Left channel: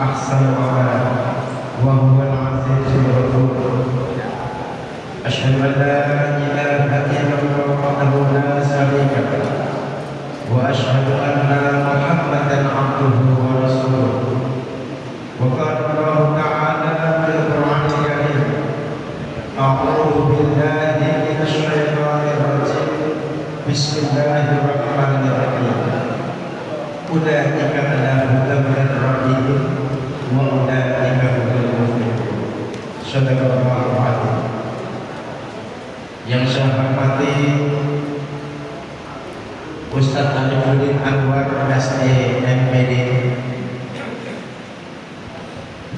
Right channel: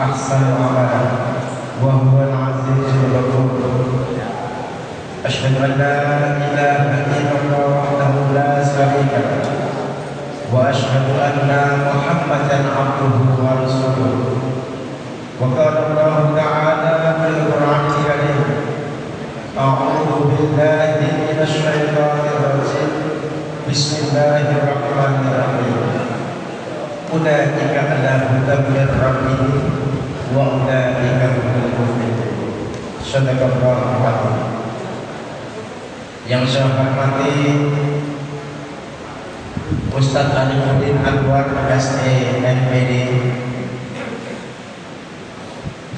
أحسن العمل وهو العزيز الغفور. أشهد أن لا إله إلا الله وحده لا شريك له وأشهد أن محمدا عبده ورسوله. وقال الله تعالى في القرآن الكريم: أعوذ بالله من الشيطان الرجيم بسم الله الرحمن الرحيم. أولئك على هدى من ربهم وأولئك هم المفلحون. Sadaqallahu al-azim. Yang saya hormati Ustadz Alimuddin Anwar SEMPD.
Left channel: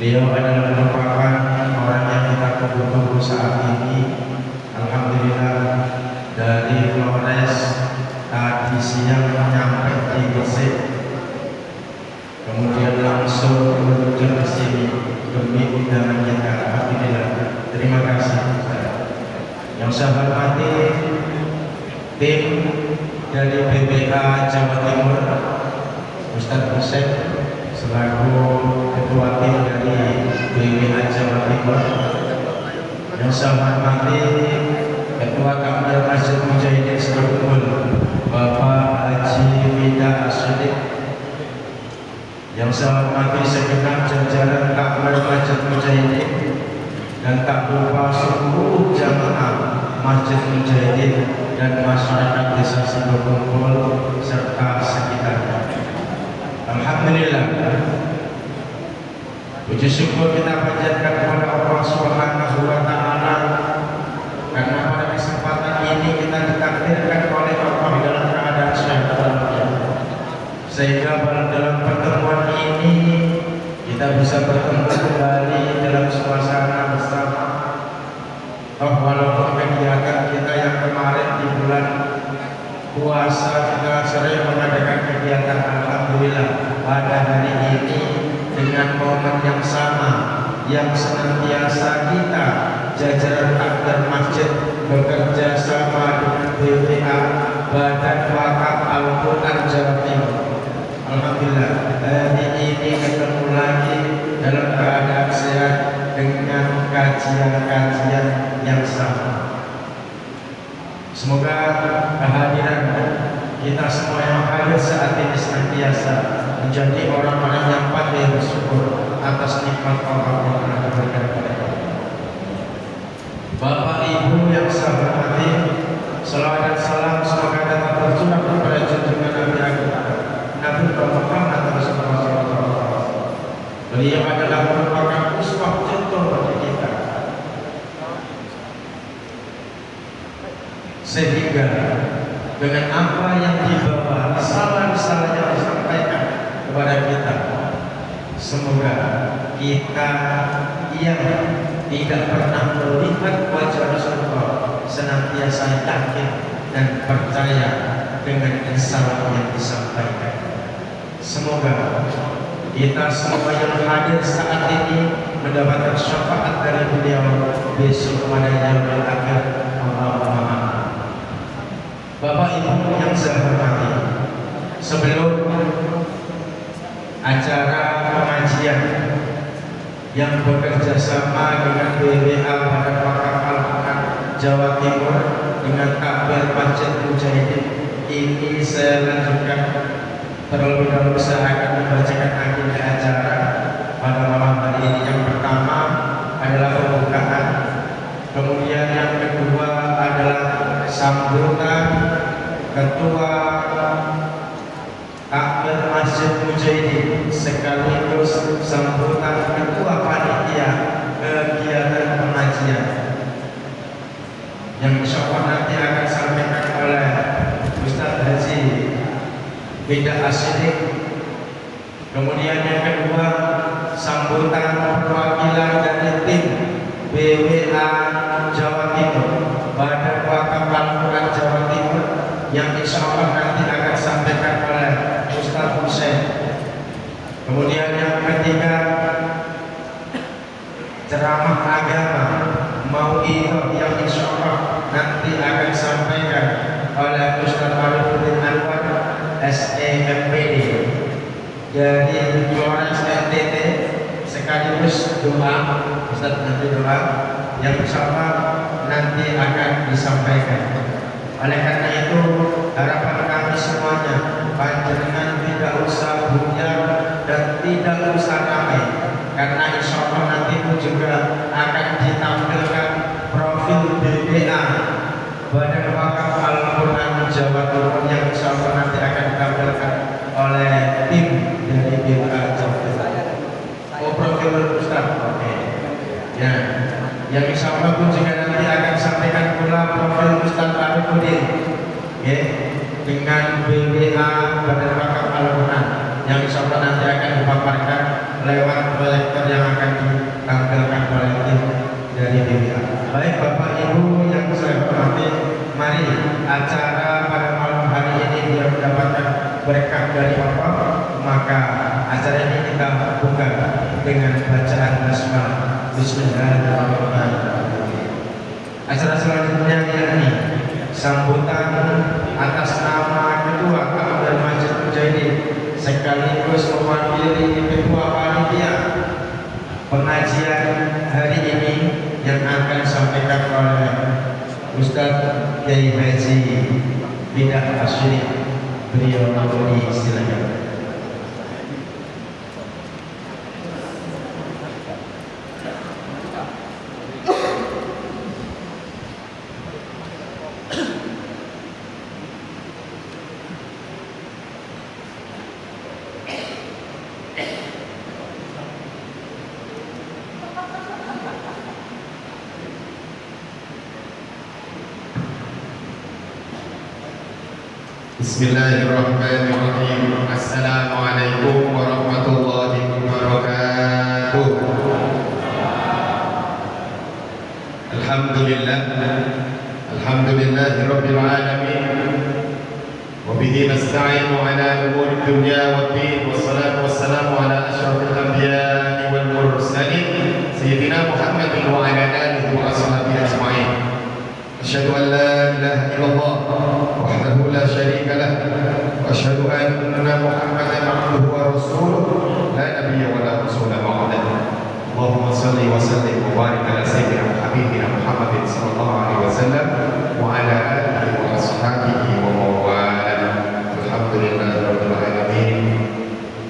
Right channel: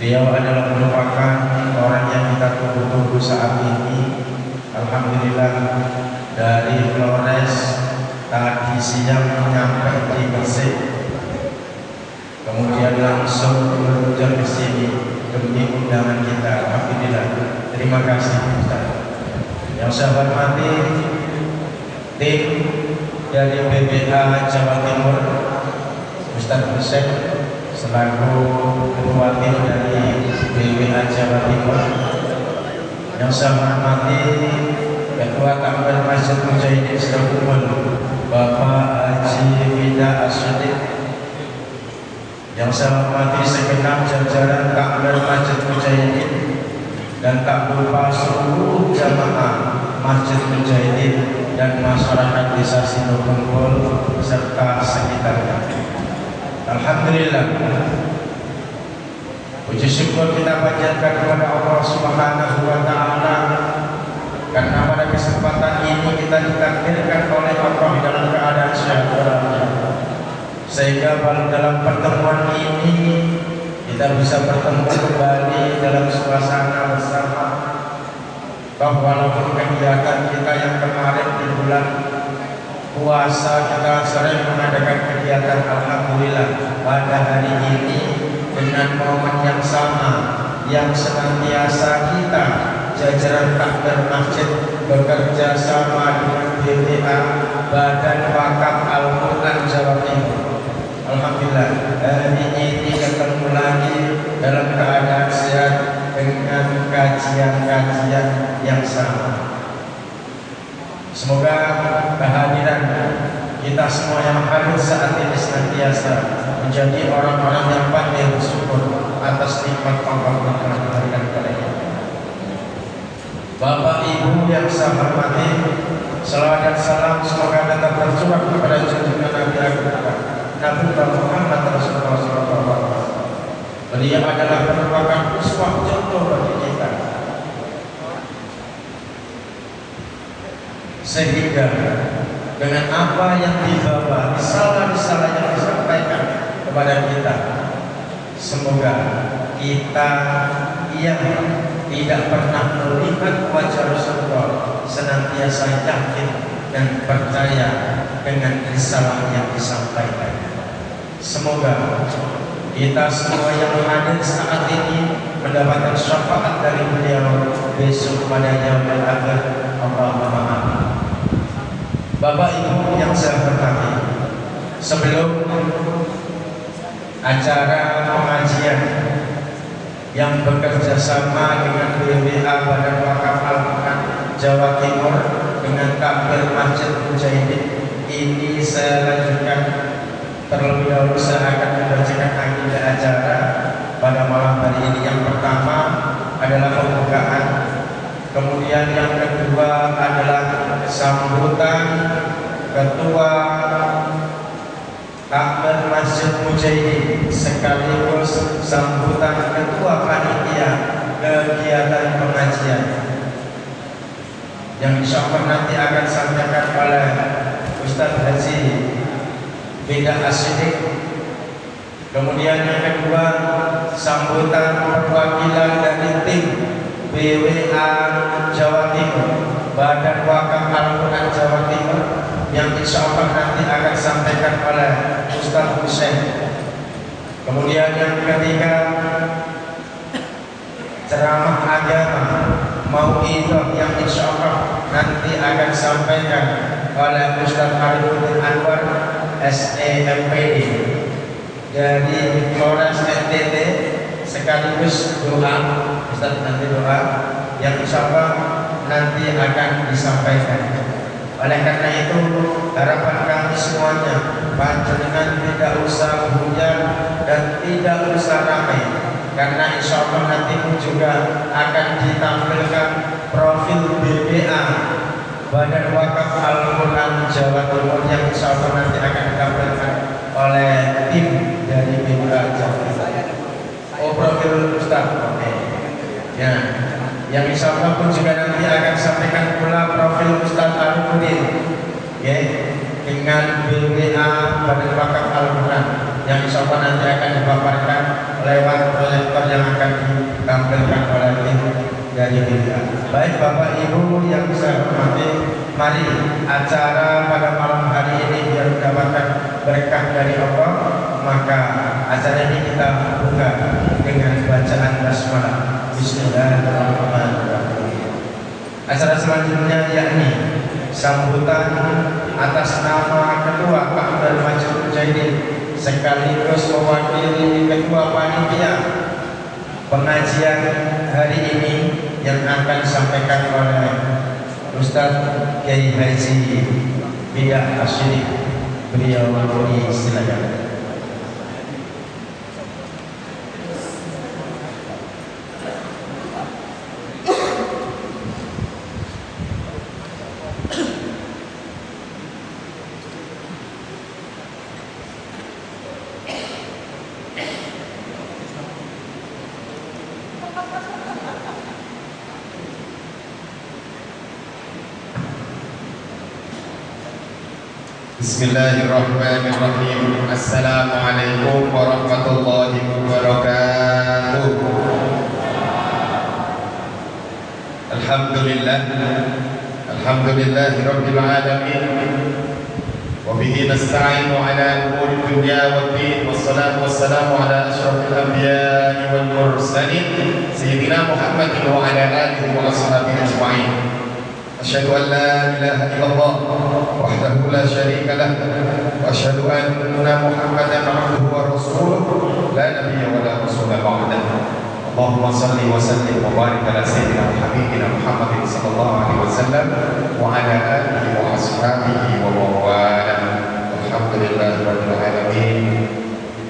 Beliau adalah merupakan orang yang kita tunggu-tunggu saat ini. Alhamdulillah, dari Flores tadi siang menyampai di Mesir, kemudian langsung meluncur di sini demi undangan kita. Alhamdulillah, terima kasih Ustaz. Yang saya hormati tim dari BPA Jawa Timur, Ustaz Hussein selaku ketua tim dari BPA Jawa Timur. Yang saya hormati Ketua Takmir Masjid Mujahidin Setemul, Bapak Haji Fida As-Siddiq. Yang saya hormati segenap jajaran Takmir Masjid Mujahidin, dan tak lupa seluruh jamaah Masjid Mujahidin dan masyarakat desa Sindokumpul serta sekitarnya. Alhamdulillah, puji syukur kita panjatkan kepada Allah Subhanahu wa Ta'ala, karena pada kesempatan ini kita ditakdirkan oleh Allah dalam keadaan sehat walafiat, sehingga dalam pertemuan ini kita bisa bertemu kembali dalam suasana bersama. Walaupun kegiatan kita yang kemarin di bulan puasa kita sering mengadakan kegiatan, alhamdulillah pada hari ini dengan momen yang sama yang senantiasa kita jajaran takmir masjid bekerja sama dengan BPA Badan Wakaf Al-Quran Jawa Timur. Alhamdulillah hari ini ketemu lagi dalam keadaan sehat dengan kajian-kajian yang sama. Semoga kehadiran kita semua yang hadir saat ini senantiasa menjadi orang-orang yang pandai bersyukur atas nikmat Allah yang telah diberikan kepada kita. Bapak Ibu yang saya hormati, selawat dan salam semoga tetap tercurah kepada junjungan Nabi Nabi Muhammad Rasulullah SAW. Beliau adalah merupakan uswah contoh bagi kita, sehingga dengan apa yang dibawa, risalah-risalah yang disampaikan kepada kita, semoga kita yang tidak pernah melihat wajah Rasulullah senantiasa yakin dan percaya dengan risalah yang disampaikan. Semoga kita semua yang hadir saat ini mendapatkan syafaat dari beliau besok pada yaumul akhir. Allahumma amin. Bapak Ibu yang saya hormati, sebelum acara pengajian yang bekerja sama dengan BPA Badan Wakaf Al-Quran Jawa Timur dengan Takmir Masjid Mujahidin ini, saya lanjutkan terlebih dahulu. Saya akan membacakan agenda acara pada malam hari ini. Yang pertama adalah pembukaan, kemudian yang kedua adalah sambutan Ketua Takmir Masjid Mujahidin sekaligus sambutan Ketua Panitia kegiatan pengajian yang insyaallah nanti akan disampaikan oleh Ustaz Haji Fida As-Siddiq. Kemudian yang kedua sambutan perwakilan dari tim BPA Jawa Timur, Badan Wakaf Al-Quran Jawa Timur, yang insyaallah nanti akan disampaikan oleh Ustaz Hussein. Kemudian yang ketiga ceramah agama mau'izah yang insyaallah nanti akan disampaikan oleh Ustaz Alimuddin Anwar SEMPD dari Flores NTT Ustaz nanti doa yang insya Allah nanti akan disampaikan. Oleh karena itu harapan kami semuanya, panjenengan tidak usah hujan dan tidak usah ramai, karena insya Allah nanti pun juga akan ditampilkan profil BWA Badan Wakaf Al-Quran Jawa Timur yang insya Allah nanti akan ditampilkan oleh tim dari BWA Jawa Timur. Oh, profil Ustaz, oke. Ya, yang insya Allah pun juga nanti akan sampaikan pula profil Ustaz Al-Quran, ya, dengan BWA Badan Wakaf Al-Quran yang insya Allah nanti akan dipaparkan lewat proyektor yang akan ditampilkan oleh tim dari BWA. Baik Bapak Ibu yang saya hormati, mari acara pada malam hari ini biar mendapatkan berkah dari Allah, maka acara ini kita buka dengan bacaan basmalah. Bismillahirrahmanirrahim. Acara selanjutnya yakni sambutan atas nama Ketua Kabinat Masjid Mujahidin sekaligus mewakili Ketua Panitia pengajian hari ini yang akan disampaikan oleh Ustaz Kiai Haji Bidah Asyrik. Beliau silakan. Bismillahirrahmanirrahim. Assalamualaikum warahmatullahi wabarakatuh. Alhamdulillah, alhamdulillahirabbil alamin. Wa bihi nasta'inu ala umuri dunya waddin. Wassalatu wassalamu ala asyrafil anbiya'i wal mursalin sayyidina Muhammadin wa ala alihi wa ashabihi ajma'in. Asyhadu an la ilaha illallah wahdahu la syarika lah wa asyhadu anna Muhammadan abduhu wa rasuluh la nabiyya wa la rasula ba'dahu. Allahumma shalli wa sallim wa barik ala sayyidina habibina Muhammadin sallallahu alaihi wasallam wa ala alihi wa ashabihi wa mawala. Alhamdulillahirabbil alamin.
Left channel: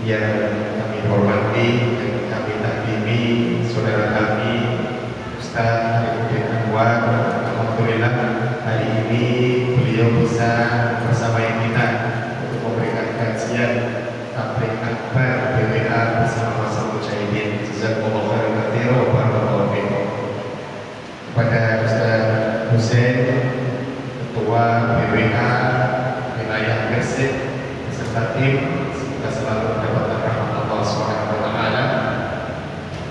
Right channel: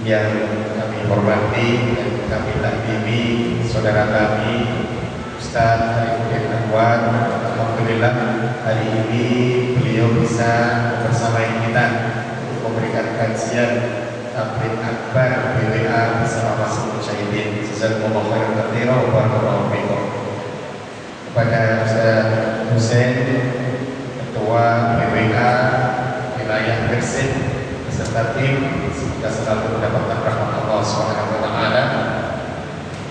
Yang kami hormati dan kami takdimi saudara kami Ustaz Arifin Anwar. Alhamdulillah hari ini beliau bisa bersama kita untuk memberikan kajian tabligh akbar BWA bersama Masjid Mujahidin. Jazakumullah khairan katsiran wa barakallahu fikum. Kepada Ustaz Husain, Ketua BWA wilayah Gresik beserta tim, semoga selalu mendapatkan rahmat Allah Subhanahu wa taala.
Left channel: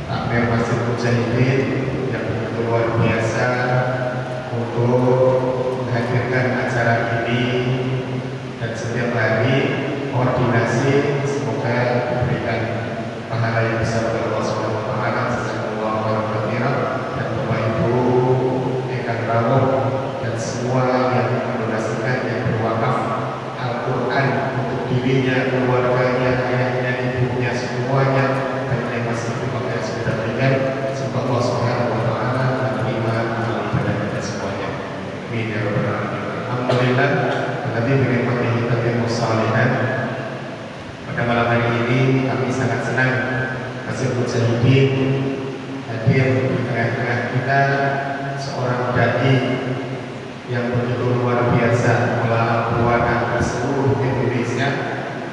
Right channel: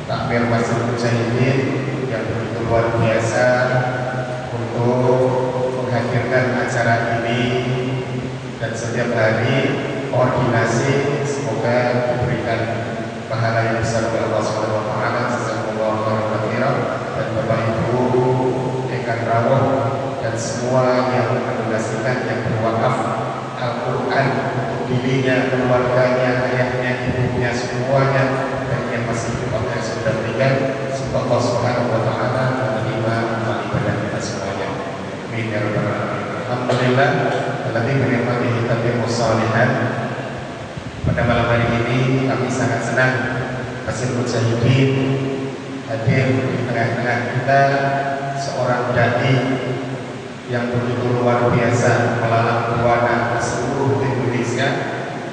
Takmir Masjid Mujahidin yang begitu luar biasa untuk menghadirkan acara ini, dan setiap hari koordinasi, semoga diberikan pahala yang besar oleh Allah Subhanahu wa taala. Jazakumullah khairan. Dan Bapak Ibu Ekan Rawuh dan semua yang mendonasikan, yang berwakaf Al-Quran untuk dirinya, keluarganya, ayahnya, ibunya, semuanya, dan yang masih hidup yang sudah meninggal, semoga Allah Subhanahu wa taala menerima amal ibadah kita semuanya. Amin ya rabbal alamin. Alhamdulillah, alladzi bi ni'matihi tatimmu shalihat. Pada malam hari ini kami sangat senang Masjid Mujahidin hadir di tengah-tengah kita seorang dai yang begitu luar biasa melalang buana di seluruh Indonesia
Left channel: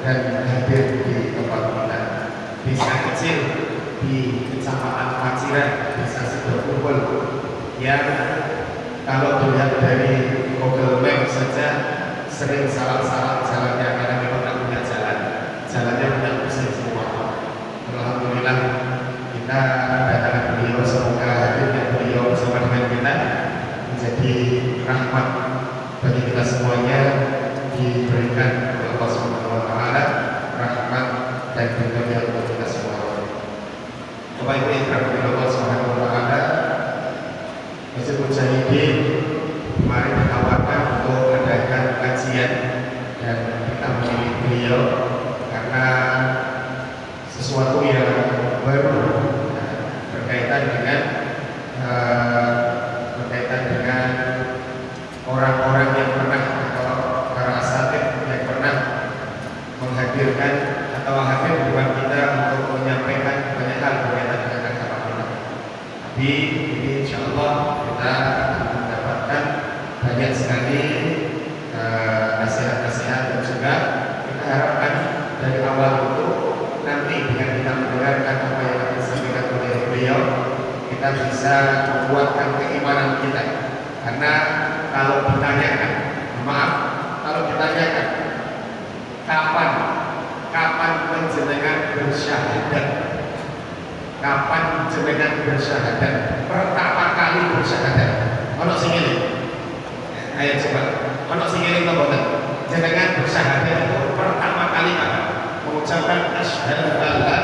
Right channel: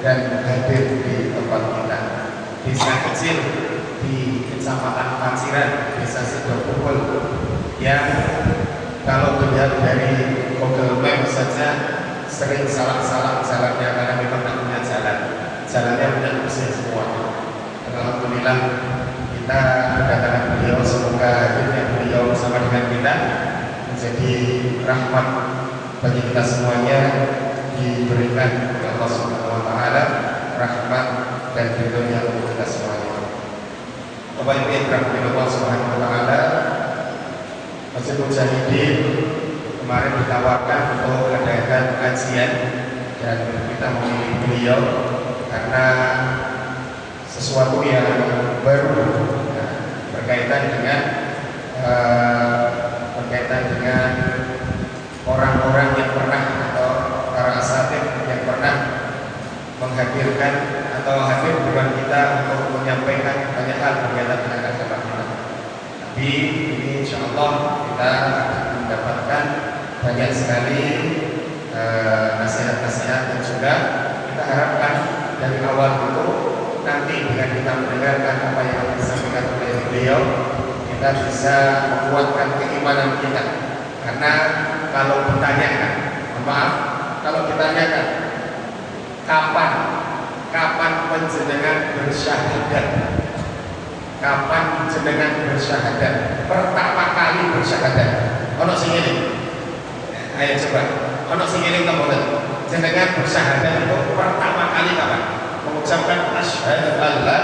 dan hadir di tempat kita. Desa kecil di Kecamatan Paciran, Desa Sidokumpul, yang kalau dilihat dari Google Maps saja sering salah-salah jalannya karena memang tidak punya jalannya punya usia semua. Alhamdulillah kita kedatangan beliau, semoga hadirnya beliau bersama dengan kita menjadi rahmat bagi kita semuanya, diberikan oleh Allah Subhanahu wa taala rahmat dan ridhonya untuk kita semuanya. Bapak Ibu yang dirahmati Allah Subhanahu wa taala, Masjid Mujahidin kemarin ditawarkan untuk mengadakan kajian dan kita memilih beliau karena sesuatu yang baru berkaitan dengan kita bisa menguatkan keimanan kita. Karena kalau ditanyakan, maaf, kalau ditanyakan kapan panjenengan bersyahadat? Kapan jenengan bersyahadat? Pertama kali bersyahadat. Ono sing ngene. Ayo coba. Ono sing ngene to mboten? Jenengan bersyahadat itu pertama kali kapan? Mengucapkan asyhadu an la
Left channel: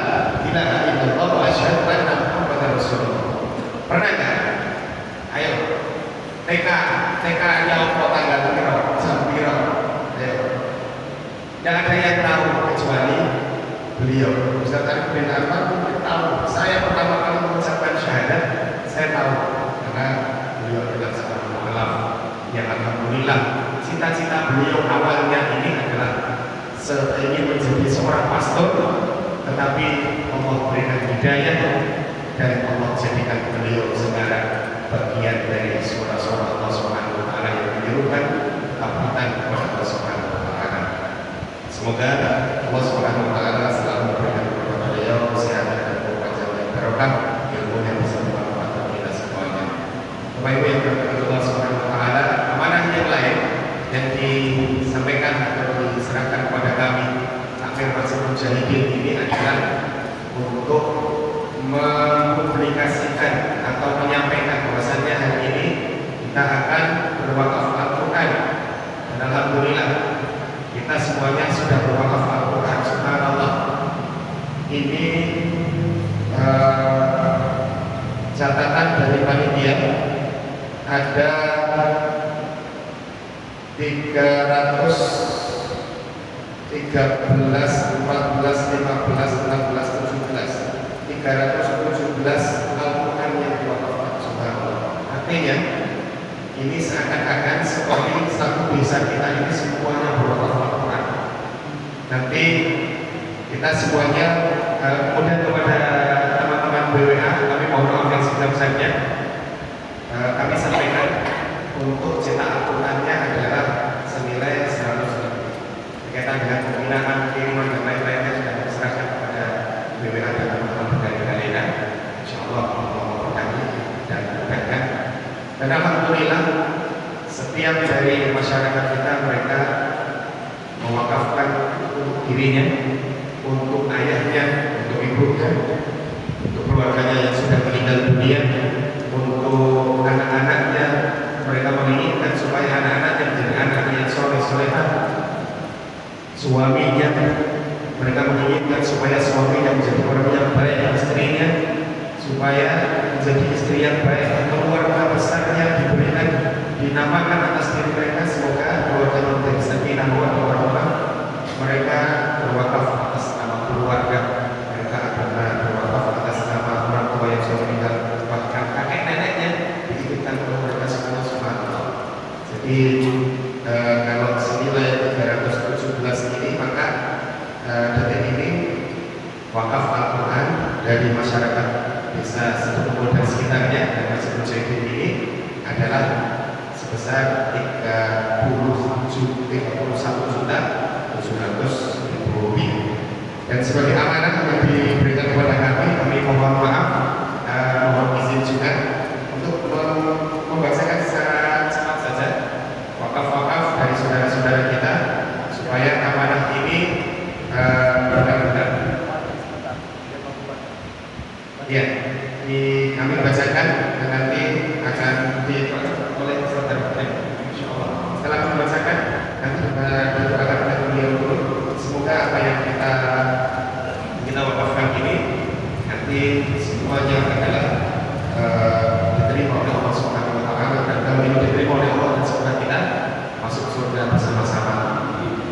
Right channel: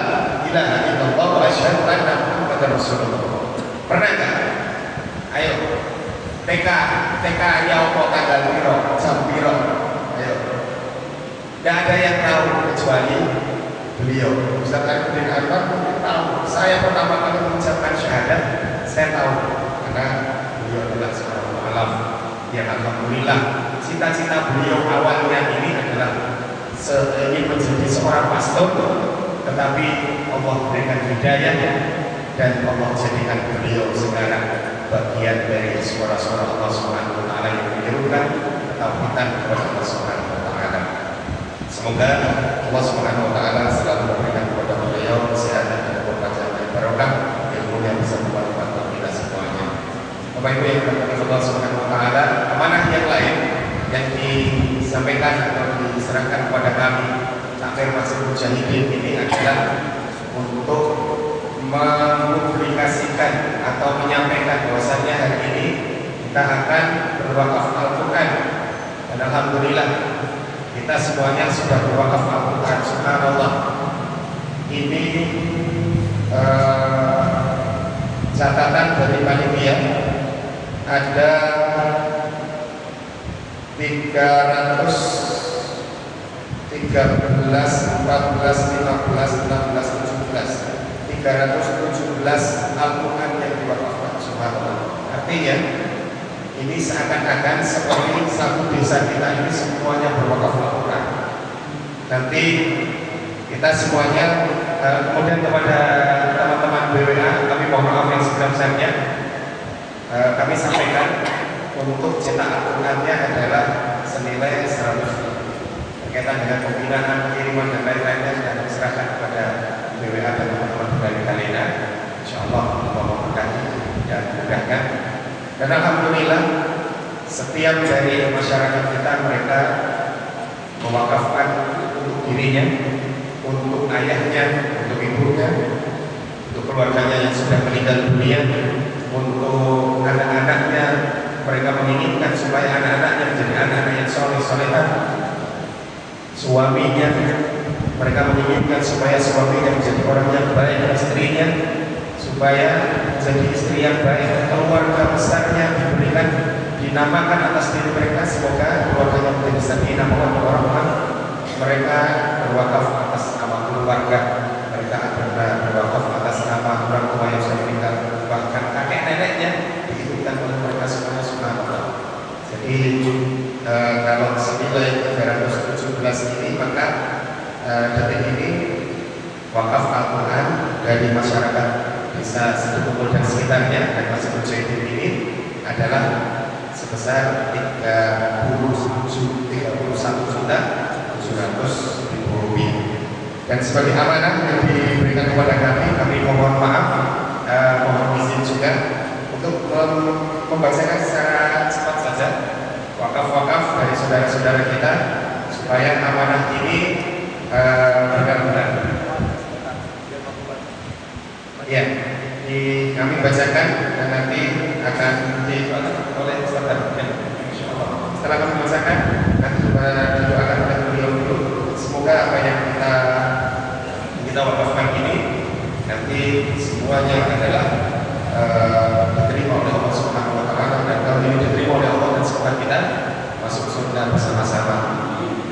ilaha illallah wa asyhadu anna muhammadar rasulullah. Pernah enggak? Ayo. TK nya apa tanggal piro? Jam piro? Ayo. Tidak ada yang tahu kecuali beliau. Ustaz Abdul Rahman mungkin tahu. Saya pertama kali mengucapkan syahadat, saya tahu karena beliau adalah seorang mualaf yang alhamdulillah cita-cita beliau awalnya ini adalah ingin menjadi seorang pastor, tetapi Allah berikan hidayah dan Allah jadikan beliau sekarang bagian dari suara-suara Allah Subhanahu wa taala yang menyerukan tauhidan kepada Allah Subhanahu wa taala. Semoga Allah Subhanahu wa taala selalu memberikan kepada beliau kesehatan dan kekuatan dan barokah, ilmu yang bisa bermanfaat kita semuanya. Bapak Ibu yang dirahmati Allah Subhanahu wa taala, amanah yang lain yang disampaikan atau diserahkan kepada kami akhir Masjid Mujahidin ini adalah untuk mempublikasikan atau menyampaikan bahwasannya hari ini kita akan berwakaf Al-Quran, dan alhamdulillah kita semuanya sudah berwakaf Al-Quran. Subhanallah, ini catatan dari panitia ada 313, 14, 15, 16, 17 317 Al-Quran yang diwakafkan. Subhanallah. Artinya ini seakan-akan seperti satu desa kita ini semuanya berwakaf Al-Quran. Nanti kita semuanya kemudian kepada teman-teman BWA kami mohon maaf yang sebesar-besarnya, kami sampaikan untuk cetak Al-Qurannya adalah senilai 100 lebih. Berkaitan dengan pembinaan, kiriman dan lain-lainnya sudah diserahkan kepada BWA dan teman-teman dari Galena. InsyaAllah Allah memberkati dan memudahkan. Dan alhamdulillah setiap dari masyarakat kita mereka mewakafkan untuk dirinya, untuk ayahnya, untuk ibunya, untuk keluarganya yang sudah meninggal dunia, untuk anak-anaknya. Mereka menginginkan supaya anak-anaknya menjadi anak yang soleh-solehah. Suaminya, mereka menginginkan supaya suaminya menjadi orang yang baik, dan istrinya supaya menjadi istri yang baik. Keluarga besarnya diberikan, dinamakan atas diri mereka, semoga keluarganya menjadi sakinah mawaddah warahmah. Mereka berwakaf atas nama keluarga, mereka akan berwakaf atas nama orang tua yang sudah meninggal, bahkan kakek neneknya diikutkan oleh mereka semua. Subhanallah. Jadi kalau senilai 317 ini, maka detik ini wakaf Al-Quran dari masyarakat desa Setumpul dan sekitarnya dan Masjid Mujahidin ini adalah sebesar 31.700.000 rupiah. Dan sebagai amanah yang diberikan kepada kami mohon maaf, mohon izin juga untuk membacakan secara cepat saja wakaf-wakaf dari saudara-saudara kita supaya amanah ini benar-benar. Ya, kami bacakan dan nanti akan dibacakan oleh saudara. Insyaallah. Setelah kami bacakan, nanti didoakan oleh beliau dulu. Semoga apa yang kita wakafkan ini nanti semuanya adalah diterima oleh Allah Subhanahu wa taala, dan kalau ini diterima oleh Allah, semoga kita masuk surga bersama-sama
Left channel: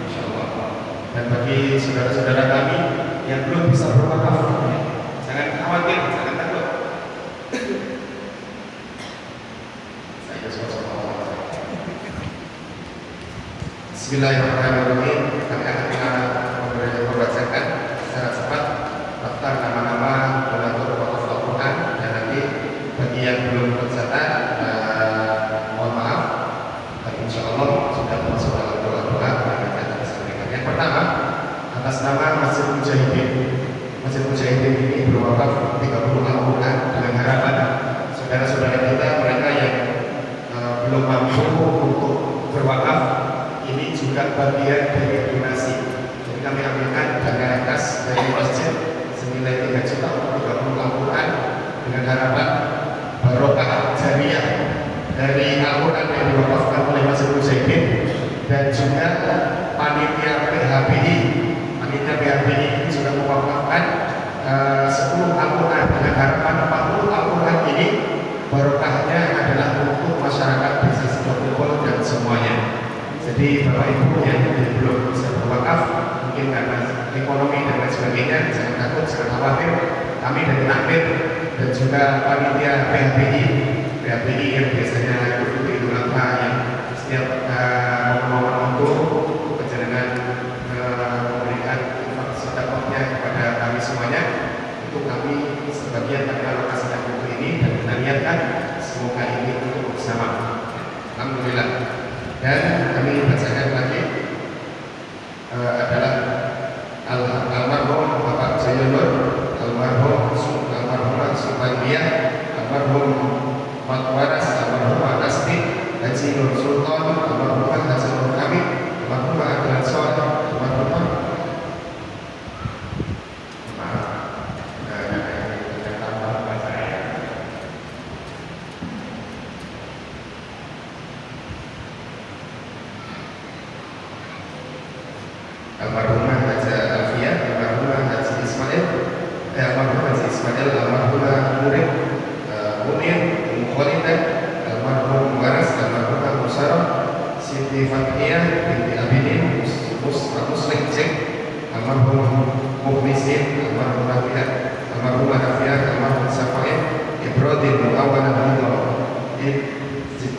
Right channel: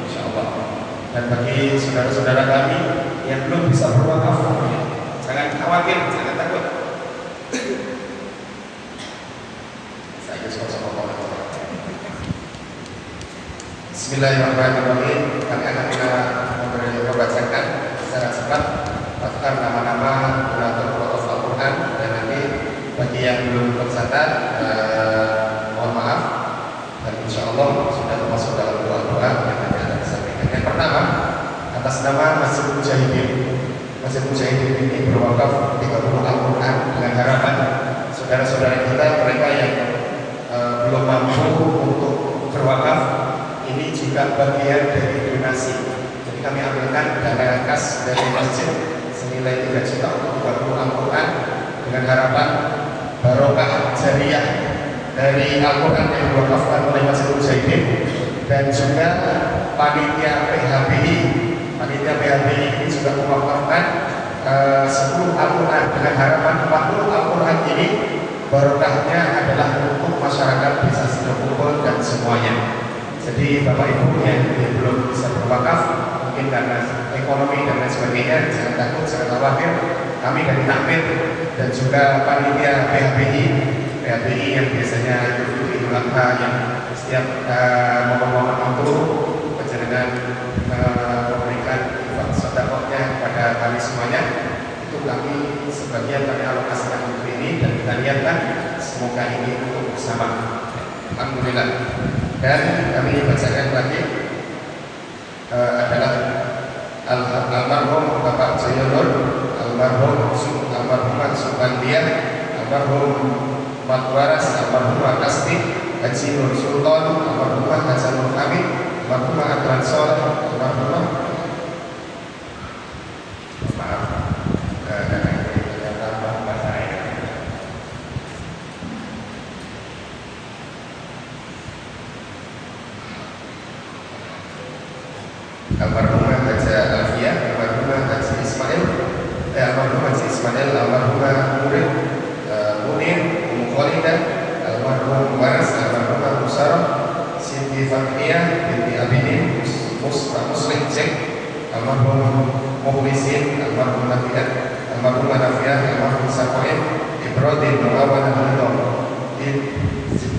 insyaallah. Dan bagi saudara-saudara kami yang belum bisa berwakaf, jangan khawatir, jangan takut. Saya sama Allah. Bismillahirrahmanirrahim. Kami akan membacakan secara cepat daftar nama-nama donatur wakaf Al-Quran, dan nanti bagi yang belum tercatat mohon maaf, dan insyaallah sudah termasuk dalam doa-doa yang akan disampaikan. Yang pertama, atas nama Masjid Mujahidin. Masjid Mujahidin ini berwakaf 30 Al-Quran dengan harapan juga panitia PHBI. Panitia PHBI ini juga mewakafkan 10 Al-Quran dengan harapan 40 Al-Quran ini barokahnya adalah untuk masyarakat bisa berkumpul dan semuanya. Jadi Bapak Ibu yang belum bisa berwakaf, mungkin karena ekonomi dan lain sebagainya, jangan takut, jangan khawatir. Kami dari takmir dan juga panitia PHBI yang biasanya itu Idul Adha yang setiap momen-momen itu berjalan memberikan sedekahnya kepada kami semuanya. Itu kami sebagian dari alokasikan untuk ini dan kita lihatkan semoga ini untuk bersama. Alhamdulillah. Dan kami bacakan lagi adalah almarhum Bapak Jayanur, almarhum Subandia, almarhum Matwaras, almarhum Asti, Haji Nur Sultan, almarhum Hasanul Hamid, almarhum Adlan Soleh, almarhum almarhum Haji Alfia, almarhum Haji Ismail, almarhum Haji Ismail, almarhum Nuril, Munir, Khalidah, almarhum Waras, almarhum Musara, Siti Fathia binti Abidin, Muslim Cek, almarhum Muhlisin, almarhum Matiat, almarhum Nafiat, almarhum Safain, Ibrahim Muawan Hidayah,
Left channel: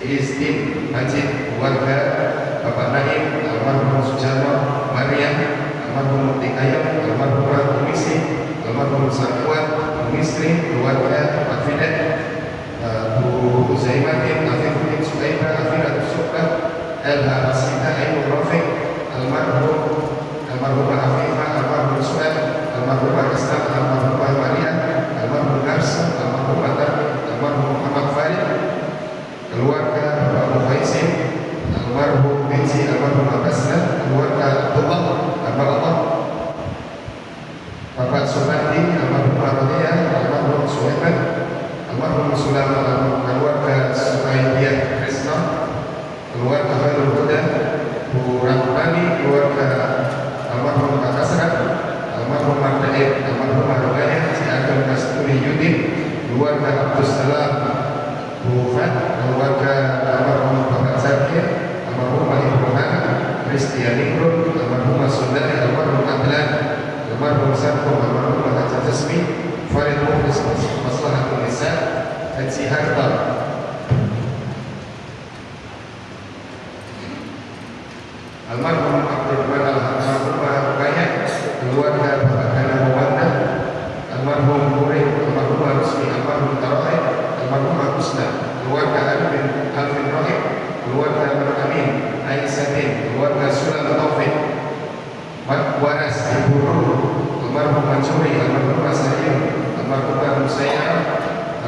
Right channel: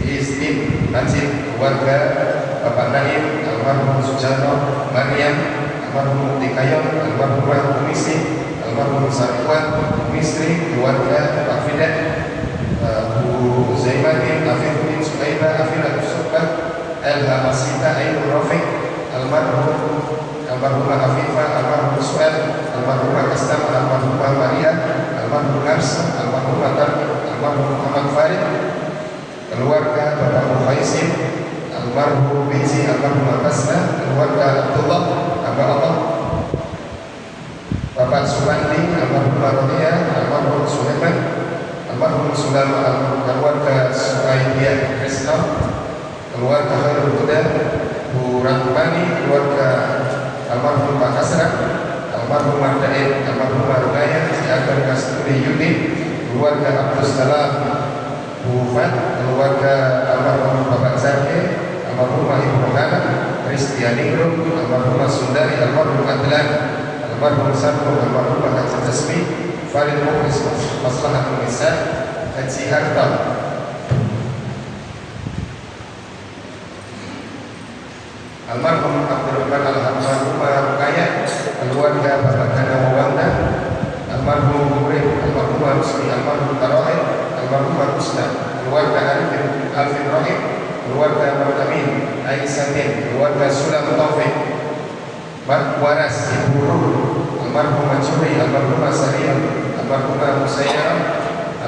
Istim Majid, warga Bapak Naim, almarhum Sujarno, Maryam, almarhum Tikayon, almarhum Komisi, almarhum Satuan, Misri, keluarga Pak Fidat, Bu Zaimati, Afifuddin Suhaibah, Afidat Subah, Elha Masita, Ayu Rafiq, almarhum Afifah, almarhum Suel, almarhum Pakistan, almarhum Maria, almarhum Garsa, almarhum Matar, almarhum Muhammad Farid, keluarga Bapak Muhaisin, almarhum Biji, almarhum Abasna, keluarga Abdullah, Allah, Bapak Subandi, almarhum Marodia, almarhum Sulaiman, almarhum Sulaiman, keluarga Sukaidiyah Krishna, keluarga Khairul Huda, Bu Rahmani, keluarga almarhum Pak Asrak, almarhum Mardain, almarhum Marugaya, Si Agam Kasturi Yudin, keluarga Abdul Salam, Bu Fat, keluarga almarhum Bapak Zakir, almarhum Ibu Muhammad, Kristiani Group, almarhum Sundari, almarhum Adlan, almarhum Sabtu, almarhum Haji Tasmi, Farid Mukhlis, Maslahatul Nisa, Haji Harta, almarhum Abdurrahman almarhum Rukaya, keluarga Bapak Hana Muwanda, almarhum Murid, almarhum Rusmi, almarhum Tarohid, almarhum Kusna, keluarga Alvin Rahim, keluarga Murtamin, Aisyadin, keluarga Sulam Taufik, Waras, Ibu Nur, almarhum Majuri, almarhum Asariya, almarhum Musayyara,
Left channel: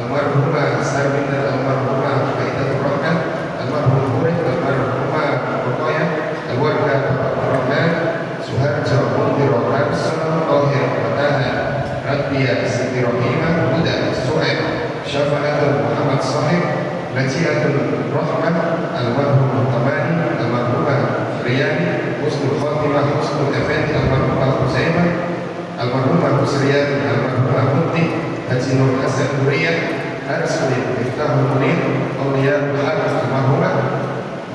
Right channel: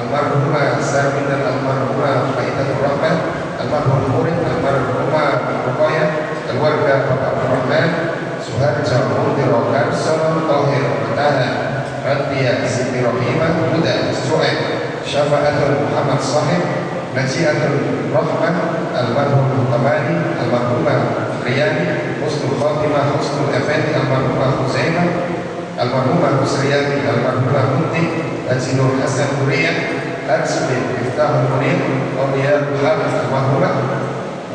almarhum Sarbina, almarhum Faidatul Rahman, almarhum Murid, almarhum Rukaya, keluarga Bapak Rahman, Suharjo, Mundir, Garson, Tohir, Mataha, Radiyah, Siti Rohimah, Huda, Su'ed, Syafa'atul Muhammad Sahib, Najiatul Rahman, almarhum Tamani, almarhum Riyani, Husnul Khatimah, Husnul Effendi, almarhum Huzaimah, almarhum Husriyani, almarhum Munti, Haji Nur Hasan Huriyah, Arsuli, Miftahul Munir, Awliya Hafiz, almarhum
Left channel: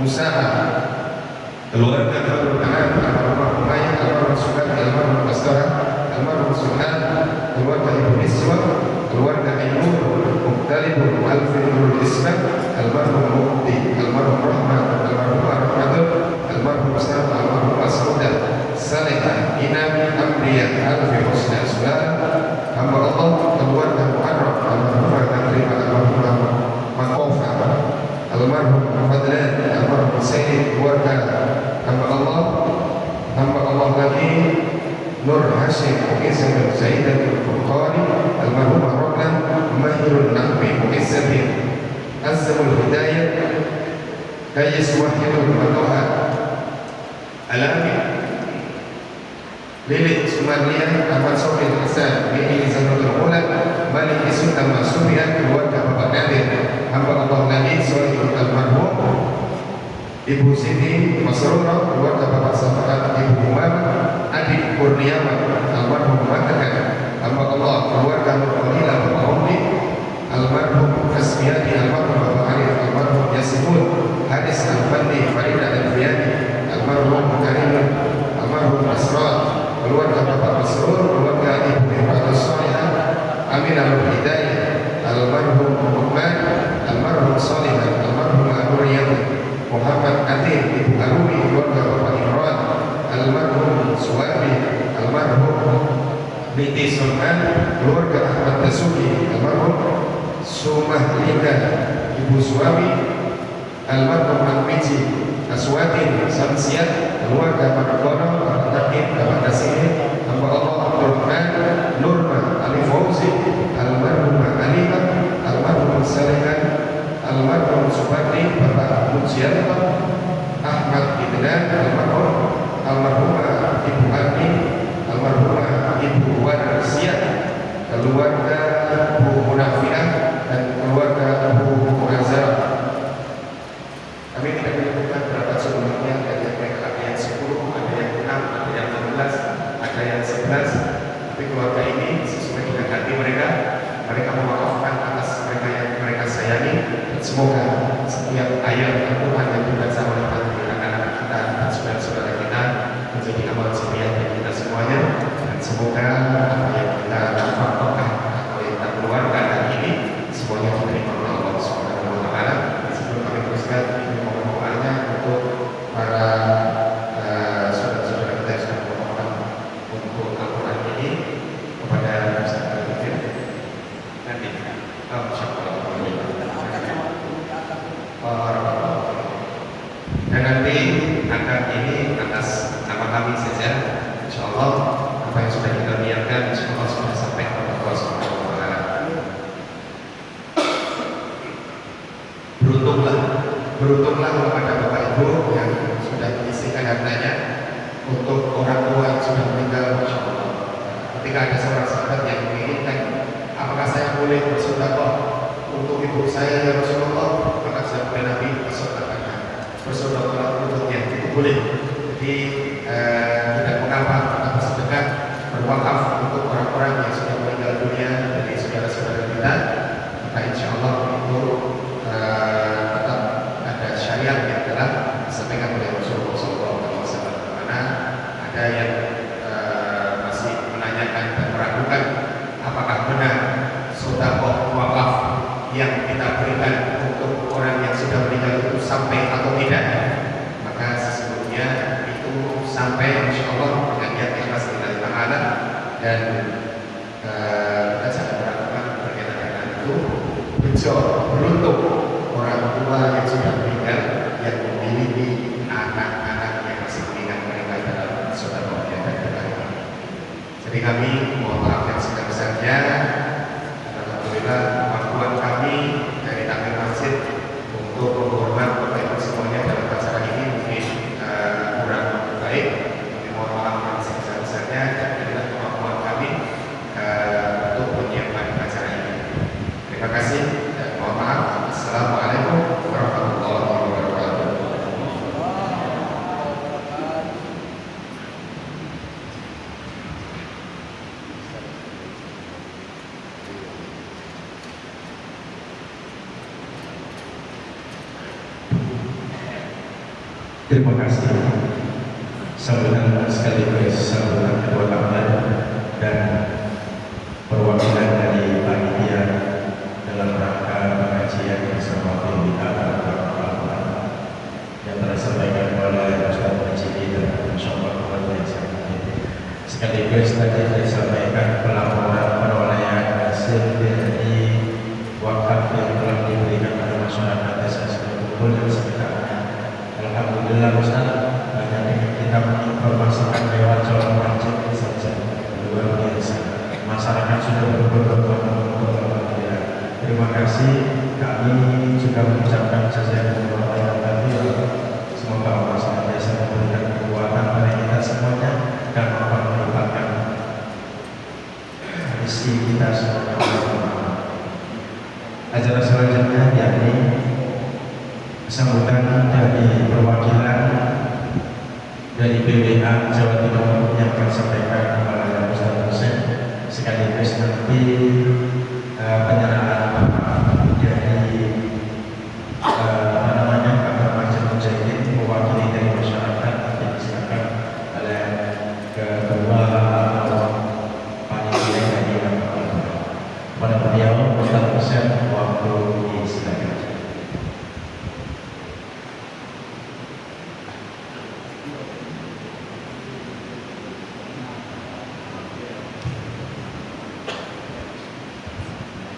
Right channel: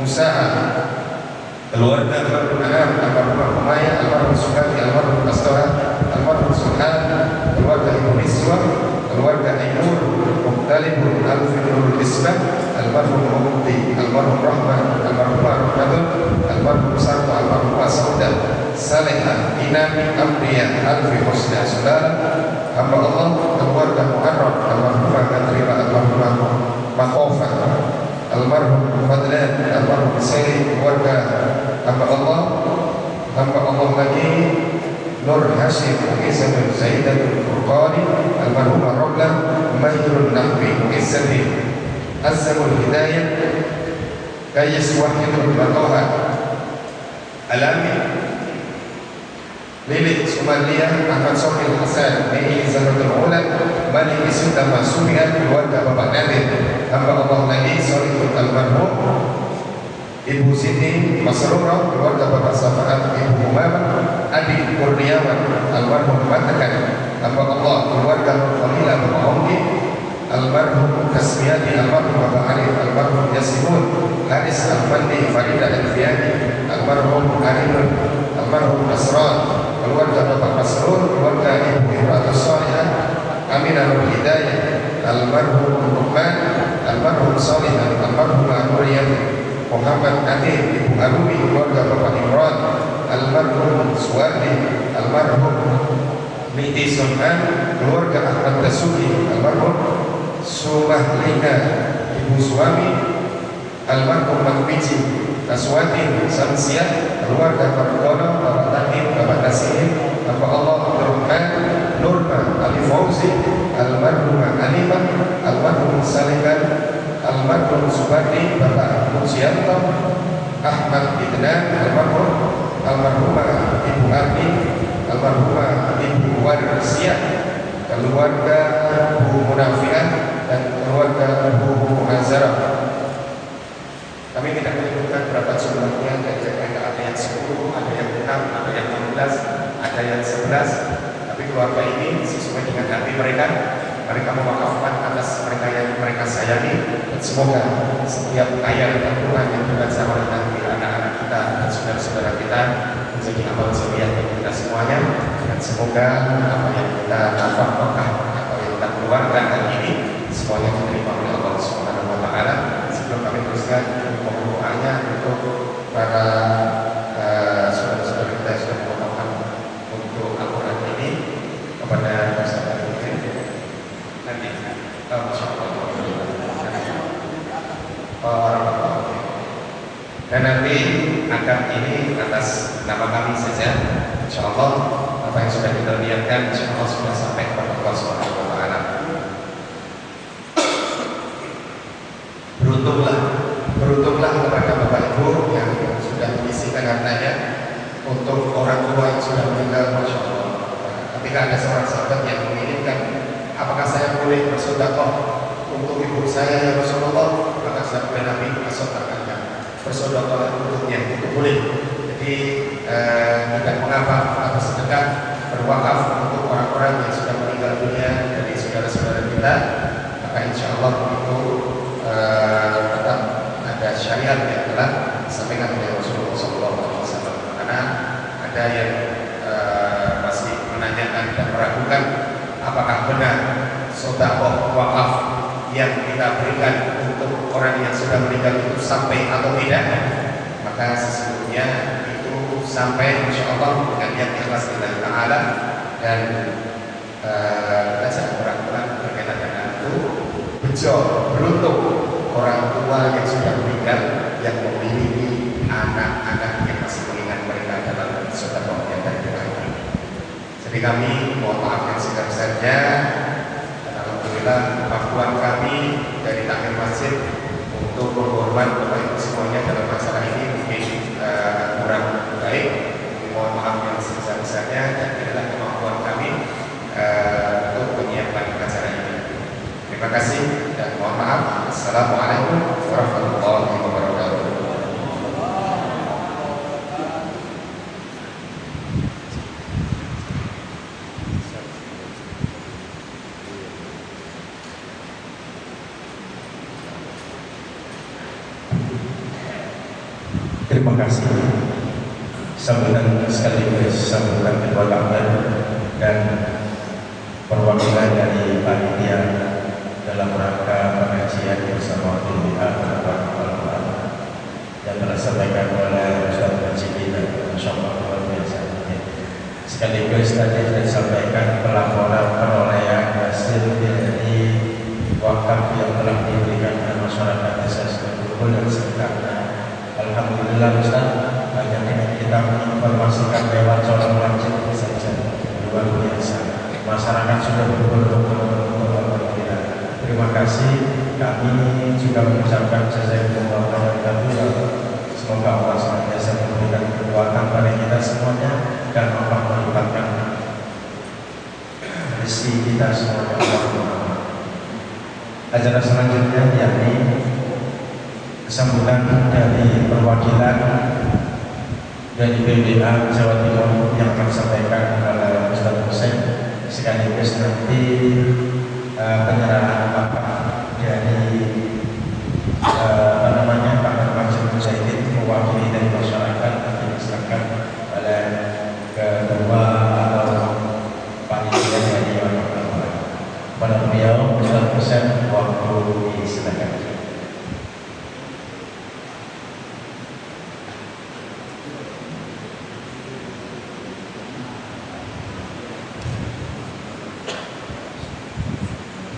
Musa'a, keluarga almarhum Maya, almarhum Sugati, almarhum Pastora, almarhum Sulhan, keluarga Ibu Niswa, keluarga Ibu Muqtalibun, Alfinul Isma, almarhum Mukti, almarhum Rahman, almarhum Rahmatul, almarhum Sarta, almarhum Asauda, Salihah, Inami, Amriyah, Alfi Husna, Sulara, hamba Allah, keluarga Mu'arraf, almarhum Al-Katrima, almarhum Makofa, almarhum Fadlan, almarhum Sayyid, keluarga hamba Allah lagi Nur Hashim, Kisah bin Sayyidatul Furqani, almarhum Rablan, Mahirul Nahwi, Kisah Azamul Hidayah, Kayis Wahidul Matoha, Alami, Lilith Sumaniyah, Ahmad Sofil Hasan, Mili Zanatul Ulan, Malik Sultan Masumian, keluarga Bapak Nadir, hamba Allah lagi Sohidul Almarhum, Ibu Ibu Siti Masrurah, keluarga Bapak Safaat, Ibu Umar, Adik Kurniawan, almarhum mengatakan, hamba Allah, keluarga Khalilah Bapak Ummi, almarhum Kasmiati, almarhum Bapak Arif, almarhum Yasimun, Hadis Al-Fandi, Faridah Al-Fiyani, almarhum Arimun, almarhum Nasrah, keluarga Bapak Masrur, keluarga Ibu Ibrahim Salihah, Amin Al-Hidayah, almarhum Muhammad, almarhum Salihah, almarhum Al-Huriyati, Muhammad Adil, Ibu Arumi, keluarga Bapak Imran, almarhum Suwabi, almarhum Binti Sultan, keluarga Ahmad Dasuki, almarhum Sumahlika, Ibu Suami, almarhum Manwiji, Aswatin, Samsiat, keluarga Makdono, Bapak Tahib, Bapak Nasiri, hamba Allah Abdul Rahman, Nurma, Ali Fauzi, almarhum Alimah, almarhum Salihan, almarhum Subari, Bapak Mujianto, Ahmad Idnan, almarhumah Ibu Ardi, almarhumah Ibu Warsiah, keluarga Bu Munafiah, dan keluarga Bu Muhazzarah. Kami tidak menyebutkan berapa jumlahnya, ada yang 10, ada yang 6, ada yang 16, ada yang 11. Tapi keluarga ini sesuai dengan hati mereka, mereka mewakafkan atas mereka yang mereka sayangi. Semoga setiap ayat Al-Quran yang dibaca oleh hati anak-anak kita dan saudara-saudara kita menjadi amal jariah bagi kita semuanya. Dan semoga apa yang kita nafkahkan atau yang kita keluarkan hari ini semuanya diterima oleh Allah Subhanahu wa Ta'ala. Sebelum kami teruskan, mohon doanya untuk para saudara-saudara kita yang sudah melakukan untuk Al-Quran ini kepada Ustaz Al-Quran nanti dan nanti akad ini atas nama kami saja, insyaallah apa yang sudah kita lihatkan insyaallah sudah sampai kepada Allah Subhanahu wa Ta'ala. Beruntunglah kepada Bapak Ibu yang sudah menyisihkan hartanya untuk orang tua yang sudah meninggal, insyaallah. Ketika ada seorang sahabat yang menginginkan, apakah saya boleh bersedekah untuk ibu saya ya Rasulullah, maka sabda Nabi bersedekahlah, bersedekahlah untuknya, itu boleh. Jadi tidak mengapa kita bersedekah berwakaf untuk orang-orang yang sudah meninggal dunia dari saudara-saudara kita, maka insya Allah itu tetap ada syariat yang telah disampaikan oleh Rasulullah SAW. Karena ada yang masih menanyakan dan meragukan apakah benar sedekah wakaf yang kita berikan untuk orang yang sudah meninggal itu sampai atau tidak, maka sesungguhnya itu sampai insyaallah dengan niat ikhlas lillahi ta'ala. Dan kita sangat meragukan berkaitan dengan itu. Beruntung orang tua yang sudah meninggal yang memiliki anak-anak yang masih mengingat mereka dalam sedekah yang berkaitan. Jadi kami mohon maaf yang sebesar-besarnya. Alhamdulillah maklumat kami dari takmir masjid untuk menghormat Bapak Ibu semuanya dalam masalah ini mungkin kurang baik. Mohon maaf yang sebesar-besarnya dan inilah kemampuan kami untuk menyiapkan acara ini. Terima kasih dan mohon maaf. Assalamualaikum warahmatullahi wabarakatuh. Terima kasih. Sambutan sekaligus sambutan kedua kabar dan perwakilan dari panitia dalam rangka pengajian bersama tim Al-Quran yang telah disampaikan oleh Ustaz Majid dan insyaallah luar biasa. Sekaligus tadi disampaikan pelaporan perolehan hasil dari wakaf yang telah diberikan kepada masyarakat desa Setumpul dan sekitarnya. Alhamdulillah Ustaz, banyak kita menginformasikan lewat calon wajib saja, luar biasa. Masyarakat sudah berbondong-bondong. Alhamdulillah. Terima kasih. Kami juga mengucapkan jazakumullah khairan. Semoga Allah senantiasa memberikan kekuatan pada kita semuanya dan melimpahkan rezeki kita semuanya. Acara selanjutnya yakni sambutan dari perwakilan dari BBA Jawa Timur yang akan disampaikan oleh Ustaz Hussein, sekaligus nanti penyerahan Bapak dari Pak Majid Mujahidin mewakili dari masyarakat yang diserahkan oleh kedua atau panitia dari pada beliau Ustaz Hussein, waktu disilakan.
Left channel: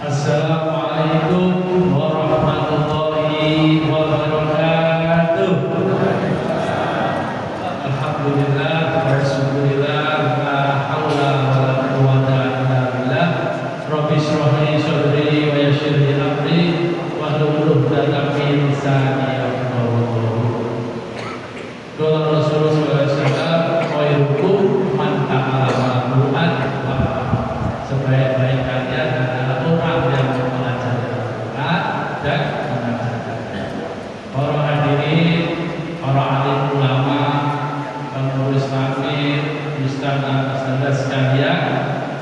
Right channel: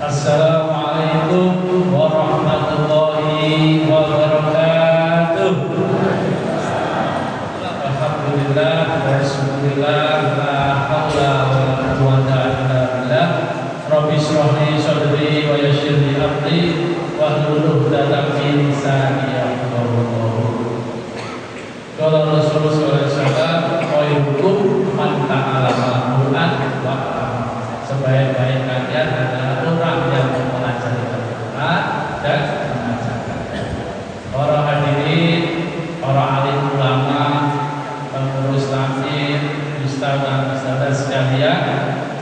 Assalamualaikum warahmatullahi wabarakatuh. Alhamdulillah wa syukurillah, la haula wa la quwwata illa billah. Rabbi shrah li sadri wa yassir li amri wahlul 'uqdatam min lisani yafqahu qawli. Qala Rasulullah sallallahu alaihi wasallam, khairukum man ta'allama al-Qur'an wa 'allama. Sebaik-baik kalian adalah orang yang mempelajari Al-Quran dan mengajarkan. Para hadirin, para alim ulama, pengurus takmir, ustazah sekalian,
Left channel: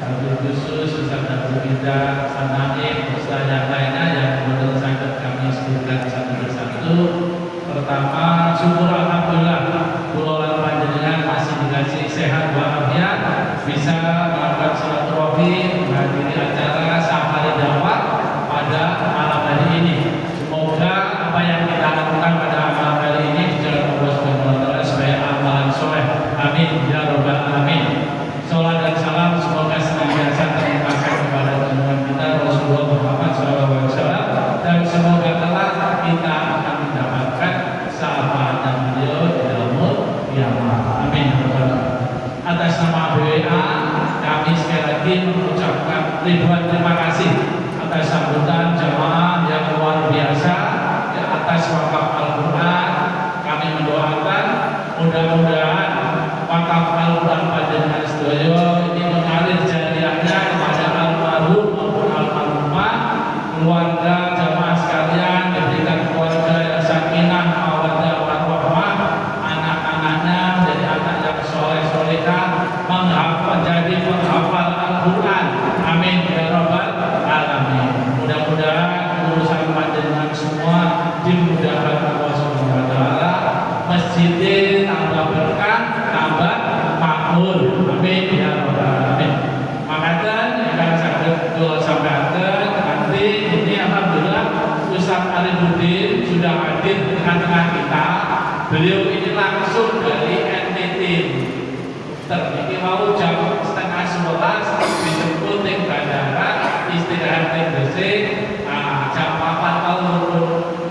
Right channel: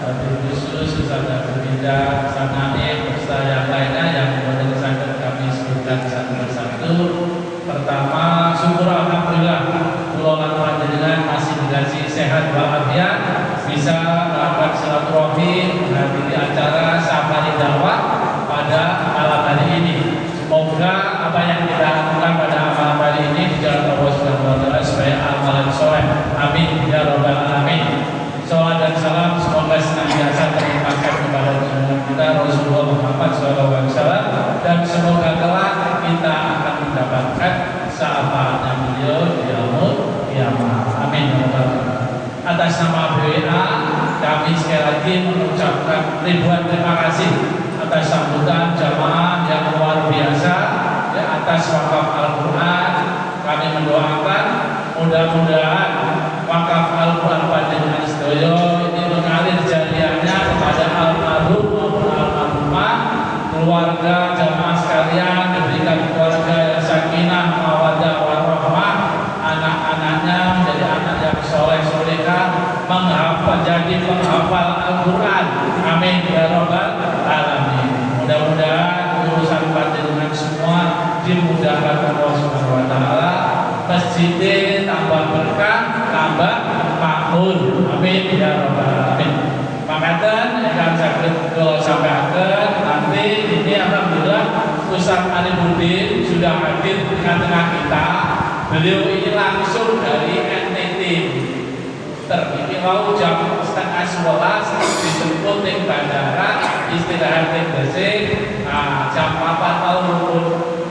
wabil khusus ustazah berbeda, samanik, ustazah yang lainnya yang menurut kami sebutkan satu persatu. Pertama, syukur alhamdulillah, pulau panjenengan masih dikasih sehat walafiat, bisa melakukan silaturahmi, menghadiri acara safari dakwah pada malam hari ini. Semoga apa yang kita lakukan pada malam hari ini dijalankan Allah Subhanahu wa taala sebagai amalan soleh. Amin ya rabbal alamin. Salawat dan salam semoga senantiasa terlimpahkan kepada junjungan kita Rasulullah Muhammad SAW, dan semoga kelak kita akan mendapatkan syafaatnya beliau di yaumul qiyamah. Amin. Atas nama BWA, kami sekali lagi mengucapkan ribuan terima kasih atas sambutan jamaah yang luar biasa ya, atas wakaf Al-Quran. Kami mendoakan mudah-mudahan wakaf Al-Quran panjenengan sedaya ini mengalir jariahnya kepada almarhum maupun almarhumah, keluarga jamaah sekalian, diberikan keluarga yang sakinah, mawaddah warahmah, anak-anaknya menjadi anak yang soleh-solehah, menjadi penghafal Al-Quran. Amin ya rabbal alamin. Mudah-mudahan urusan panjenengan semua dimudahkan Allah Subhanahu wa taala, masjidnya tambah berkah, tambah makmur. Amin ya rabbal alamin. Makatan akan sakit sampaikan nanti ini alhamdulillah Ustaz Arifudin sudah hadir di tengah-tengah kita. Beliau ini langsung dari NTT. Terpikir mau jam 10:30 dijemput di bandara, istirahat di BC, jam 4 tahun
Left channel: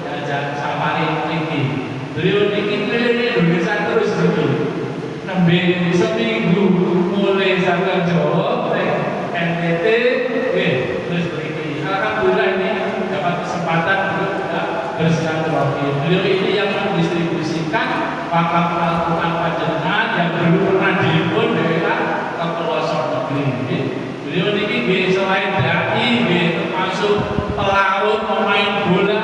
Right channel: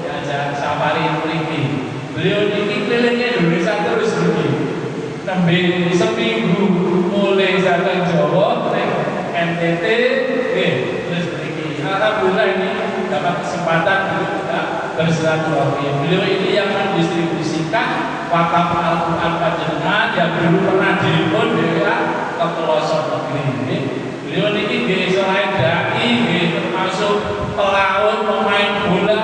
belajar safari ini. Beliau ini keliling Indonesia terus begini. Nembe seminggu mulai sampai Jawa, NTT, terus begini. Alhamdulillah ini dapat kesempatan untuk bersilaturahmi. Beliau ini yang mendistribusikan wakaf Al-Quran panjenengan yang dulu pernah diliput BWA ke pelosok negeri ini. Beliau ini selain dai, termasuk pelaut, pemain bola,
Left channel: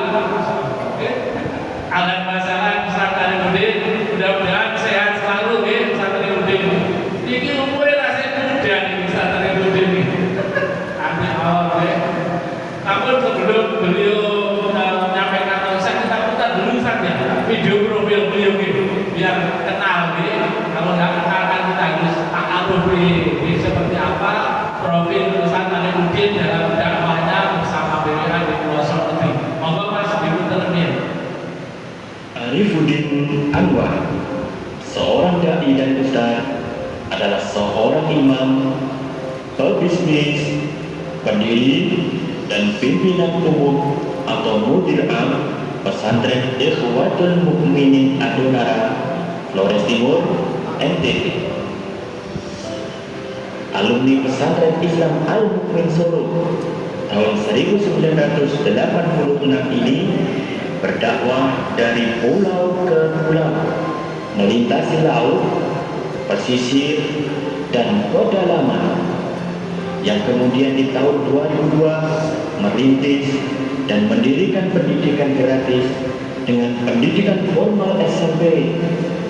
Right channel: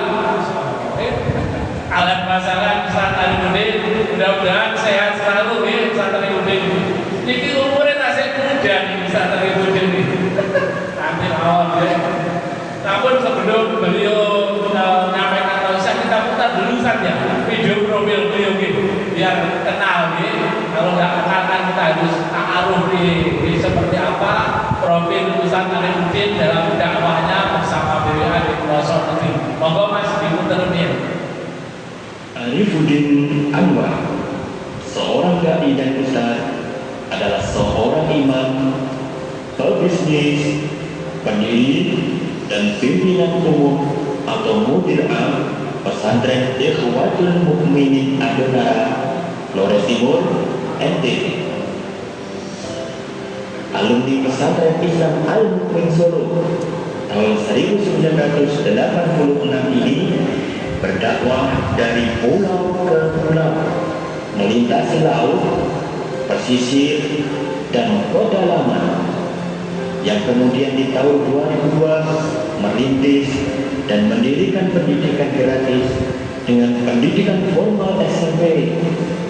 alat masalah Ustaz Arifudin. Mudah-mudahan sehat selalu Ustaz Arifudin. Ini umurnya masih muda nih Ustaz Arifudin ini. Amin Allah. Namun sebelum beliau menyampaikan usaha, kita putar dulu saja video profil beliau ini biar kenal nih. Kalau nggak kenal kan kita harus ta'aruf nih seperti apa profil Ustaz Arifudin dalam dakwahnya bersama BWA di pelosok negeri. Monggo Mas diputar nih. Arifudin Anwar, seorang dai dan ustaz, adalah seorang imam, pebisnis, pendiri, dan pimpinan umum atau mudir am pesantren Ikhwatul Mukminin Adonara, Flores Timur, NTT. Alumni pesantren Islam Al-Mukmin Solo tahun 1986 ini berdakwah dari pulau ke pulau, melintasi laut, pesisir, dan pedalaman, yang kemudian di tahun 2002 merintis dan mendirikan pendidikan gratis dengan pendidikan formal SMP SMP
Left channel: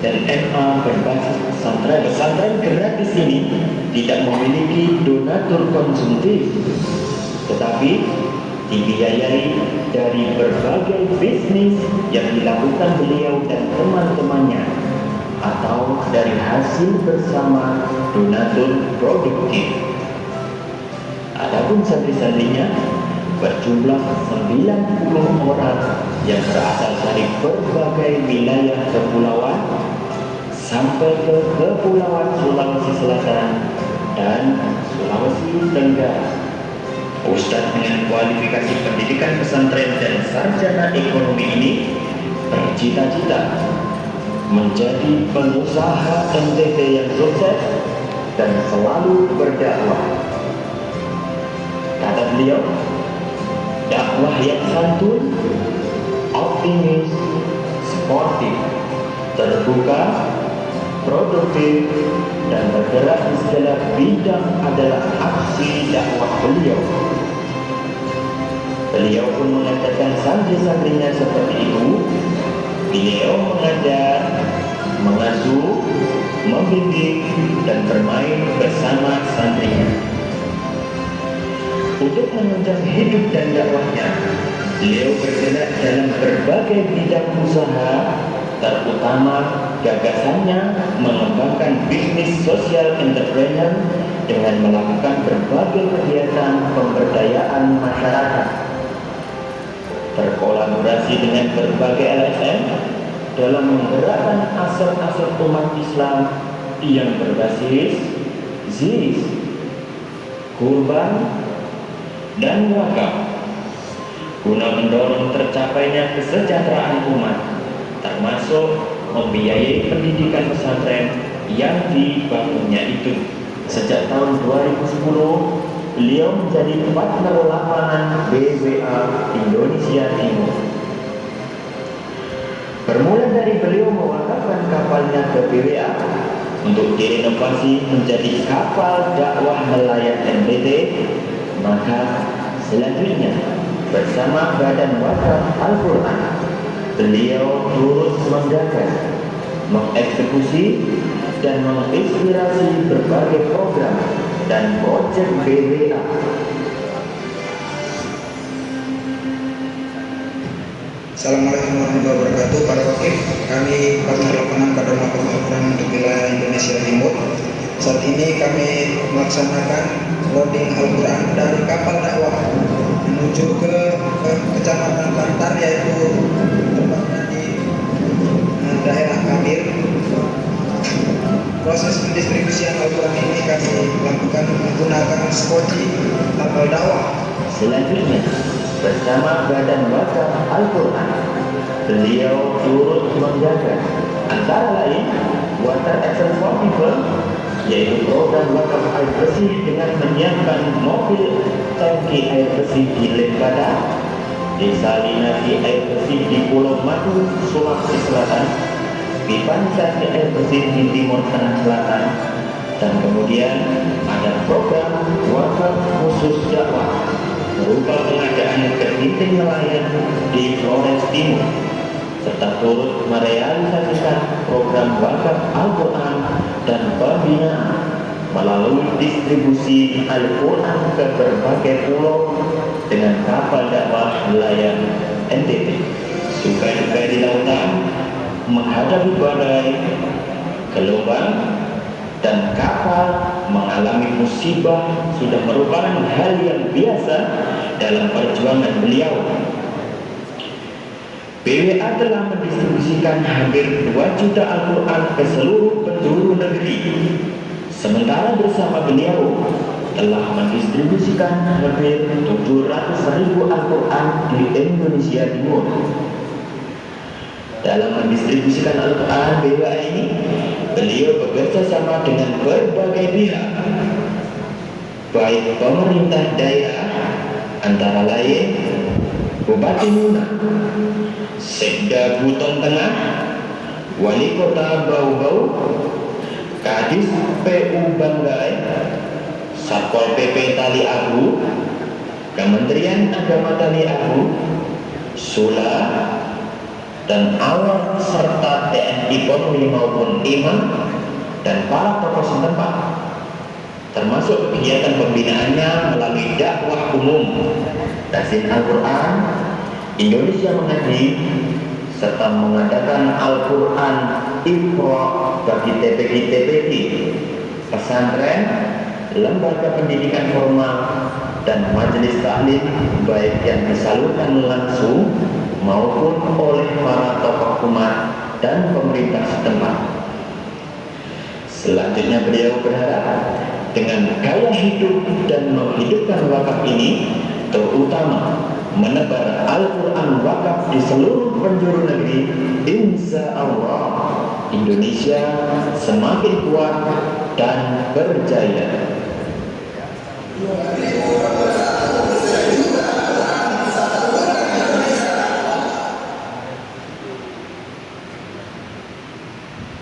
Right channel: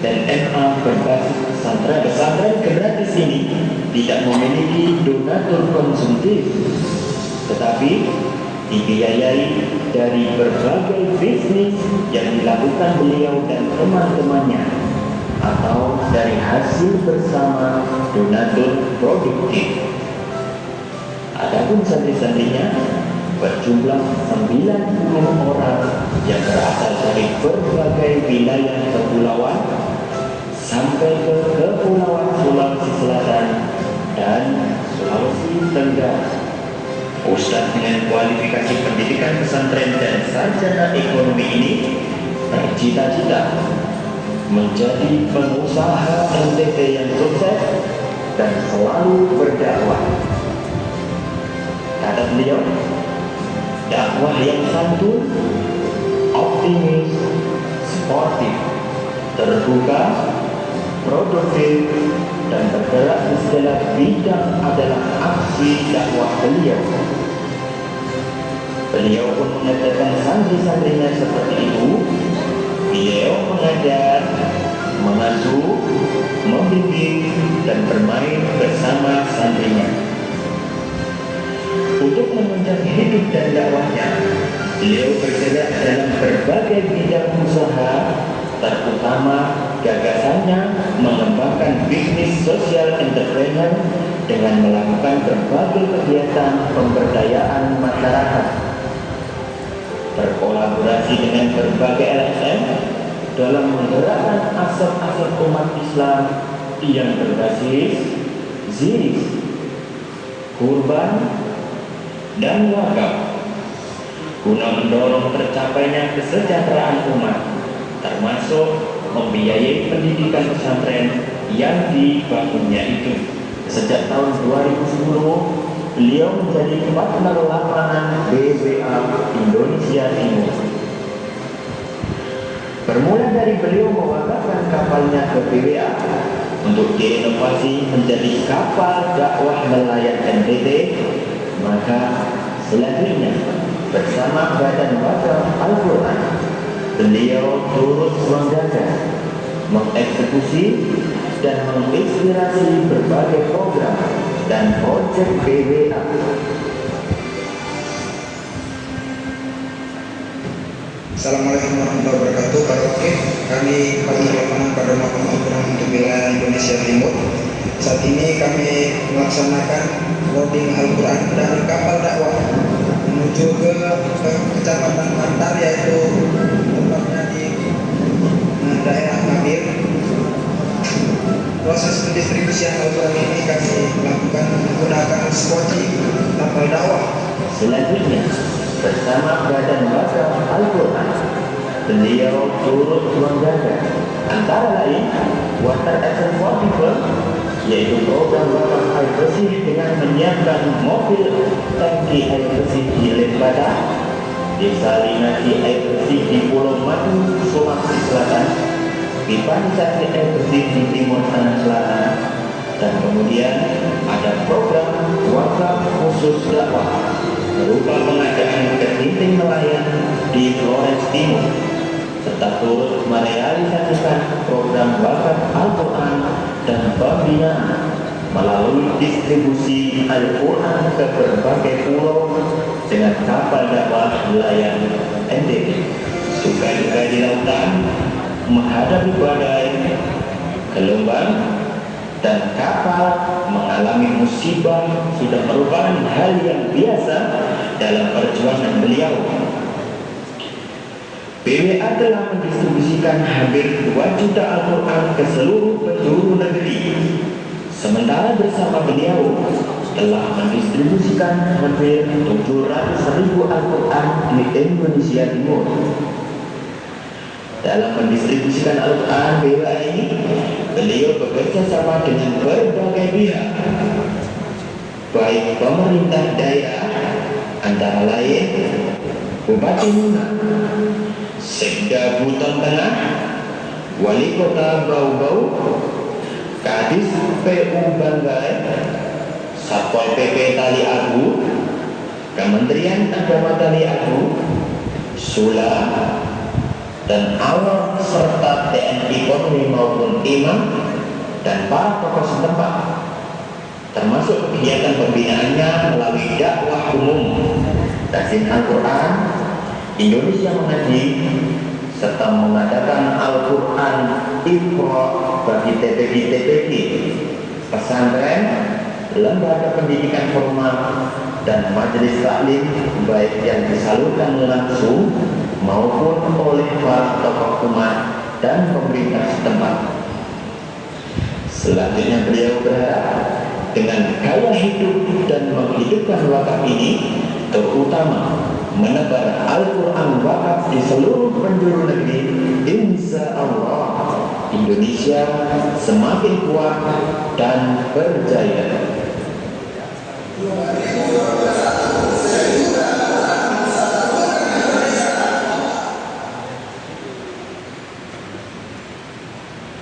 dan SMA berbasis pesantren. Pesantren gratis ini tidak memiliki donatur konsumtif, tetapi dibiayai dari berbagai bisnis yang dilakukan beliau dan teman-temannya atau dari hasil bersama donatur produktif. Adapun santri-santrinya berjumlah 90 orang yang berasal dari berbagai wilayah kepulauan sampai ke Kepulauan Sulawesi Selatan dan Sulawesi Tenggara. Ustadz dengan kualifikasi pendidikan pesantren dan sarjana ekonomi ini bercita-cita menjadi pengusaha NTT yang sukses dan selalu berdakwah. Kata beliau, dakwah yang santun, optimis, sportif, terbuka, produktif, dan bergerak di segala bidang adalah aksi dakwah beliau. Beliau pun mengajarkan santri-santrinya seperti itu. Beliau mengajar, mengasuh, membimbing, dan bermain bersama santrinya. Untuk menunjang hidup dan dakwahnya, beliau bergerak dalam berbagai bidang usaha, terutama gagasannya mengembangkan bisnis sosial entrepreneur dengan melakukan berbagai kegiatan pemberdayaan masyarakat, berkolaborasi dengan berbagai LSM dalam menggerakkan aset-aset umat Islam yang berbasis ZIS, kurban, dan wakaf, guna mendorong tercapainya kesejahteraan umat, termasuk membiayai pendidikan pesantren yang dibangunnya itu. Sejak tahun 2010, beliau menjadi partner lapangan BWA Indonesia Timur. Bermula dari beliau mewakafkan kapalnya ke BWA untuk direnovasi menjadi kapal dakwah nelayan NTT, maka selanjutnya bersama Badan Wakaf Al-Quran, beliau turut menjaga, mengeksekusi, dan menginspirasi berbagai program dan proyek BWA. Assalamualaikum warahmatullahi wabarakatuh. Kami perkenalkan pada Al-Quran untuk wilayah Indonesia Timur. Saat ini kami melaksanakan loading Al-Quran dari kapal dakwah menuju ke Kecamatan Bantar, yaitu tempatnya di daerah Kabil. Proses pendistribusian Al-Quran ini kami lakukan menggunakan skoti kapal dakwah. Selanjutnya, bersama Badan Wakaf Al-Quran, beliau turut menjaga antara lain Water Action for People, yaitu program wakaf air bersih dengan menyiapkan mobil tangki air bersih di Lembata, desalinasi air bersih di Pulau Madu, Sulawesi Selatan, pipanisasi air bersih di Timur Tengah Selatan, dan kemudian ada program wakaf khusus dakwah berupa pengadaan kepiting nelayan di Flores Timur, serta turut merealisasikan program wakaf Al-Quran dan pembinaan melalui distribusi Al-Quran ke berbagai pulau dengan kapal dakwah nelayan NTT. Suka-duka di lautan, menghadapi badai, gelombang, dan kapal mengalami musibah sudah merupakan hal yang biasa dalam perjuangan beliau. BWA telah mendistribusikan hampir 2 juta Al-Quran ke seluruh penjuru negeri, sementara bersama beliau telah mendistribusikan hampir 700.000 Al-Quran di Indonesia Timur. Dalam mendistribusikan Al-Quran BWA ini, beliau bekerja sama dengan berbagai pihak, baik pemerintah daerah, antara lain Bupati Muna, Sekda Buton Tengah, Wali Kota Bau-Bau, Kadis PU Banggai, Satpol PP Tali Abu, Kementerian Agama Tali Abu, Sula, dan awal serta TNI Polri maupun imam dan para tokoh setempat, termasuk kegiatan pembinaannya melalui dakwah umum, tafsir Al-Quran, Indonesia Mengaji, serta mengadakan Al-Quran Iqra bagi TPB-TPB, pesantren, lembaga pendidikan formal, dan majelis taklim baik yang disalurkan langsung maupun oleh para tokoh umat dan pemerintah setempat. Selanjutnya beliau berharap dengan gaya hidup dan menghidupkan wakaf ini, terutama menebar Al-Quran wakaf di seluruh penjuru negeri, insya Allah Indonesia semakin kuat dan berjaya.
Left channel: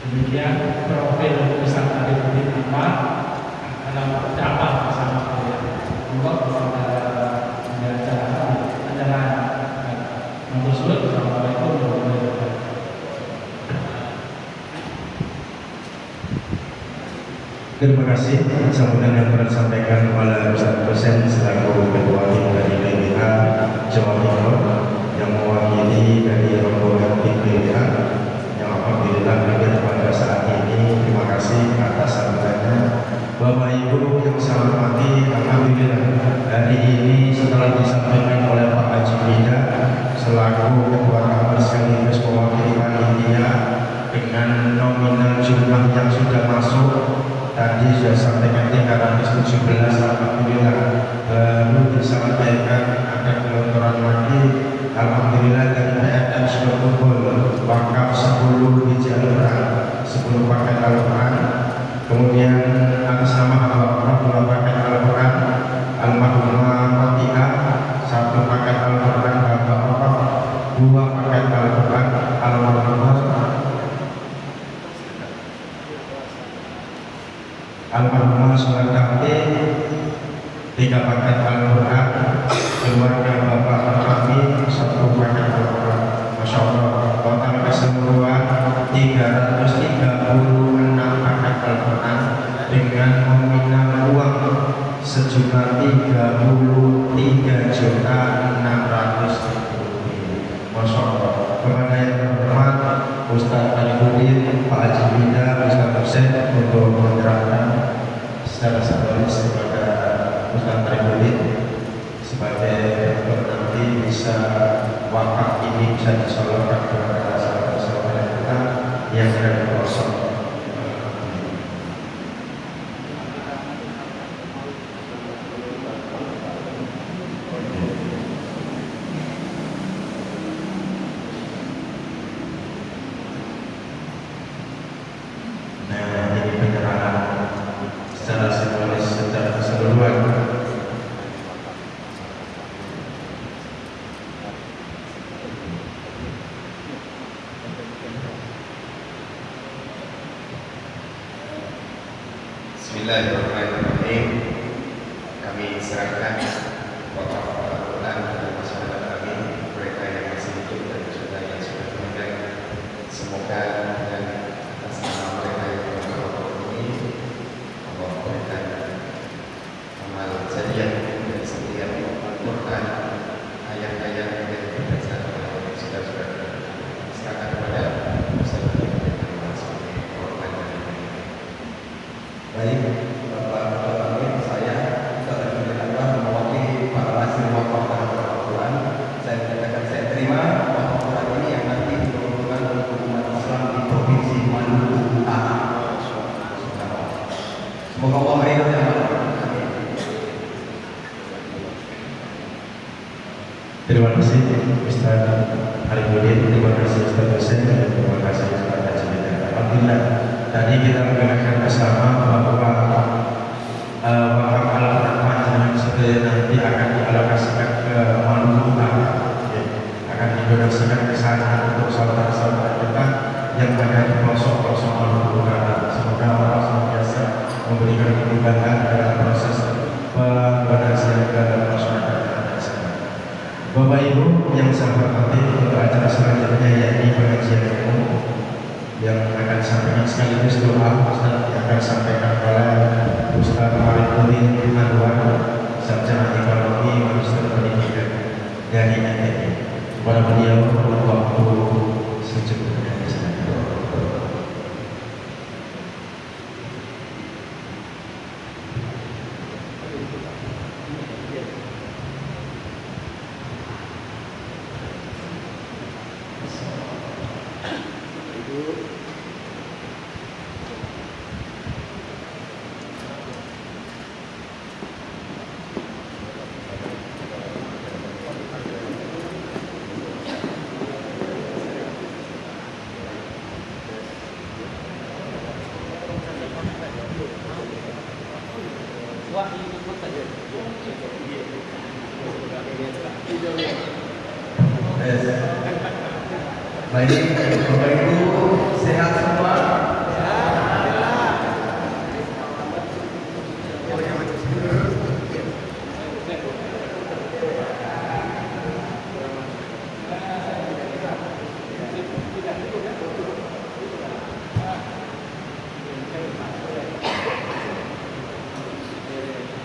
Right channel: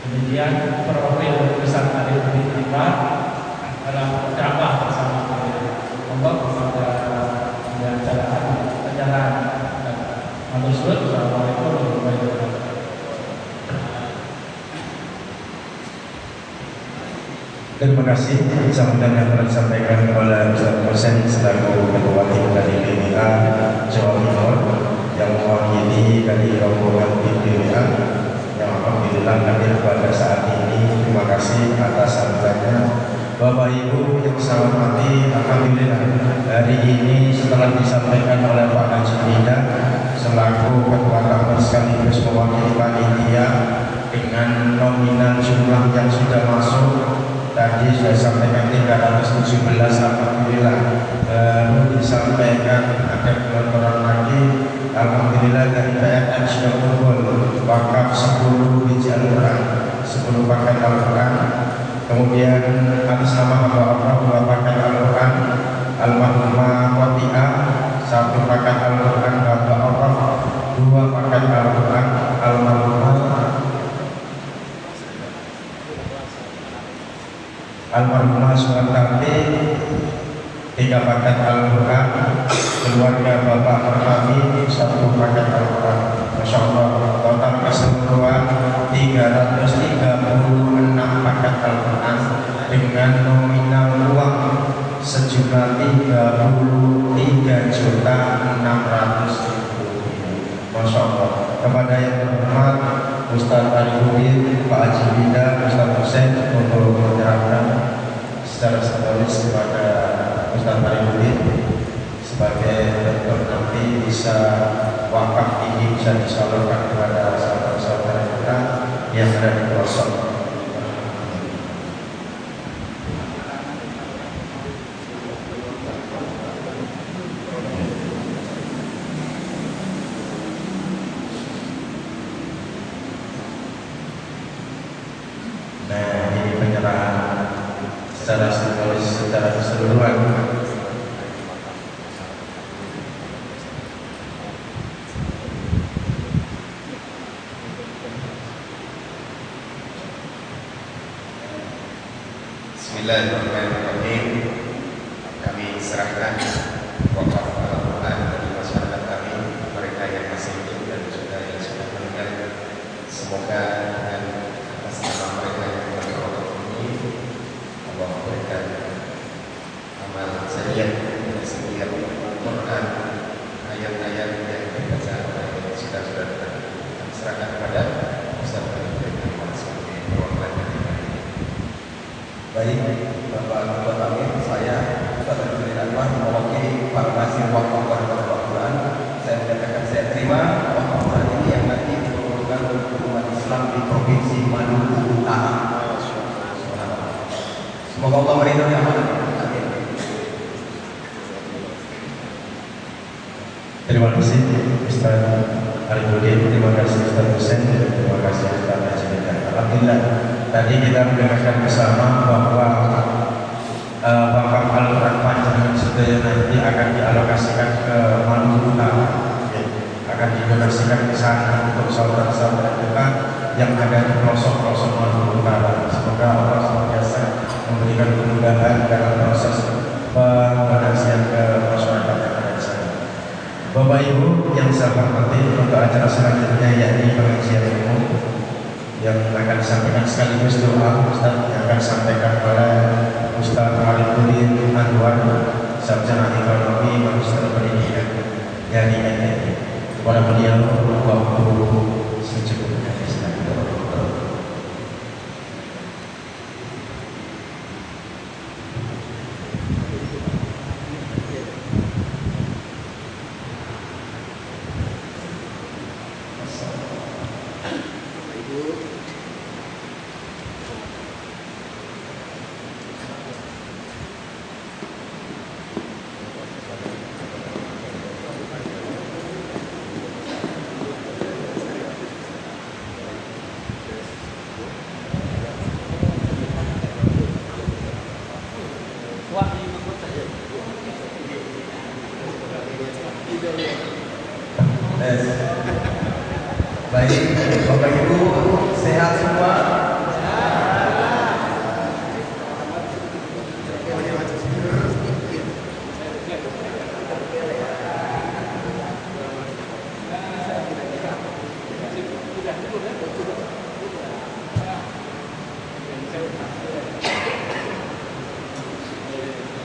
Demikian profil peserta Republik Lima dalam ceramah bersama kelompok kepada pembacaan ajaran manusia. Assalamualaikum warahmatullahi wabarakatuh. Terima kasih sambutan yang telah disampaikan oleh Ustaz Husain selaku Ketua Tim dari BBA Jawa Timur yang mewakili dari rombongan tim BBA yang alhamdulillah hadir pada saat ini. Terima kasih atas sambutannya. Bapak Ibu yang saya hormati, alhamdulillah hari ini setelah disampaikan oleh Pak Haji Bida selaku Ketua kami sekaligus mewakili panitia dengan nominal jumlah yang sudah masuk tadi sudah sampaikan 317, alhamdulillah. Baru disampaikan ada gelontoran lagi, alhamdulillah dari PNM sudah kumpul wakaf 10 biji Al-Quran, 10 paket Al-Quran. Kemudian atas nama Allah 2 paket Al-Quran, Al-Mahmumah Qati'ah 1 paket Al-Quran, Bapak Allah 2 paket Al-Quran, Al-Mahmumah Suwartanti 3 paket Al-Quran, keluarga Bapak Merkami 1 paket Al-Quran. Masya Allah, total keseluruhan 336 paket Al-Quran dengan nominal uang sejumlah 33.600.000. Masya Allah. Kepada yang terhormat Ustaz Arifudin, Pak Haji Bida, Ustaz Husain untuk menerangkan secara simbolis kepada Ustaz Arifudin sebagai bentuk nanti bisa wakaf ini bisa disalurkan kepada sahabat-sahabat kita yang ada di pelosok. Nah, ini penyerahan secara simbolis secara keseluruhan. Bismillahirrahmanirrahim. Kami serahkan wakaf Al-Quran kepada masyarakat kami, mereka yang masih hidup dan juga yang sudah meninggal. Semoga dengan atas nama mereka yang berkata ini Allah berikan amal jariah dan setiap Al-Quran, ayat-ayat yang dibaca oleh saudara-saudara. Serahkan kepada Ustaz Baik, Bapak Ketua kami, saya Ustaz Arifudin Anwar mewakili para hasil wakaf Al-Quran. Saya menyatakan saya terima wakaf Quran ini yang nanti diperuntukkan untuk umat Islam di Provinsi Maluku Utara. Semoga Allah meridhai amal. Terima kasih Ustaz Arifudin, terima kasih Ustaz Husain, dan terima kasih Ustaz Haji Bida. Alhamdulillah tadi kita mendengarkan bersama bahwa wakaf Al-Quran Panjenengan setelah nanti akan dialokasikan ke Maluku Utara, ya, akan didonasikan ke sana untuk saudara-saudara kita yang ada di pelosok-pelosok Maluku Utara. Semoga Allah senantiasa memberikan kemudahan dalam proses pemberdayaan ke masyarakat. Bapak Ibu yang saya hormati, untuk acara selanjutnya yakni pengajian ilmu yang akan sampaikan sekaligus doa Ustaz yang akan sampaikan oleh Ustaz Arifudin Anwar, Sarjana Ekonomi Magister Pendidikan dari NTI. Kepada beliau waktu secukupnya. Yes. Baik, Bapak Ibu sehat semua.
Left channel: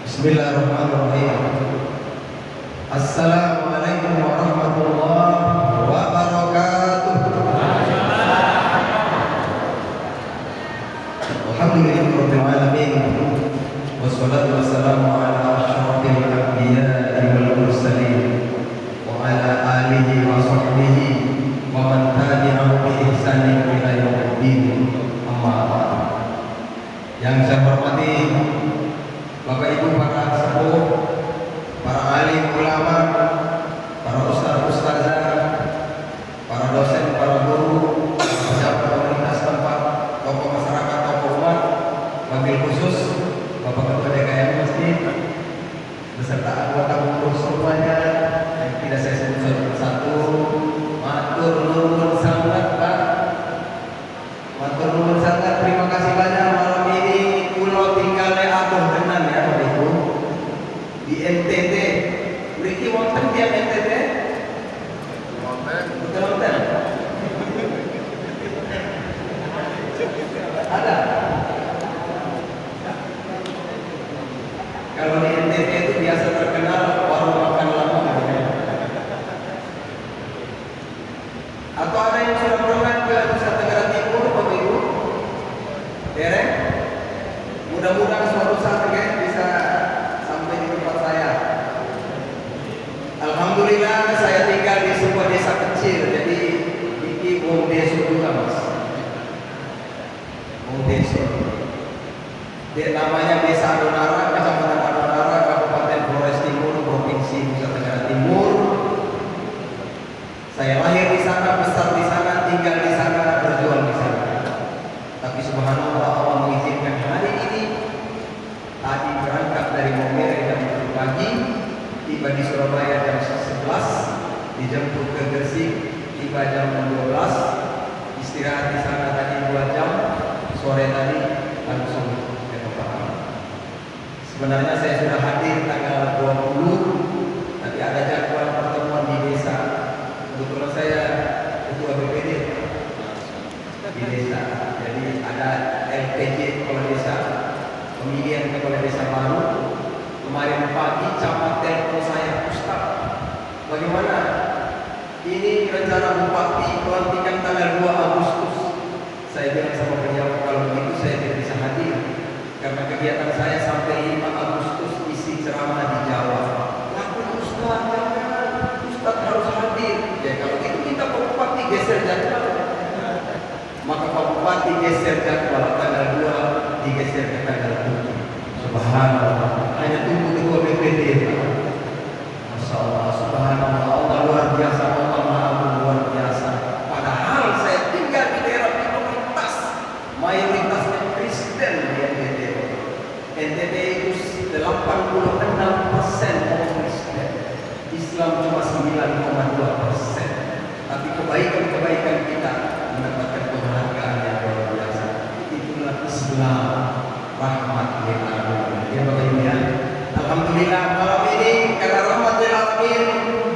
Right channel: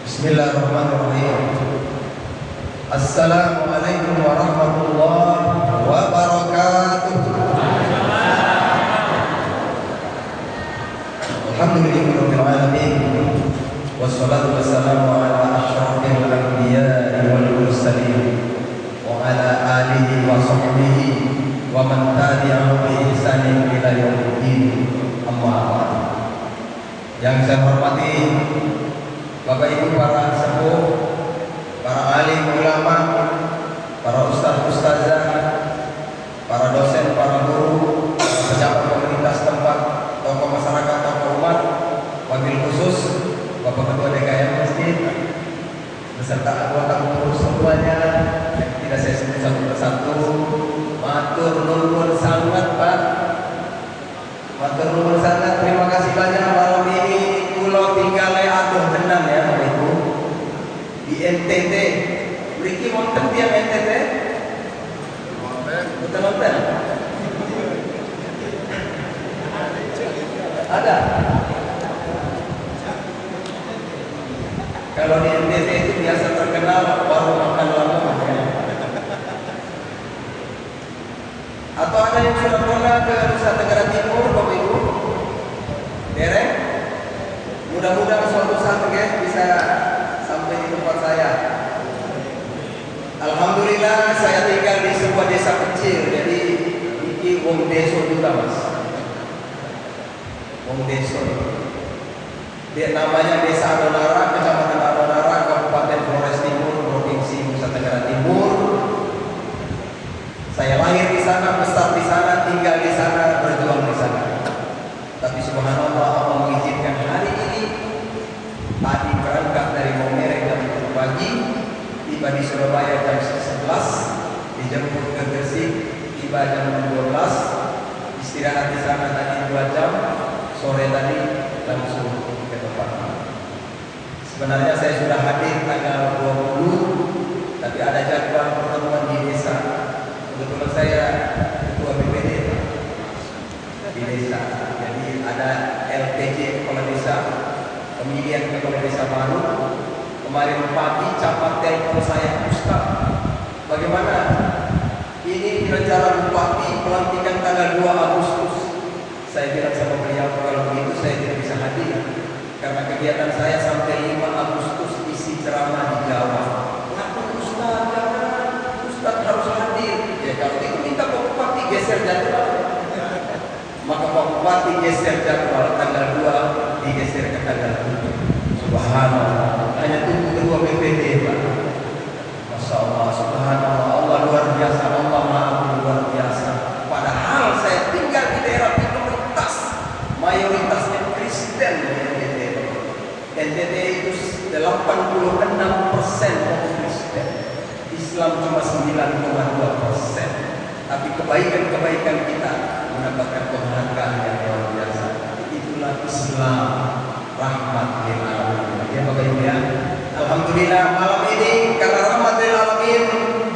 Bismillahirrahmanirrahim. Assalamualaikum warahmatullahi wabarakatuh. Alhamdulillahirabbil alamin. Wassalatu wassalamu ala asyrafil anbiya'i wal mursalin wa ala alihi wa sahbihi wa man tabi'ahum bi ihsanin ila yaumiddin. Amma ba'du. Yang saya hormati Bapak Ibu para sepuh, para alim ulama, para ustaz ustazah, para dosen, para guru, para pejabat pemerintah setempat, tokoh masyarakat, tokoh umat, wabil khusus Bapak Ketua DKM Masjid beserta anggota pengurus semuanya yang tidak saya sebut satu persatu. Matur nuwun sangat Pak, matur nuwun sangat, terima kasih banyak. Malam ini kulo tinggalnya aduh tenan ya Ibu di NTT. Mriki wonten tiap NTT? Wonten. Ada. Kalau di NTT itu biasa terkenal baru makan lama. Atau ada yang sudah pernah ke Nusa Tenggara Timur, Bapak Ibu? Derek? Mudah-mudahan suatu saat bisa sampai di tempat saya. Alhamdulillah saya tinggal di sebuah desa kecil, jadi iki wong deso juga Mas. Wong deso. Dia namanya Desa Adonara, Kecamatan Adonara, Kabupaten Flores Timur, Provinsi Nusa Tenggara Timur. Saya lahir di sana, besar di sana, tinggal di sana, berjuang di sana. Tapi subhanallah Allah mengizinkan hari ini tadi berangkat dari Momere jam 7 pagi, tiba di Surabaya jam 11, dijemput ke Gresik, tiba jam 12, istirahat di sana tadi 2 jam, sore tadi langsung ke tempat. Sebenarnya saya sudah hadir tanggal 20, tapi ada jadwal pertemuan di desa. Kebetulan saya ketua BPD di desa, jadi ada LPJ kepala desa, pemilihan kepala desa baru. Kemarin pagi camat telepon saya, Ustaz, bagaimana ini rencana bupati pelantikan tanggal 2 Agustus. Saya bilang sama beliau, kalau begitu saya tidak bisa hadir karena kegiatan saya sampai 5 Agustus isi ceramah di Jawa. Kenapa Ustaz? Jangan, Ustaz harus hadir. Ya kalau itu minta Pak Bupati geser jadwal. Maka Pak Bupati geser jadwal tanggal 2 digeser ke tanggal 7. Subhanallah. Hanya tunggu ketua BPD Pak. Masya Allah, subhanallah, Allah luar biasa, Allah maha luar biasa. Padahal saya tinggal di daerah minoritas, mayoritasnya Kristen di NTT. NTT itu 86% orang Kristen, Islam cuma 9,2%. Tapi kebaikan-kebaikan kita mendapatkan penghargaan yang luar biasa. Itulah Islam, rahmat lil alamin. Ya Bapak Ibu ya. Alhamdulillah malam ini karena rahmat lil alamin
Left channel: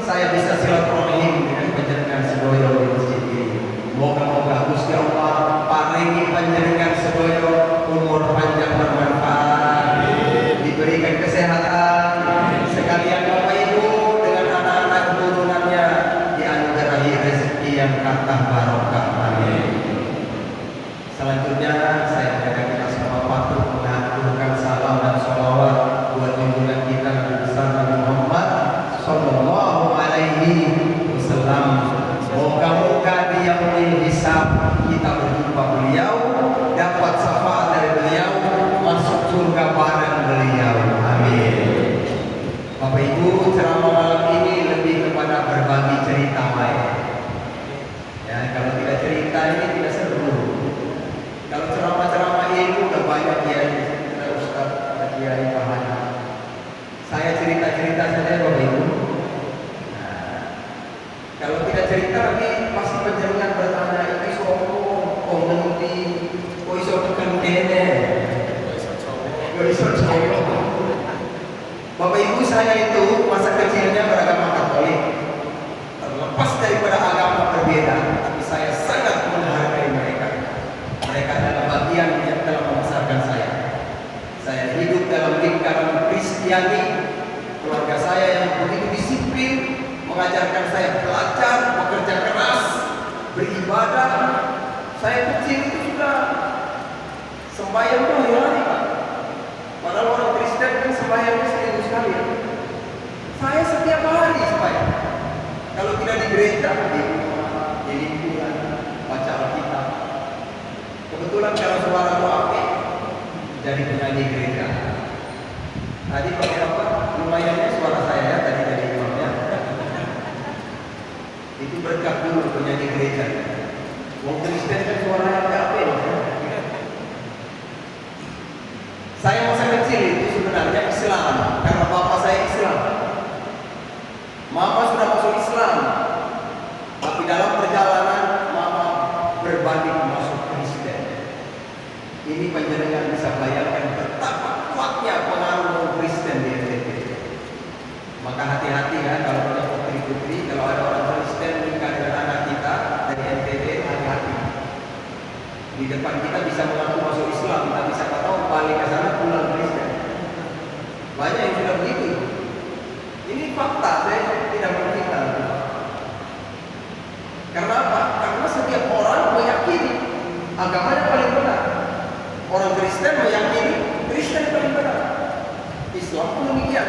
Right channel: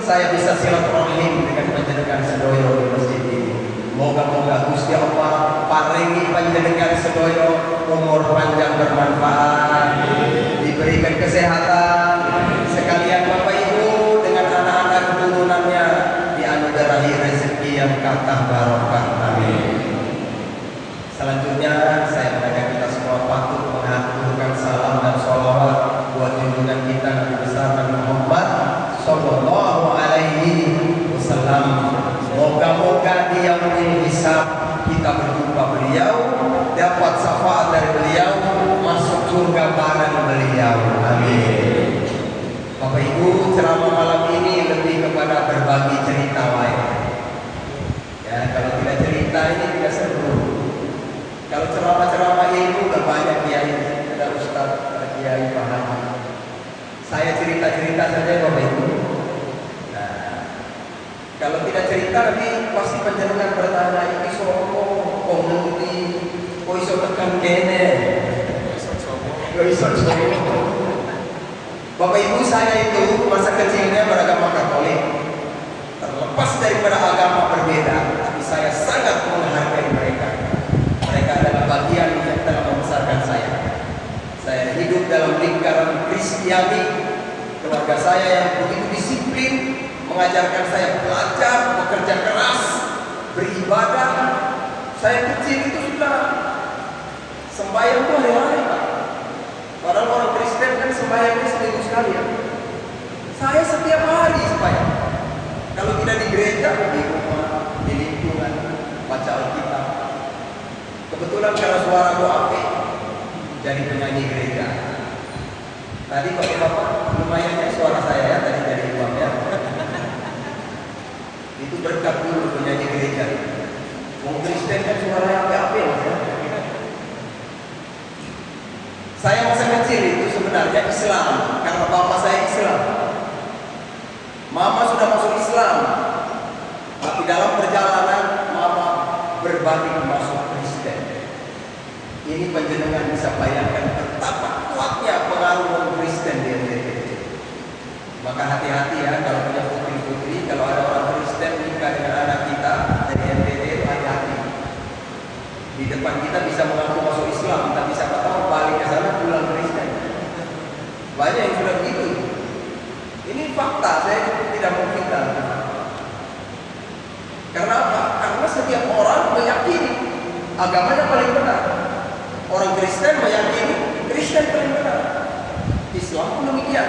saya bisa itu masa kecilnya beragama Katolik, terlepas daripada agama berbeda, tapi saya sangat menghargai mereka. Mereka adalah bagian yang telah membesarkan saya. Saya hidup dalam lingkaran Kristiani, keluarga saya yang begitu disiplin, mengajarkan saya belajar, bekerja keras, beribadah. Saya kecil itu sudah sembahyang tuh hari-hari, Pak. Padahal orang Kristen kan sembahyangnya seminggu sekali. Saya setiap hari sembahyang. Kalau tidak di gereja, di rumah, di lingkungan, baca Alkitab. Kebetulan karena suara gua apik, jadi penyanyi gereja. Tadi pakai apa? Lumayannya suara saya ya, tadi dari imamnya. Itu berkat dulu penyanyi gereja. Wong Kristen kan suaranya apik. Saya masa kecil itu sebenarnya Islam, karena bapak saya Islam. Mama sudah masuk Islam, tapi dalam perjalanan mama berbalik masuk Kristen. Ini panjenengan bisa bayangkan betapa kuatnya pengaruh orang Kristen di NTT. Maka hati-hati ya kalau punya putri-putri, kalau ada orang Kristen nikah dengan anak kita dari NTT, hati-hati. Di depan kita bisa mengaku masuk Islam, tapi siapa tahu balik ke sana pulang Kristen. Banyak yang sudah begitu. Ini fakta, saya tidak memfitnah. Karena apa? Karena setiap orang meyakini agamanya paling benar. Orang Kristen meyakini Kristen paling benar. Islam pun demikian.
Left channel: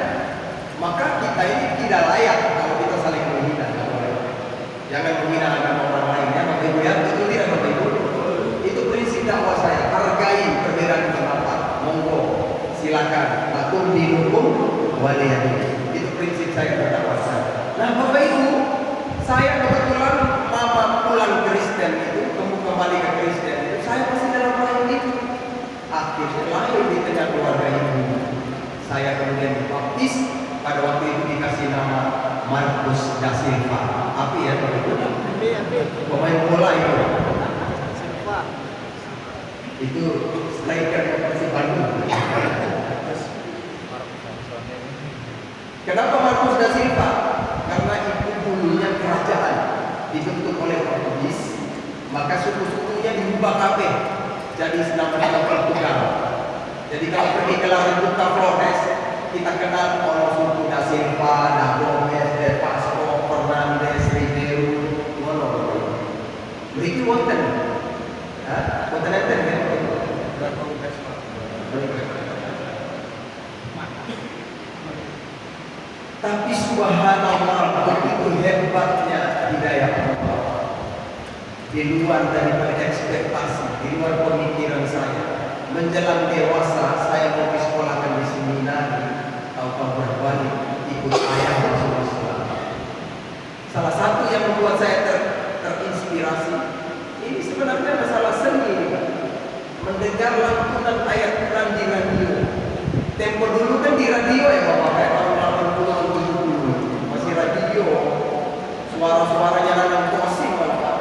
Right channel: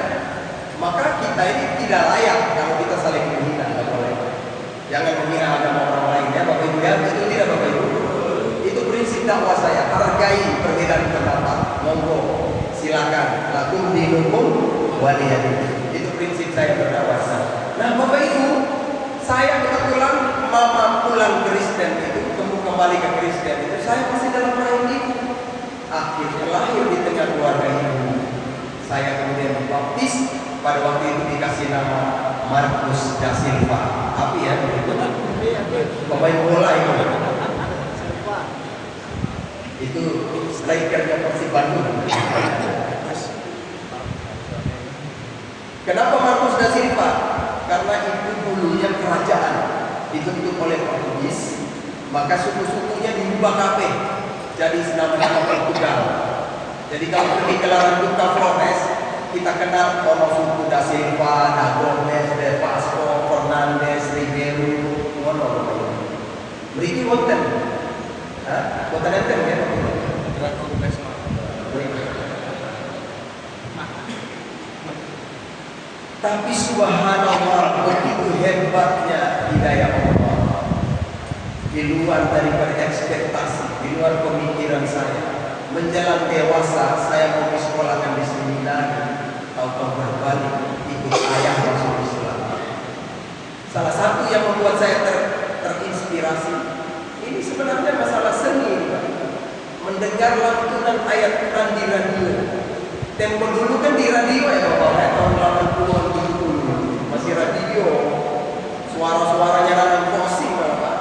Maka kita ini tidak layak kalau kita saling menghina. Jangan menghina agama orang lain ya, Bapak Ibu ya. Itu tidak, Bapak Ibu. Itu prinsip dakwah saya. Hargai perbedaan pendapat. Monggo, silakan. Lakum dinukum waliyadin. Itu prinsip saya berdakwah. Nah, Bapak Ibu, saya kebetulan mama pulang Kristen itu, kembali ke Kristen itu, saya masih dalam rahim ibu. Akhirnya lahir di tengah keluarga ibu. Saya kemudian dibaptis, pada waktu itu dikasih nama Markus da Silva. Tapi ya begitu, pemain bola itu strikernya Persib Bandung. Kenapa Markus da Silva? Karena itu dulunya kerajaan dibentuk oleh Portugis, maka suku-sukunya dirubah kabeh jadi nama-nama Portugal. Jadi kalau pergi ke Larantuka Flores, kita kenal ono suku da Silva, da Gomes, de Pasco, Fernandes, Ribeiro, ngono. Mriki wonten. Hah? Wonten enten kan? Tapi subhanallah, begitu hebatnya hidayah Allah. Di luar daripada ekspektasi, di luar pemikiran saya. Menjelang dewasa, saya mau disekolahkan di seminari, tahu-tahu berbalik ikut ayah masuk Islam. Salah satu yang membuat saya terinspirasi, ini sebenarnya masalah seni ini, Pak. Mendengar lantunan ayat Quran di radio. Tempo dulu kan di radio ya Bapak, ya, tahun 80-an, 70 masih radio. Suara-suaranya Nanang Kosim, Bapak.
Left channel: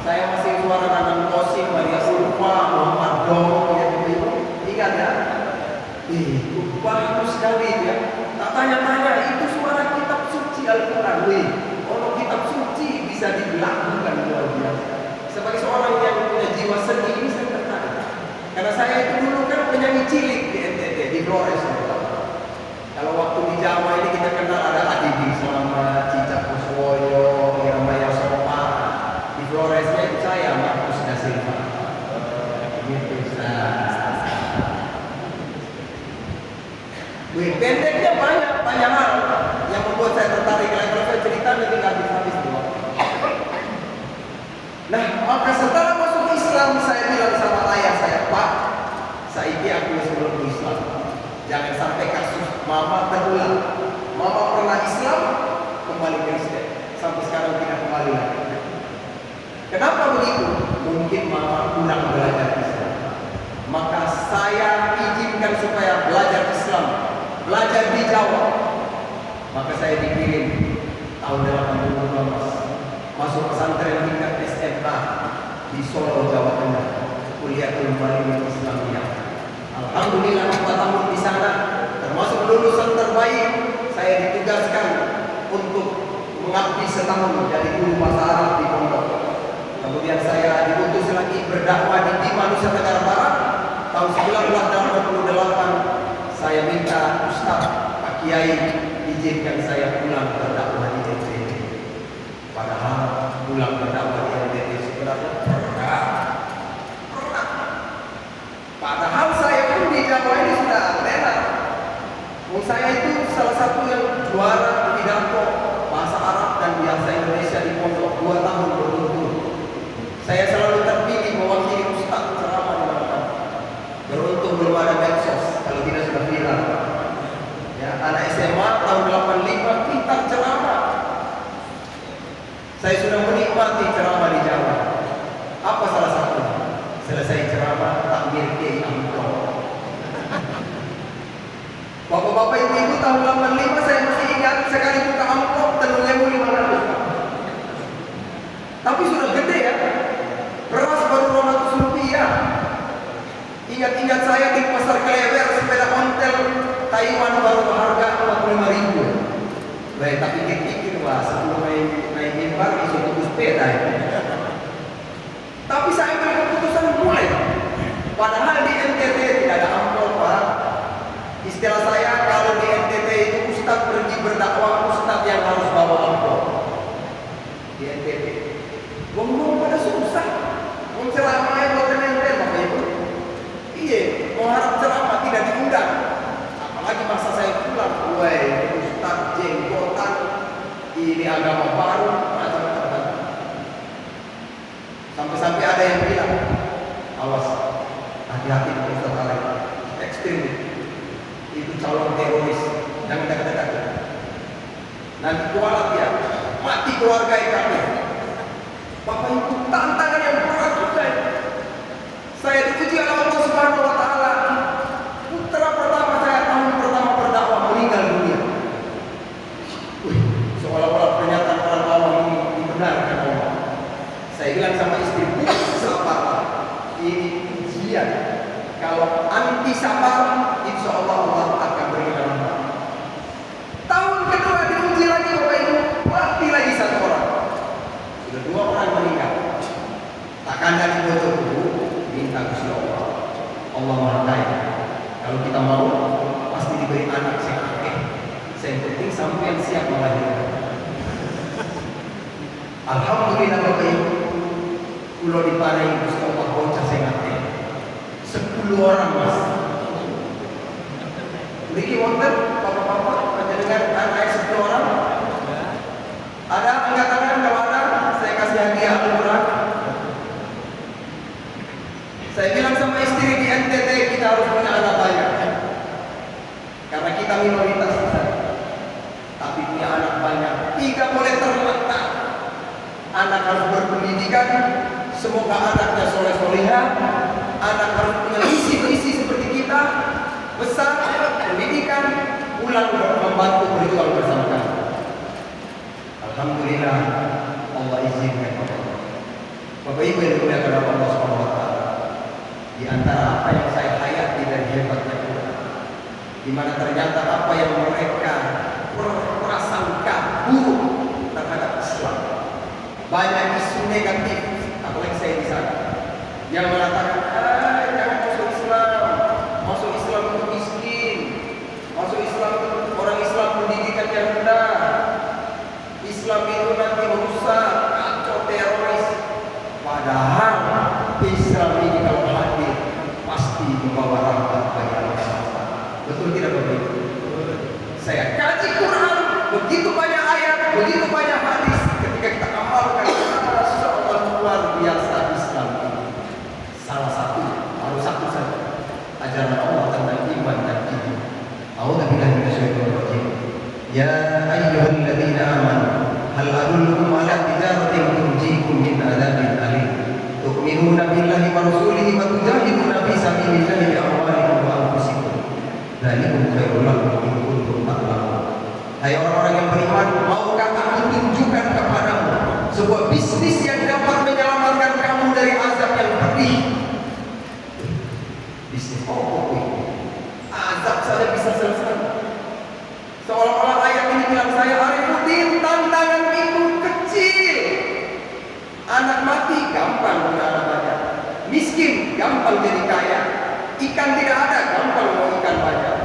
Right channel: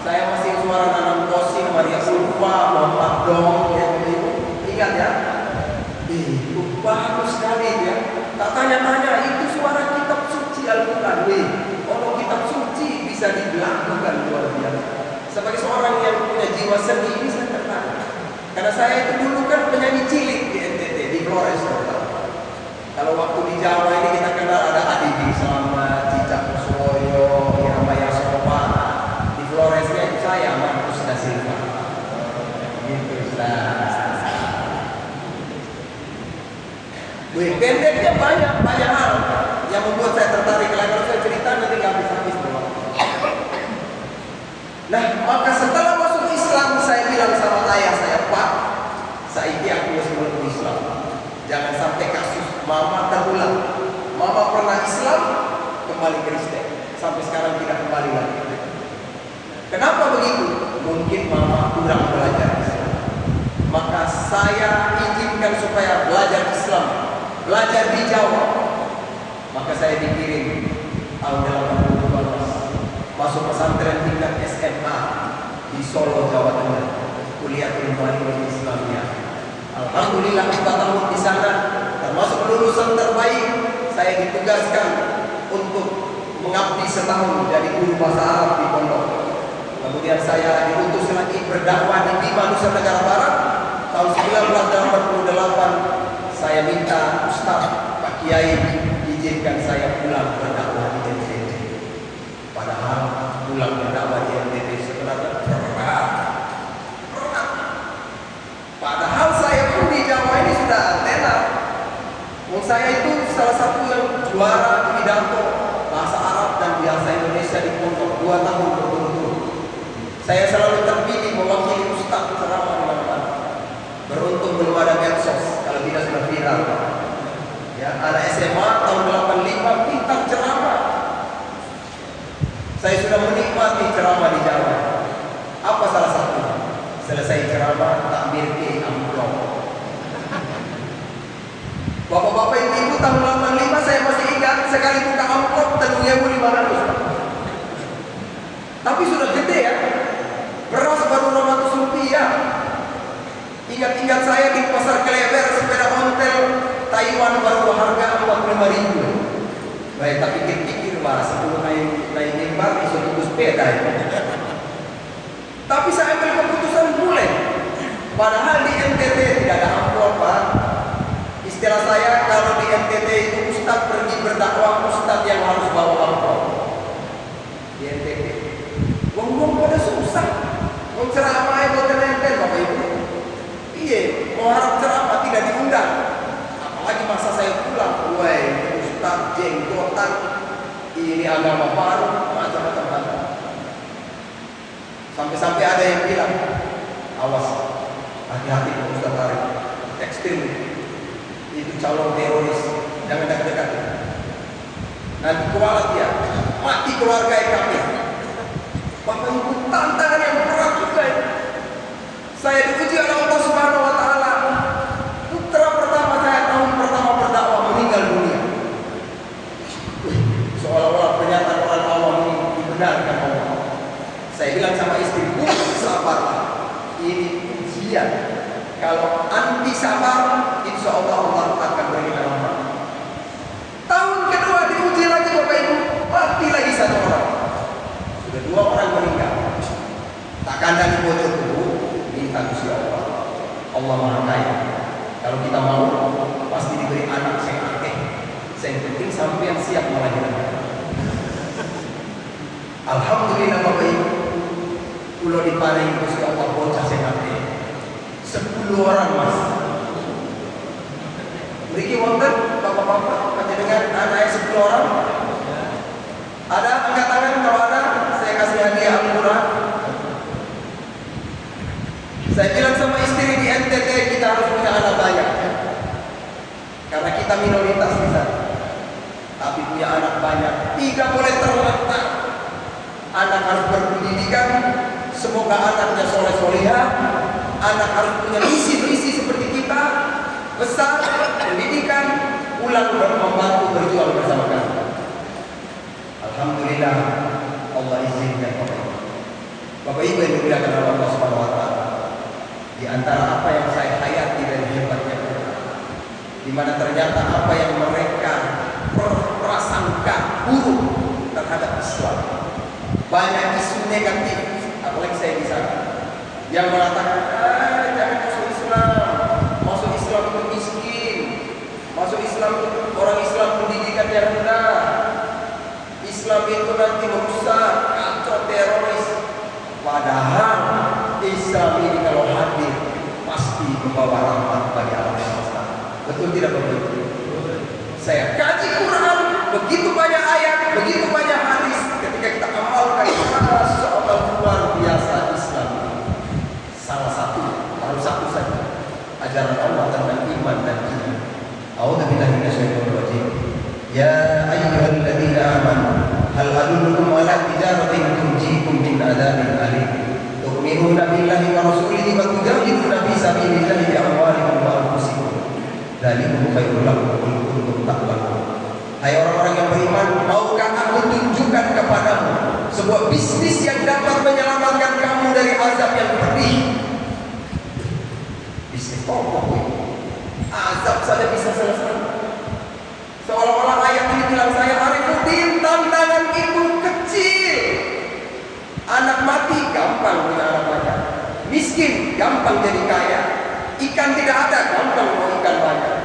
Saya masih suara Nanang Kosim, Maria Sulfa, Muhammad Dong, ya gitu. Ingat ya? Bagus sekali ya. Tak tanya-tanya, itu suara kitab suci Al-Quran. Kalau kitab suci bisa dilakukan luar biasa. Sebagai seorang yang punya jiwa seni ini saya tertarik. Karena saya itu dulu kan penyanyi cilik di NTT, di Flores. Kalau waktu di Jawa ini kita kenal ada Adidi sama Cicak Kuswoyo, Irama Yasopa. Di Floresnya itu saya, Markus da Silva. Gitu, pendeknya banyak hal yang membuat saya tertarik. Kalau saya cerita nanti nggak habis-habis. Nah, maka setelah masuk Islam, saya bilang sama ayah saya, Pak, saiki aku harus masuk Islam. Jangan sampai kasus mama terulang. Mama pernah Islam, kembali Kristen. Sampai sekarang tidak kembali lagi. Kenapa begitu? Mungkin mama kurang belajar Islam. Maka saya izinkan supaya belajar Islam, belajar di Jawa. Maka saya dikirim tahun 80 masuk pesantren tingkat SMA di Solo, Jawa Tengah, kuliah ilmu Islamiyah. Alhamdulillah 4 tahun di sana, termasuk lulusan terbaik saya ditugaskan untuk mengabdi setahun jadi guru bahasa Arab di pondok. Kemudian saya diutus lagi berdakwah di Bima, Nusa Tenggara Barat. Tahun 1988 saya minta Ustaz Pak Kiai izinkan saya pulang berdakwah di NTT. Padahal pulang berdakwah di NTT sebenarnya berat. Padahal saya pun di Jawa ini sudah tenar. Saya itu salah satu yang juara pidato bahasa Arab dan bahasa Indonesia di pondok 2 tahun berturut-turut. Saya selalu terpilih mewakili Ustaz ceramah di mana-mana. Beruntung belum ada medsos, kalau tidak sudah viral. Ya, anak SMA tahun 85 pintar ceramah. Saya sudah menikmati ceramah di Jawa. Apa salah satunya? Selesai ceramah takbir ke amplop. Bapak-bapak ibu-ibu tahun 85 saya masih ingat sekali buka amplop 3.500. Tapi sudah gede ya. Beras baru 200 rupiah. Ingat-ingat saya di pasar Klewer sepeda ontel Taiwan baru harga 45.000. Baik, tapi pikir-pikir lah sebelum naik mimbar isu tunggu sepeda ya. Tapi saya ambil keputusan mulai. Padahal di NTT tidak ada amplop, Pak. Istilah saya kalau di NTT itu ustaz pergi berdakwah, ustaz yang harus bawa amplop. Di NTT. Wong-wong pada susah. Mau ceramah buat NTT Bapak Ibu. Iya, mau harap ceramah tidak diundang. Apalagi masa saya pulang, woi, ustaz jenggotan, ini agama baru, macam-macam. Sampai-sampai ada yang bilang, awas, hati-hati dengan Ustaz Arif, ekstrim, itu calon teroris, jangan dekat-dekat. Nanti kualat dia, mati keluarga kami. Bapak Ibu, tantangan yang berat juga. Saya diuji oleh Allah Subhanahu Wa Taala. Putra pertama saya tahun pertama berdakwah meninggal dunia. Seolah-olah pernyataan orang awam ini dibenarkan Allah. Saya bilang sama istri, Bu, sabarlah. Ini ujian. Kalau anti sabar, insya Allah Allah akan beri rahmat. Tahun kedua diuji lagi Bapak Ibu, mati lagi 1 orang. Sudah 2 orang meninggal. Tak kandang di bocor dulu, minta Gusti Allah. Allah Maha Kaya. Kalau kita mau, pasti diberi anak yang akeh. Yang penting sampai yang siap melahirkan. Alhamdulillah Bapak Ibu, pulau diparingi Gusti Allah bocah sing akeh. 10 orang Mas. Mriki wonten bapak-bapak panjenengan anake 10 orang? Ada angkat tangan kalau ada, saya kasih hadiah Al-Qur'an. Saya bilang sama istri di NTT kita harus punya anak banyak. Karena kita minoritas di sana. Tapi punya anak banyak, tidak boleh terletak. Anak harus berpendidikan, semoga anaknya soleh-solehah. Anak harus punya visi-visi seperti kita, besar, pendidikan, pulang membantu berjuang bersama kami. Alhamdulillah, Allah izinkan Bapak Ibu yang dimuliakan oleh Allah Subhanahu Wa Taala. Di antara apa yang saya hayati dan hebatnya Quran, di mana ternyata apa yang mereka berprasangka buruk terhadap Islam, banyak isu negatif, apalagi saya di sana, yang mengatakan, jangan masuk Islam itu miskin, masuk Islam itu orang Islam pendidikan yang rendah, Islam itu nanti merusak, kacau, teroris. Padahal Islam ini kalau hadir pasti membawa rahmat bagi Allah. Betul tidak Bapak Ibu? Saya kaji Quran, begitu banyak ayat, begitu banyak hadis. Ketika kita amalkan, Masya Allah luar biasa Islam. Salah satu, harus satu saja, ajaran Allah tentang iman dan iman. A'udzubillahi minasyaitonir rajim. Ya ayyuhalladzina amanu hal adullukum ala tijaratin tunjikum min adzabin alim. Tu'minuna billahi wa rasulihi wa tujahiduna fi sabilillahi bi amwalikum wa anfusikum. Dzalikum khairul lakum in kuntum ta'lamun. Hai orang-orang yang beriman, mau gampang jadi kaya. Ikan tidak ada, gampang mau ikan banyak.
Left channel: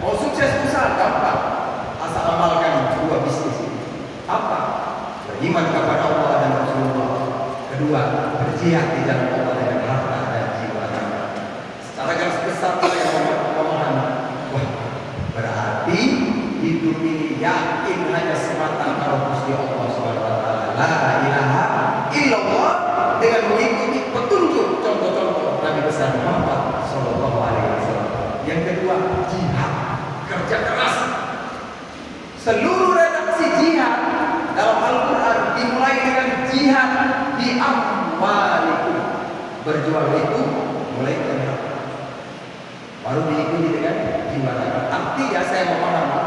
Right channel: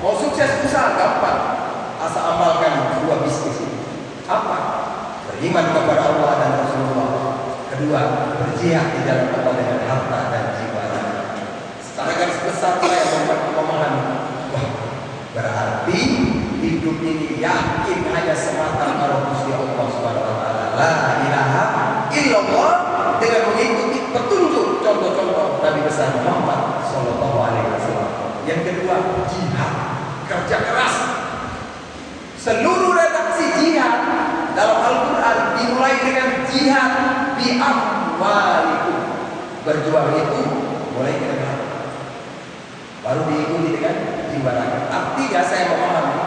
Mau sukses usaha, gampang. Asal amalkan dua bisnis ini. Apa? Beriman kepada Allah dan Rasulullah. Kedua, berjihad di jalan Allah dengan harta dan jiwa. Secara garis besar saya memahami, wah, berarti hidup ini yakin hanya semata kalau Gusti Allah Subhanahu wa taala. La ilaha illallah, dengan mengikuti petunjuk contoh-contoh Nabi besar Muhammad sallallahu alaihi wasallam. Yang kedua, jihad, kerja keras. Seluruh redaksi jihad dalam Al-Quran dimulai dengan jihad bi amwalikum. Berjuang itu mulai dengan harta, baru diikuti dengan jiwa raga. Artinya saya memahami,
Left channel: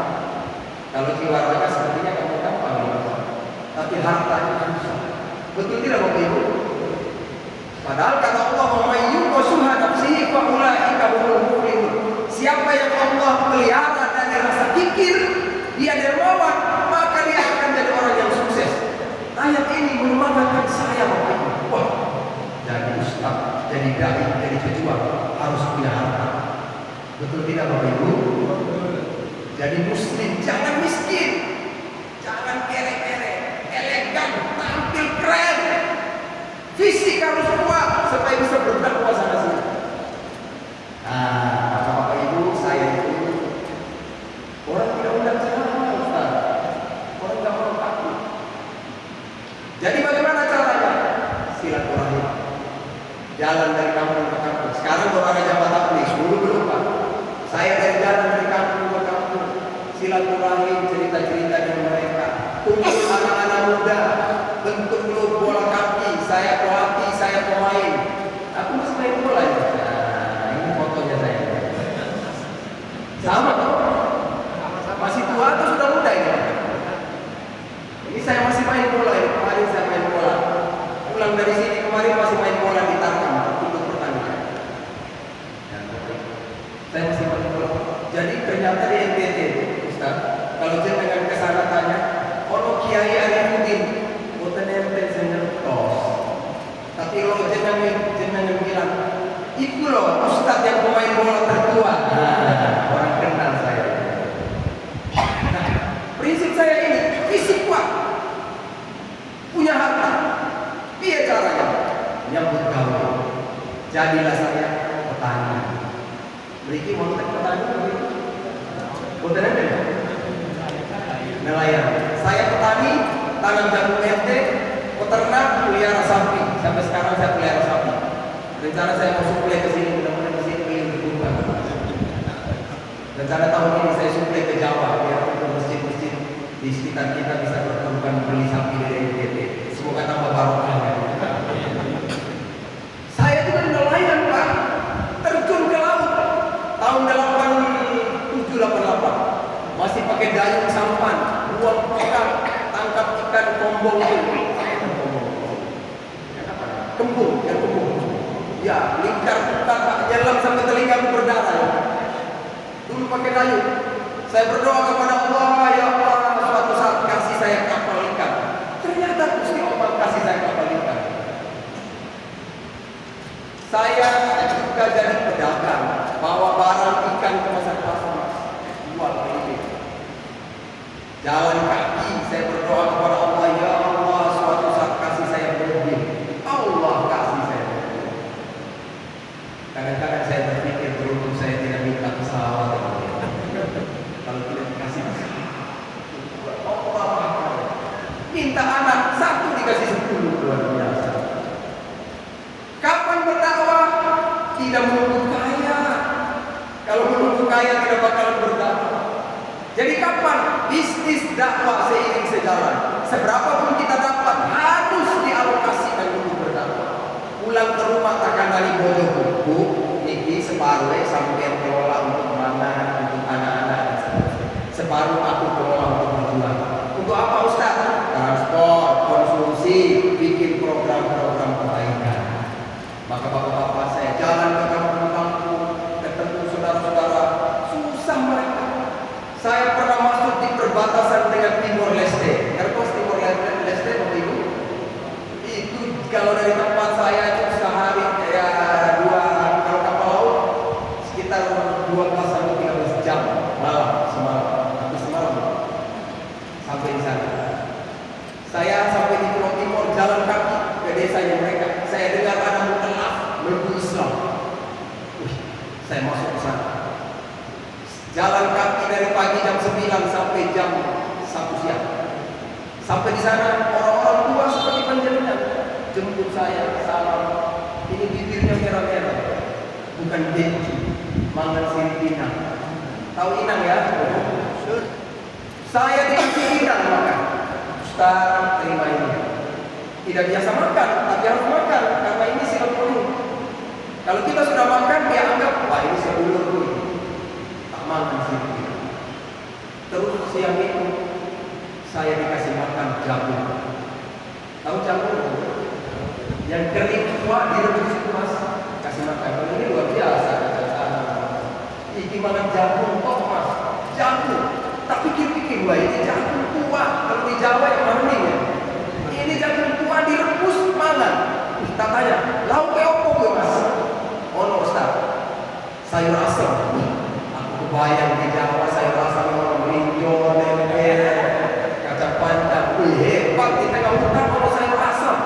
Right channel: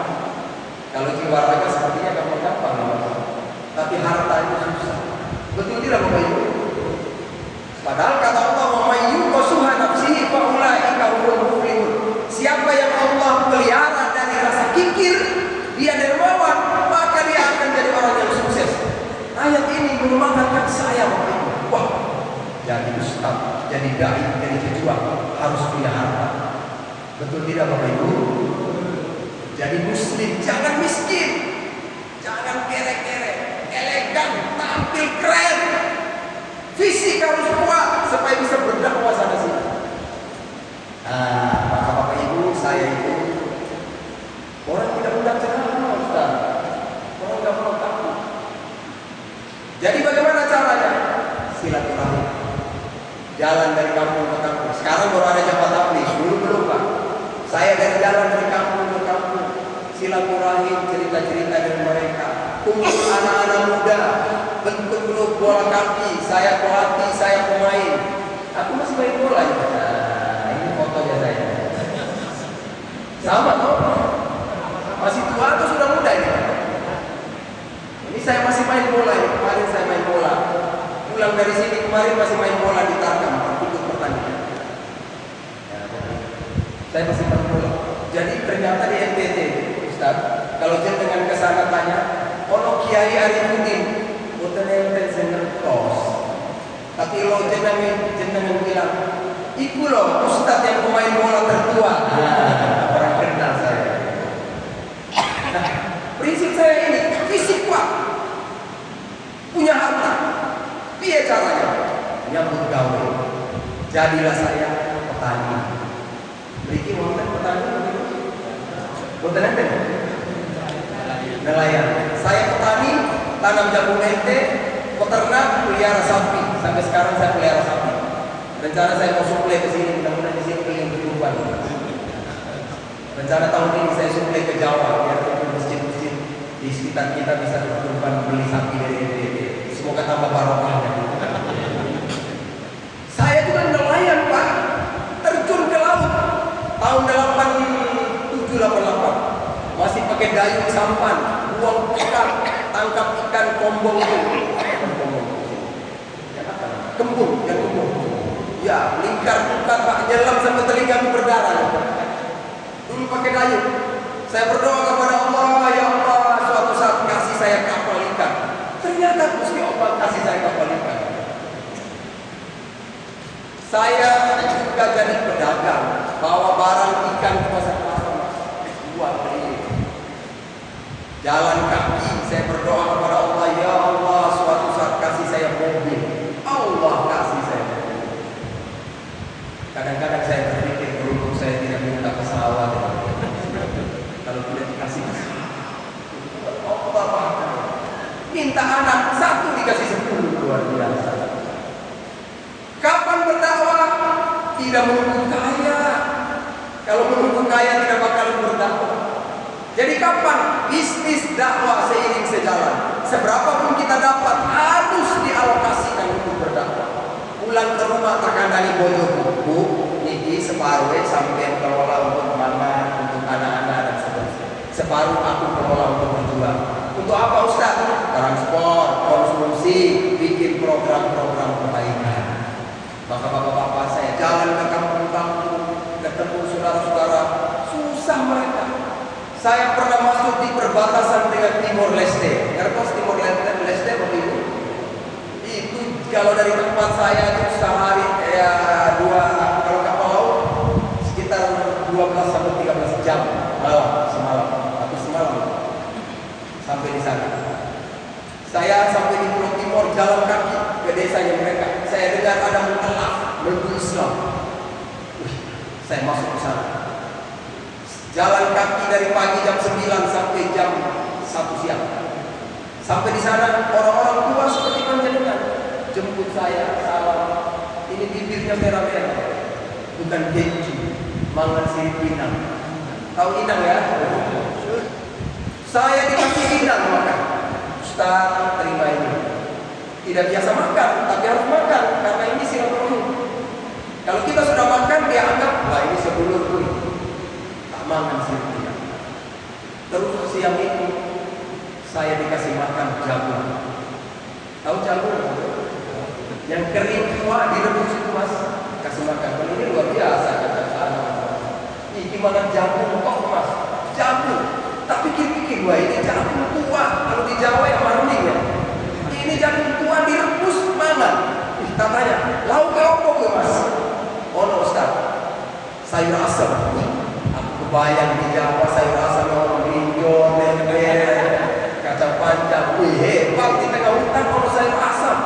kalau jiwa raga sepertinya gampang, tapi harta itu susah. Betul tidak Bapak Ibu? Padahal kata Allah, "Mayyuqa suha nafsihi fa ulaika humul muflihun." Siapa yang Allah pelihara dari rasa kikir, dia dermawan, maka dia akan jadi orang yang sukses. Ayat ini menyemangatkan saya Bapak Ibu. Wah, jadi ustaz, jadi dai, jadi pejuang harus punya harta. Betul tidak Bapak Ibu? Jadi muslim jangan miskin, jangan kerek-kerek, elegan, tampil keren, fisik harus kuat supaya bisa berdakwah sana sini. Maka Bapak Ibu, saya itu orang tidak undang ceramah, Ustaz. Orang nggak mau takut. Jadi bagaimana caranya? Silaturahmi. Jalan dari kampung ke kampung. Sekarang baru ada jabatan nih, dulu belum Pak. Saya dari jalan dari kampung ke kampung, silaturahim, cerita-cerita dengan mereka, kumpul anak-anak muda, bentuk klub bola kaki, saya pelatih, saya pemain. Aku masih main bola ya. Nah, ini fotonya saya. Sama toh? Masih tua atau sudah muda ini? Ini saya masih main bola ini. Kemarin saya main bola. Pulang dari sini kemarin masih main bola di Tarkam, ikut pertandingan. Saya masih main bola. Jadi ternyata di NTT, Ustaz, kalau jenengan ke sana tanya, ono Kiai Arifudin, boten enten sengertos. Tapi lo jenengan bilang, iku loh Ustaz yang pemain bola tertua. Orang kenal saya. Nah, prinsip saya ini, fisik kuat, punya harta. Piye caranya? Nyambut gawe. Jadilah saya petani. Beriki wonten petani. Wonten enten? Nelayan. Saya petani, tanam jagung ente, peternak, pelihara sapi. Sampai sekarang saya pelihara sapi. Rencana saya mau suplai ke sini, mudah-mudahan di sini pengen berkurban. Rencana tahun ini saya suplai ke Jawa, biar ke masjid-masjid di sekitar kita bisa berkurban beli sapi dari NTT. Semoga tambah barokah. Saya juga nelayan Pak, terjun ke laut tahun 87-88, masih pakai dayung sampan, buang ikan, tangkap ikan kombong itu. Kembung, ikan kembung. Ya, lingkar bukan Pak, nyelam sampai telinga berdarah. Dulu pakai dayung. Saya berdoa kepada Allah, ya Allah, suatu saat kasih saya kapal ikan. Ternyata Gusti Allah kasih saya kapal ikan. Saya juga jadi pedagang, bawa barang ikan ke pasar-pasar, buat beli. Jalan kaki, saya berdoa kepada Allah, ya Allah, suatu saat kasih saya mobil. Allah kasih saya mobil. Kadang-kadang saya berpikir, beruntung saya tidak minta pesawat. Kalau tidak dikasih Allah pakai. Minta anak satu dikasih 10, luar biasa. Kapan berdakwah? Tidak menunggu kaya. Kalau menunggu kaya tidak bakalan berdakwah. Jadi kapan? Bisnis dakwah seiring sejalan. Seberapapun kita dapat harus dialokasikan untuk berdakwah. Pulang ke rumah tak kandani bojo buku, niki separuh sampai kelola untuk mangan, untuk anak-anak dan seterusnya. Separuh aku kelola untuk berjuang. Untuk apa Ustaz? Transport, konsumsi, bikin program-program perbaikan. Maka bapak-bapak saya jalan ke kampung-kampung, ketemu saudara-saudara, susah mereka. Saya pernah masuk di perbatasan dengan Timor Leste. Ngertos Timor Leste Bapak Ibu? Itu kalau dari tempat saya itu sehari ya 2 jalan kaki ke desanya mereka. Saya dengar ada mualaf menunggu Islam. Saya masuk ke sana. Jalan kaki dari pagi jam 9 sampai jam 1 siang. Sampai di sana orang-orang tua seperti panjenengan jemput saya, salam. Ini bibirnya merah-merah, bukan keju, mangan sirip inang. Tahu inang ya? Saya dikasih inang makan. Ustaz, terima ini. Tidak biasa makan, tapi harus makan karena ini silaturahim. Kalau kita sudah makan, dia anggap wah ini sedulurku. Tak makan sirip inang. Terus siang itu saya dikasih makan jagung. Tahu jagung? Yang kering tua direbus itu mas, kasih makan. Kalau ini luar biasa. Ini makan jagung kok mas, jagung. Tak pikir-pikir, wah ini jagung tua. Kalau di Jawa yang maning ya. Ini jagung tua direbus makan. Tak tanya, lauk ke apa gue mas? Oh no Ustaz, sayur asam. Aku kebayang di Jawa sayur asam orang brinjol, lele, kacang panjang. Wih hebat di tengah hutan orang sayur asam.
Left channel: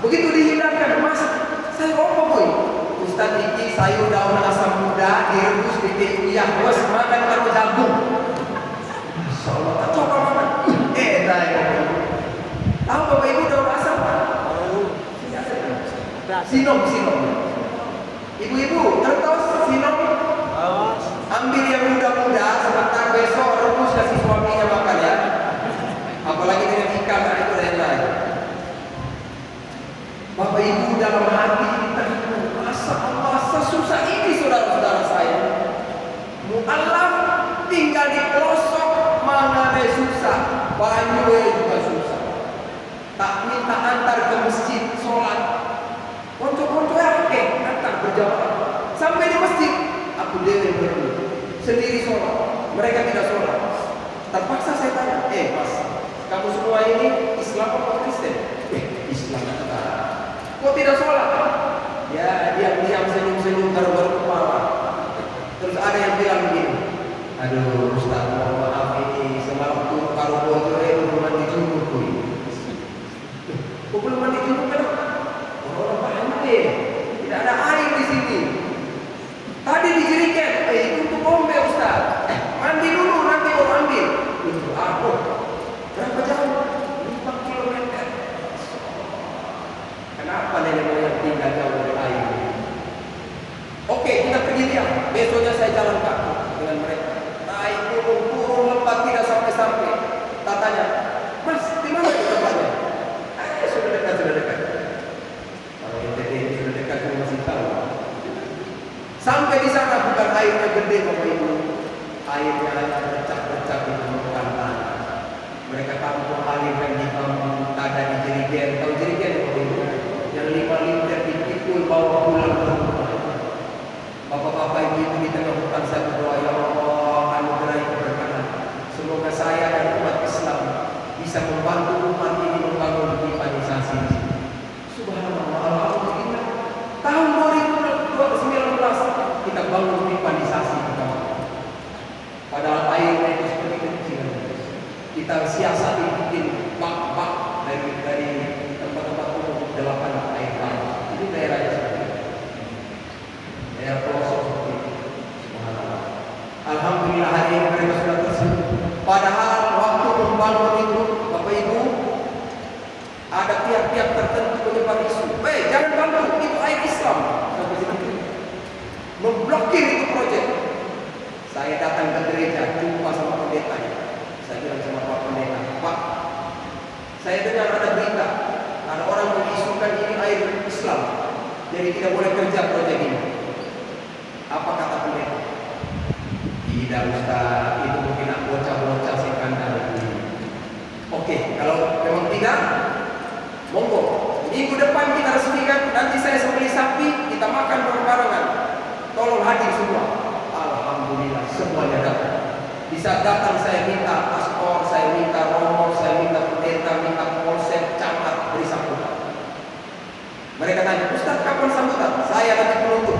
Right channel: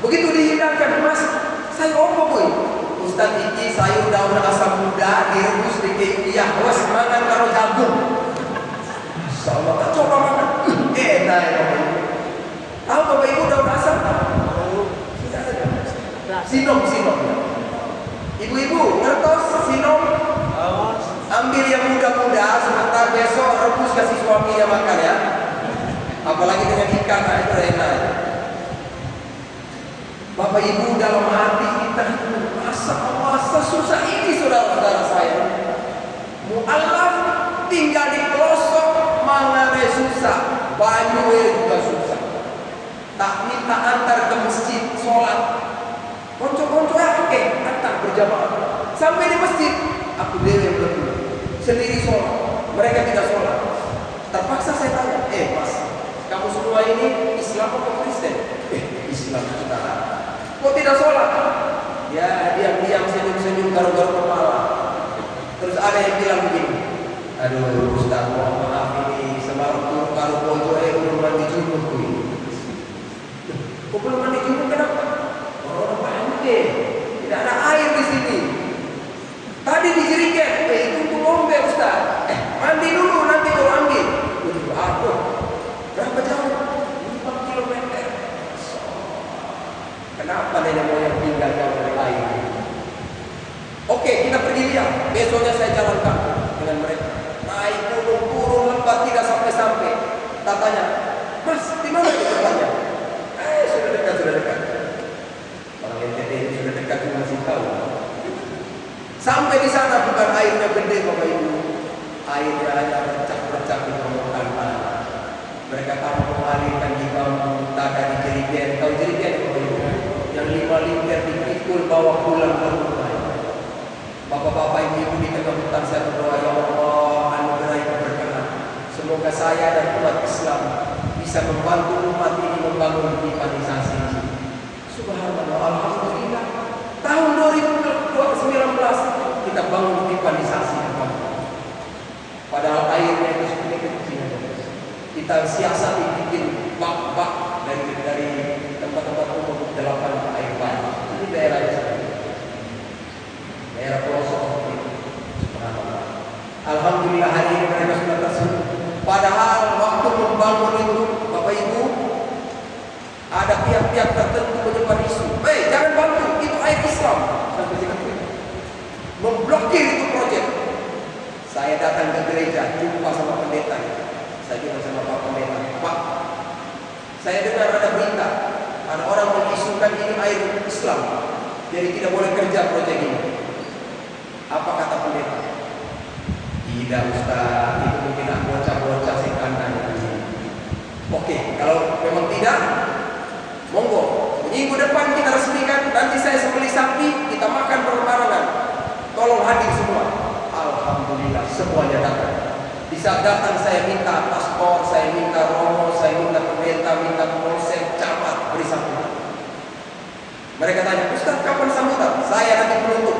Begitu dihidangkan, mas, sayur apa boy? Ustaz iki sayur daun asam muda direbus di uyah, was makan karo jagung. Insyaallah tak coba makan. Enak ya. Tahu Bapak Ibu daun asam? Sinom. Ibu-ibu ngertos sinom? Ambil yang muda-muda, sebentar besok rebus kasih suaminya makan ya. Apalagi dengan ikan, nah itu enak. Bapak Ibu dalam hati kita masa sesusah ini saudara-saudara saya. Mu'alaf tinggal di pelosok mangane susah, banyue juga susah. Tak minta antar ke masjid sholat. Konco-konco antar berjamaah. Sampai di masjid, aku dewe berdoa sendiri sholat. Mereka tidak sholat. Terpaksa saya tanya, mas, kamu semua ini Islam atau Kristen? Islam kita. Kok tidak sholat? Ya diam-diam senyum-senyum garuk-garuk kepala. Terus ada yang bilang begini, aduh Ustaz mohon maaf ini semalam turun karo bojo belum mandi junub kuy. Kok belum mandi junub kenapa? Orang banyak tidak ada air di sini. Tadi dijerigen, itu untuk ngombe Ustaz. Mandi dulu nanti baru ambil. Aduh, berapa jauh? 5 kilometer. Kenapa nenek moyang tinggal jauh dari air? Oke, kita pergi lihat. Besoknya saya jalan kaki dengan mereka. Naik gunung, turun lembat tidak sampai-sampai. Tak tanya, mas, di mana di tempatnya? Sudah dekat. Orang NTT ini sudah dekat, cuma masih tahu. Sampai di sana bukan airnya gede Bapak Ibu. Airnya hanya bercak-bercak di permukaan tanah. Mereka tampung alirkan di bambu, tak ada di jerigen. Tahu jerigen Bapak Ibu? Yang 5 liter dipikul bawa pulang ke rumah. Bapak-bapak ibu di tengah hutan saya berdoa, ya Allah anugerahi keberkahan. Semoga saya dan umat Islam bisa membantu umat ini membangun pipanisasi. Subhanallah, alhamdulillah. Tahun 2019 kita bangun pipanisasi. Padahal airnya itu seperti kecil. Kita siasati bikin bak-bak dari tempat-tempat umum 8 air panas. Ini daerahnya seperti itu. Daerah pelosok seperti itu. Subhanallah. Alhamdulillah hari ini mereka sudah tersebut. Padahal waktu membangun itu, Bapak Ibu, ada pihak-pihak tertentu menyebar isu. Jangan bantu, itu air Islam. Sampai segitu. Memblokir itu proyek. Saya datang ke gereja, jumpa sama pendeta. Saya bilang sama Pak Pendeta, Pak, saya dengar ada berita, ada orang mengisukan ini air Islam, jadi tidak boleh kerja proyek ini. Apa kata pendeta? Tidak Ustaz, itu mungkin bocah-bocah si kandang ini. Oke, kalau memang tidak, monggo. Minggu depan kita resmikan, nanti saya sembelih sapi, kita makan bareng-barengan. Tolong hadir semua. Alhamdulillah, semuanya datang. Di saat datang saya minta paspor, saya minta romo, saya minta pendeta, minta polsek, camat, beri sambutan. Mereka tanya, Ustaz kapan sambutan? Saya nanti penutup.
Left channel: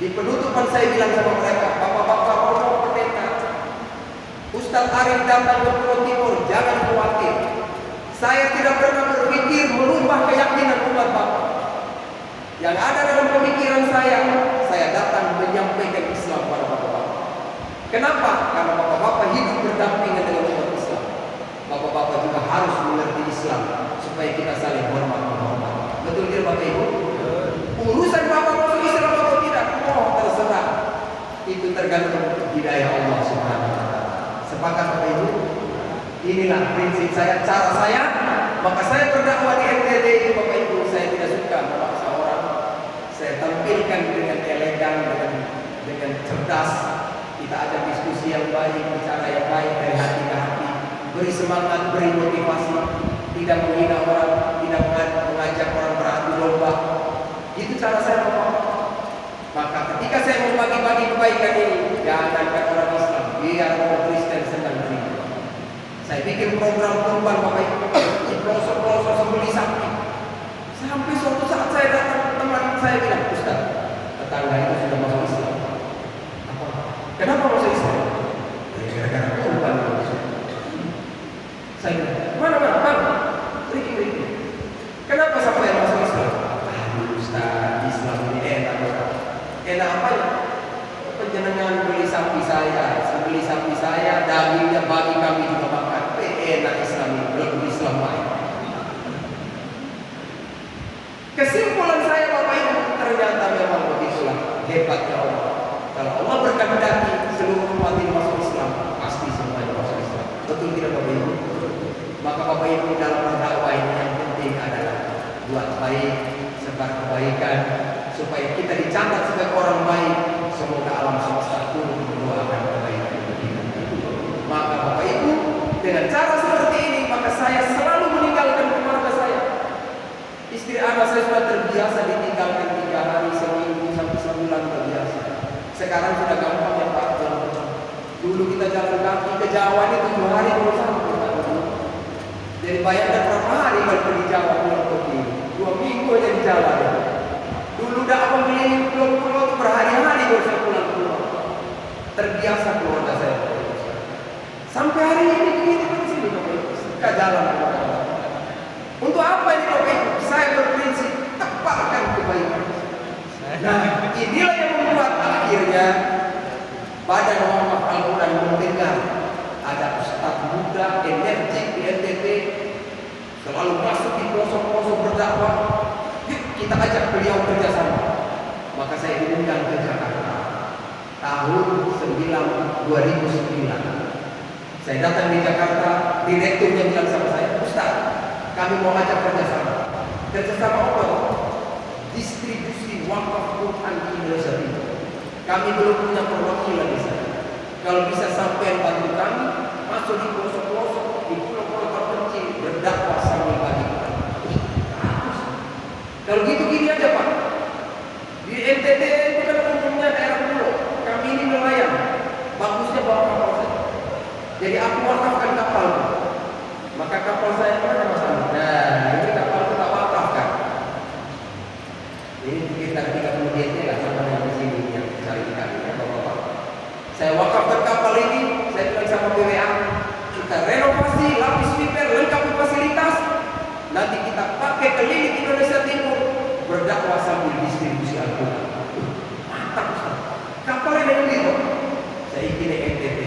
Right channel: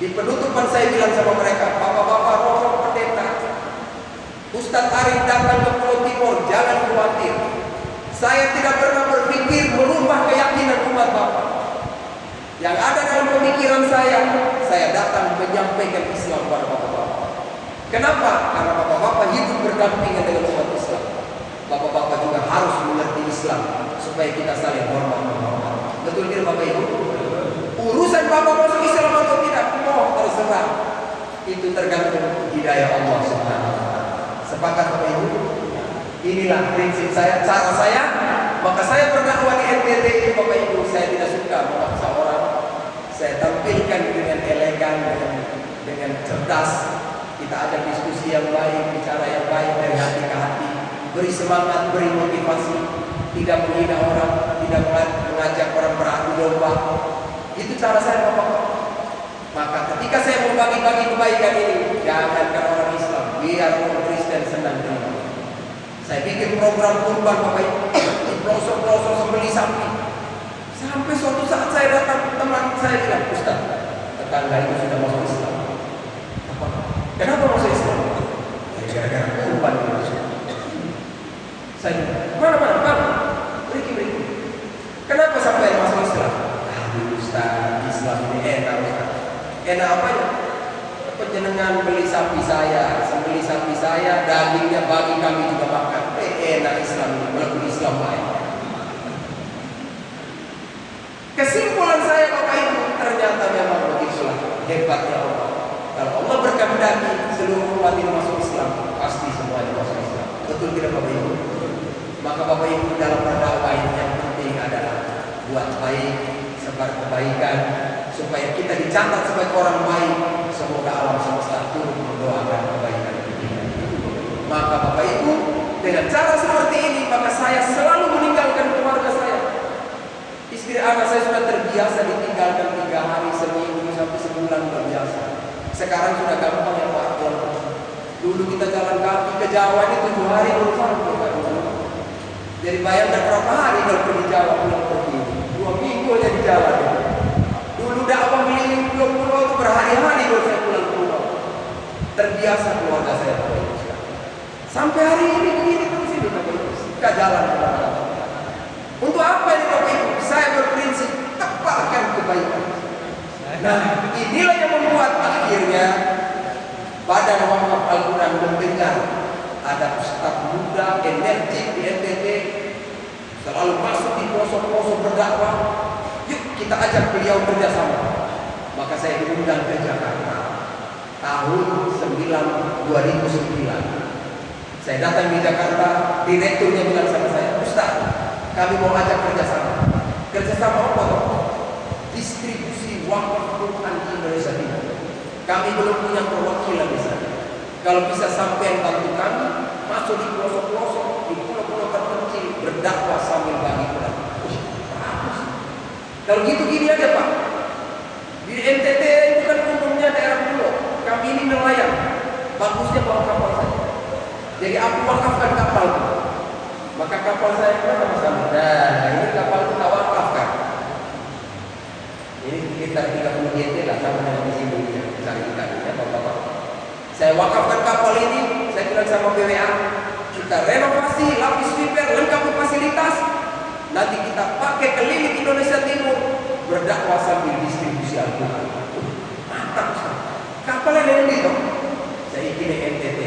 Di penutupan saya bilang sama mereka, bapak-bapak, romo, pendeta, Ustaz Arif datang ke Pulau Timur, jangan khawatir. Saya tidak pernah berpikir merubah keyakinan umat Bapak. Yang ada dalam pemikiran saya datang menyampaikan Islam kepada Bapak-Bapak. Kenapa? Karena Bapak-Bapak hidup berdampingan dengan umat Islam. Bapak-bapak juga harus mengerti Islam supaya kita saling hormat menghormati. Betul tidak Bapak Ibu? Urusan Bapak masuk Islam atau tidak, terserah. Itu tergantung hidayah Allah Subhanahu wa taala. Sepakat Bapak Ibu? Inilah prinsip saya, cara saya. Maka saya berdakwah di NTT itu Bapak Ibu, saya tidak suka memaksa orang. Saya tampilkan dengan elegan, dengan cerdas. Kita ajak diskusi yang baik, bicara yang baik dari hati ke hati. Beri semangat, beri motivasi. Tidak menghina orang, tidak mengajak orang beradu domba. Itu cara saya Bapak. Maka ketika saya membagi-bagi kebaikan ini, jangankan orang Islam, biar orang Kristen senang terima. Saya bikin program kurban Bapak Ibu, di pelosok-pelosok sembeli sapi. Sampai suatu saat saya datang, teman saya bilang, Ustaz, tetangga itu sudah masuk Islam. Apa? Kenapa masuk Islam? Ya gara-gara kurban itu. Saya bilang, mana? Beriki. Kenapa sampai masuk Islam? Ustaz, Islam ini enak. Enak apanya? Penjenengan beli sapi saya, sembeli sapi saya, dagingnya bagi kami juga makan. Enak Islam ini, belum Islam lain. Kesimpulan saya Bapak Ibu, ternyata memang begitulah hebatnya Allah. Kalau Allah berkehendaki seluruh umat ini masuk Islam, pasti semuanya masuk Islam. Betul tidak Bapak Ibu? Maka Bapak Ibu dalam berdakwah ini yang penting adalah buat baik, sebar kebaikan, supaya kita dicatat sebagai orang baik. Semoga alam semesta turut mendoakan kebaikan kita. Maka Bapak Ibu, dengan cara seperti ini, maka saya selalu meninggalkan keluarga saya. Istri anak saya sudah terbiasa ditinggalkan 3 hari, seminggu, sampai sebulan terbiasa. Sekarang sudah gampang ya Pak. Dulu kita jalan kaki ke Jawa ini 7 hari baru sampai Pak. Jadi bayangkan berapa hari kalau pergi Jawa pulang pergi. 2 minggu aja di jalan ya. Dulu dakwah keliling pulau-pulau itu berhari-hari baru saya pulang. Terbiasa keluarga saya. Sampai hari ini begini terus itu Bapak Ibu. Suka jalan kemana-mana. Untuk apa ini Bapak Ibu? Saya berprinsip tebarkan kebaikan. Nah, inilah yang membuat akhirnya Badan Wakaf Al-Quran mendengar ada ustaz muda energik di NTT selalu masuk di pelosok-pelosok berdakwah. Yuk kita ajak beliau kerjasama. Maka saya diundang ke Jakarta tahun 2009. Saya datang di Jakarta, direkturnya bilang sama saya, Ustaz, kami mau ajak kerjasama. Kerjasama apa? Distribusi wakaf Quran di Indonesia Timur. Kami belum punya perwakilan di sana. Kalau bisa sampai bantu kami, masuk di pelosok-pelosok, di pulau-pulau terpencil, berdakwah sambil bagi Quran. Kalau gitu gini aja Pak. Di NTT itu kan umumnya daerah pulau. Kami ini nelayan. Bagusnya bawa kapal saja. Jadi aku wakafkan kapal. Maka kapal saya mana masalah? Nah, ini kapal kita wakafkan. Ini sekitar 30 GT lah sama dengan di sini yang cari ikan ya Bapak-bapak. Saya wakafkan kapal ini, saya bilang sama BWA, kita renovasi, lapis fiber, lengkapi fasilitas. Nanti kita pakai keliling Indonesia Timur, berdakwah sambil distribusi Al-Quran. Mantap Ustaz. Kapal ini itu. Saya ikut NTT.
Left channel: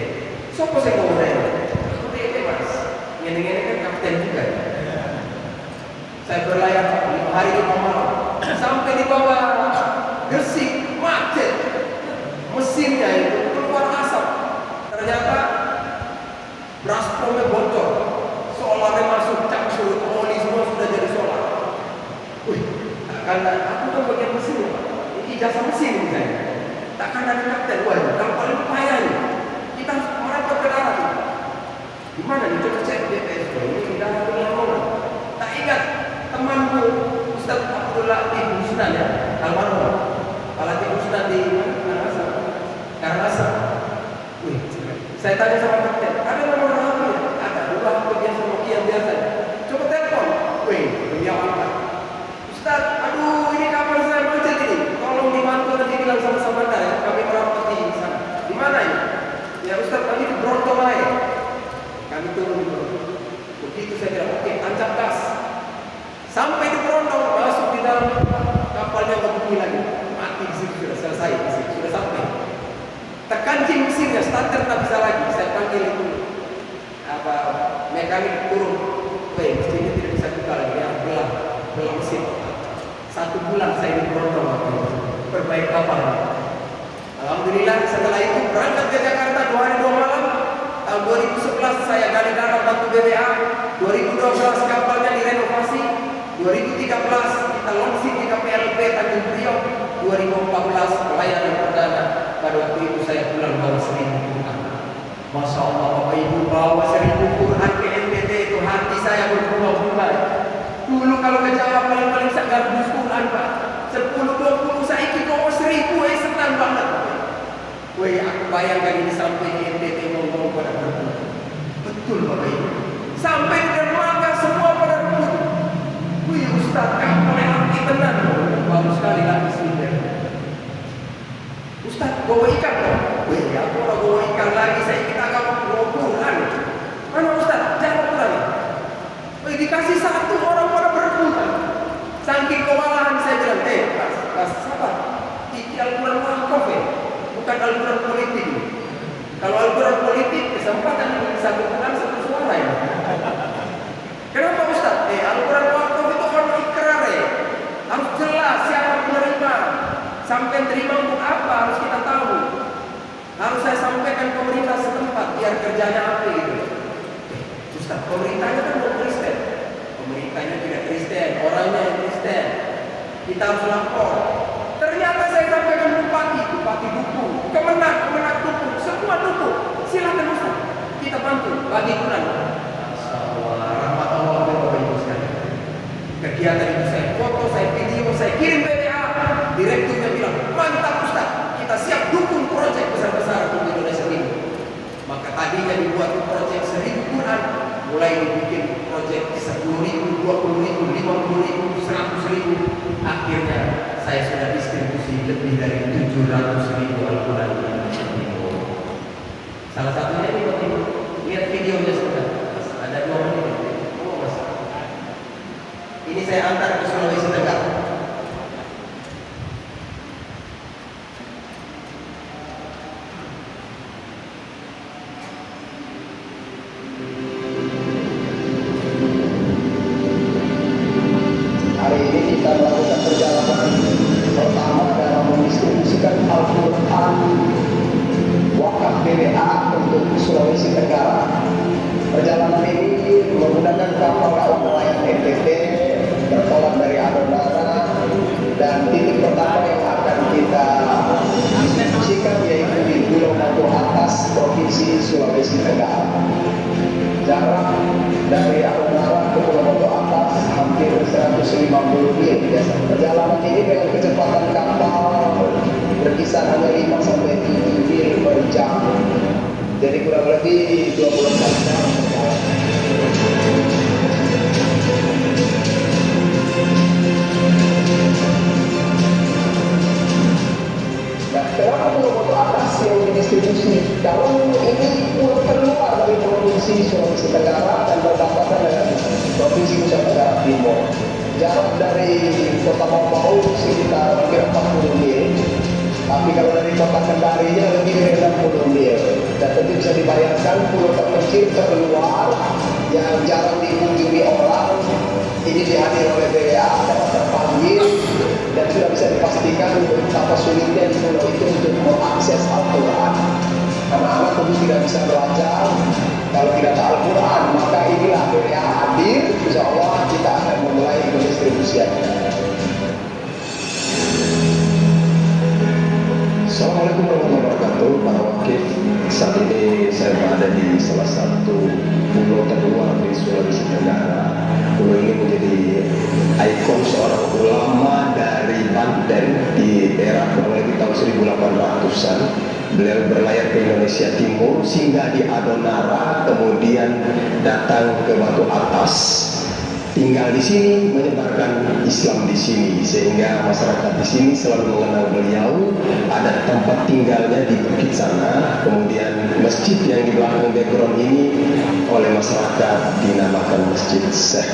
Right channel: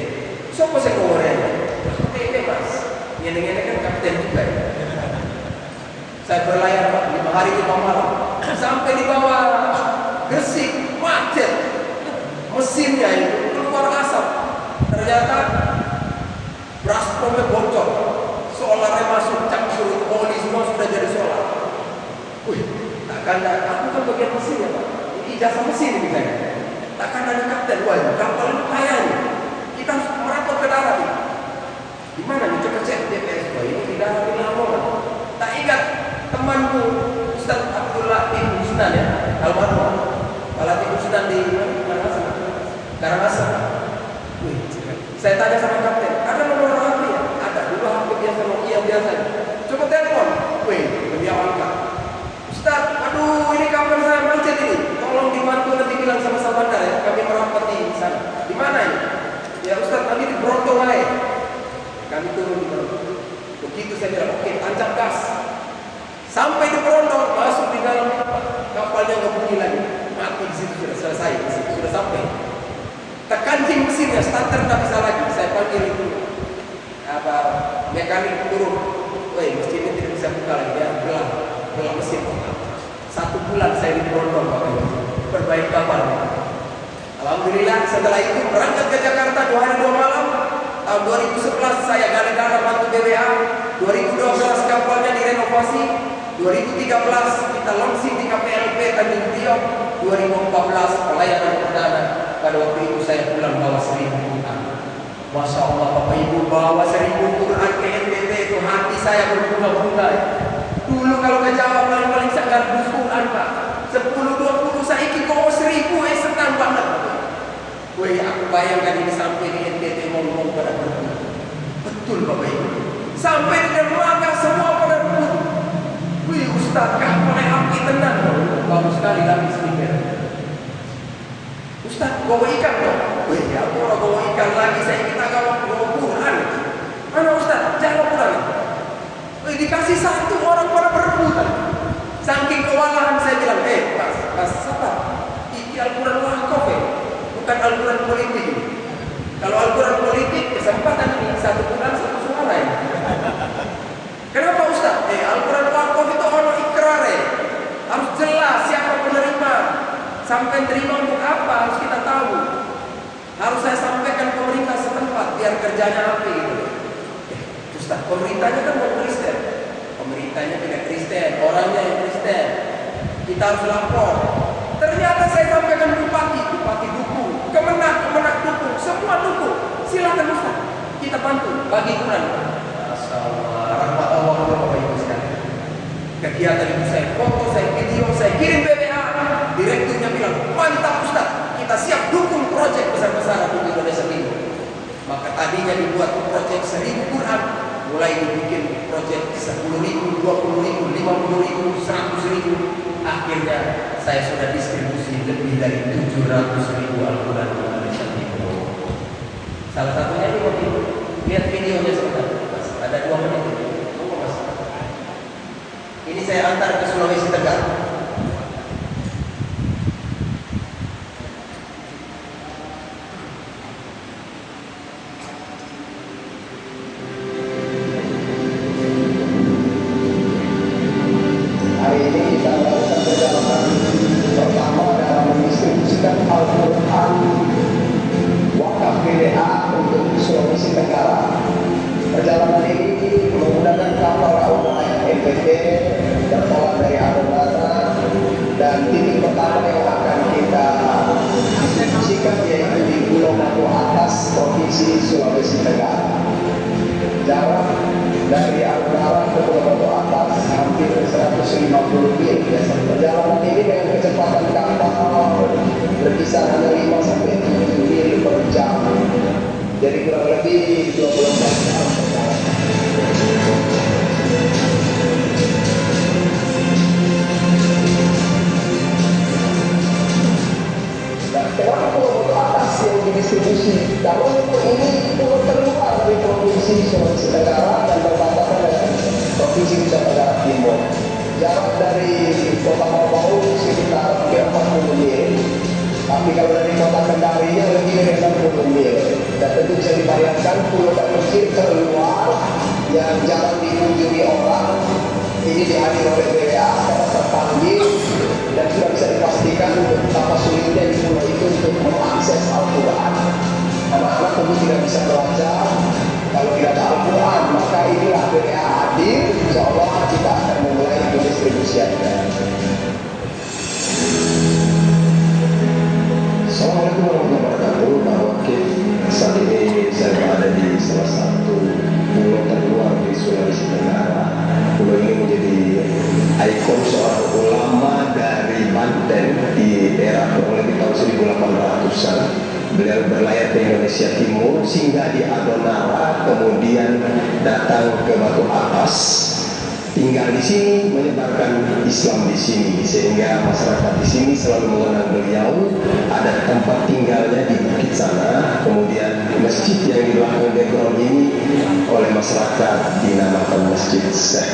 Sopo saya ngomongnya? NTT Mas. Ini kan kapten juga ya. Saya berlayar 5 hari 5 malam sampai di bawah Gresik, macet. Mesinnya itu keluar asap. Ternyata braspromnya bocor. Solarnya masuk, campur oli semua sudah jadi solar. Wih, takkan aku kan bagian mesinnya Pak. Ini ijazah mesin ini kan. Takkan ada kapten, wah kapal ini payah nih. Kita harus merapat ke darat nih. Di mana nih? Coba cek DPS. Wah ini di darat di Lamongan. Tak ingat temanku Ustaz Abdullah bin Husnan ya, almarhum. Palati Husnan di Karangasem. Wih, saya tanya sama kapten, ada nomor HP ya? Ada. Dulu HP biasa Nokia biasa. Coba telepon. Wih, beliau angkat. Ustaz, aduh ini kapal saya macet ini. Tolong dibantu nanti bilang sama Sabandar ya. Kami merapat di sana. Di mana ini? Ya Ustaz, nanti di Brontong aja. Kami turun di Brontong. Begitu situ saya bilang, oke, tancap gas. Sampai di Brondong, masuk di dalam kapalnya nggak bunyi lagi, mati di situ, sudah selesai, di situ sudah sampai. Terkancing mesinnya, starter tak bisa lagi. Saya panggil itu mekanik turun, weh mesin ini tidak bisa buka lagi, dia belah mesin. 1 bulan saya di Brondong perbaiki kapal. Alhamdulillah setelah itu berangkat ke Jakarta 2 hari 2 malam. Tahun 2011 saya gali dalam bantu BBA. 2012 kapalnya direnovasi. 2013 kita launching di KPLP Tanjung Priok. 2014 pelayanan perdana. Pada waktu itu saya pulang bawa 1000 Quran. Masya Allah Bapak Ibu, bawa 1000 Quran ke NTT itu hati saya berbunga-bunga. Dulu kalau ke Jawa paling-paling saya garbus Quran Pak. 10-20 saya ikut kok 1000 senang banget. Wih, aku bayangkan ini sampai di NTT ngomong pada berbunga. Betul Bapak Ibu. Sampai di dermaga semua pada berbunga. Wih Ustaz, kapal yang api tenang. Bagus sekali lagi speaker. Ustaz, bawa ikan kan? Wih, aku orang bawa ikan lagi. Saya kita kalau bawa Quran. Mana Ustaz? Jangan Quran. Wih, dikasih 1 orang pada berbunga. Saking kewalahan saya bilang, Mas, sabar. Iki Al-Quran wakaf bukan Al-Quran politik. Kalau Al-Quran politik, kesempatan ini 1 Quran 1 suara ya. Kenapa Ustaz? Al-Quran wakaf itu orang ikrar harus jelas siapa penerima. Sampai terima untuk apa harus kita tahu. Harus saya sampaikan pemerintah setempat biar kerjanya apa gitu. Ustaz, pemerintahnya kan mau Kristen. Pemerintahnya tidak Kristen, orangnya yang Kristen. Kita harus lapor. Ternyata saya sampaikan bupati dukung, kemenak dukung, semua dukung. Silakan Ustaz, kita bantu bagi Quran. Masya Allah, rahmat Allah Bapak Ibu sekalian. Kegiatan itu saya foto, saya video, saya kirim BBA. Direkturnya bilang, mantap Ustaz, kita siap dukung proyek besar-besaran untuk Indonesia ini. Maka tadinya dibuat proyek 1000 Quran, mulai dibikin proyek 10.000, 20.000, 50.000, 100.000. Akhirnya saya sudah distribusi lebih dari 700.000 Al-Quran di Indonesia Timur. Salah satunya ini waktu itu, lihat videonya sebentar. Ada 2 menit. Mas. Ini saya antar ke Sulawesi Tenggara. Beliau berlayar ke Indonesia Timur, singgah di Adonara, kemudian datang ke Batu Atas. tinggal di sini, menyebarkan Islam di sini, sehingga masyarakat di sini selalu mengenal beliau. Ada tempat tinggalnya di bukit sana, kemudian masjid yang di belakang background ini oleh masyarakat dinamakan Masjid Syekh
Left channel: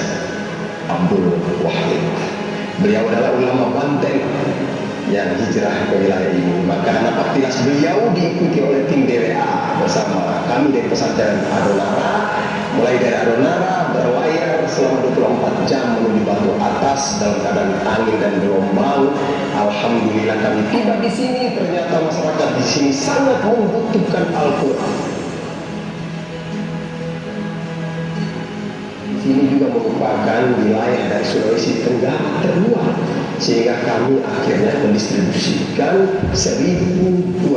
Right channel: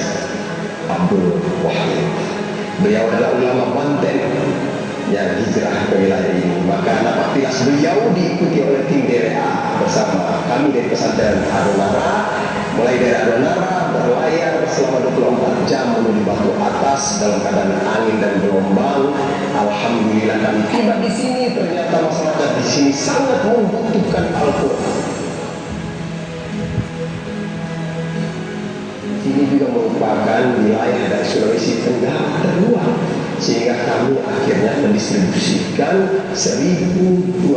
Abdul Wahid. Beliau adalah ulama Banten yang hijrah ke wilayah ini. Maka nama tilas beliau diikuti oleh tim DWA bersama kami dari pesantren Arunara. Mulai dari Arunara berlayar selama 24 jam menuju Batu Atas dalam keadaan angin dan gelombang. Alhamdulillah kami tiba di sini. Ternyata masyarakat di sini sangat membutuhkan Al-Quran. Ini juga merupakan wilayah dari Sulawesi Tenggara terluar, sehingga kami akhirnya mendistribusikan 1.200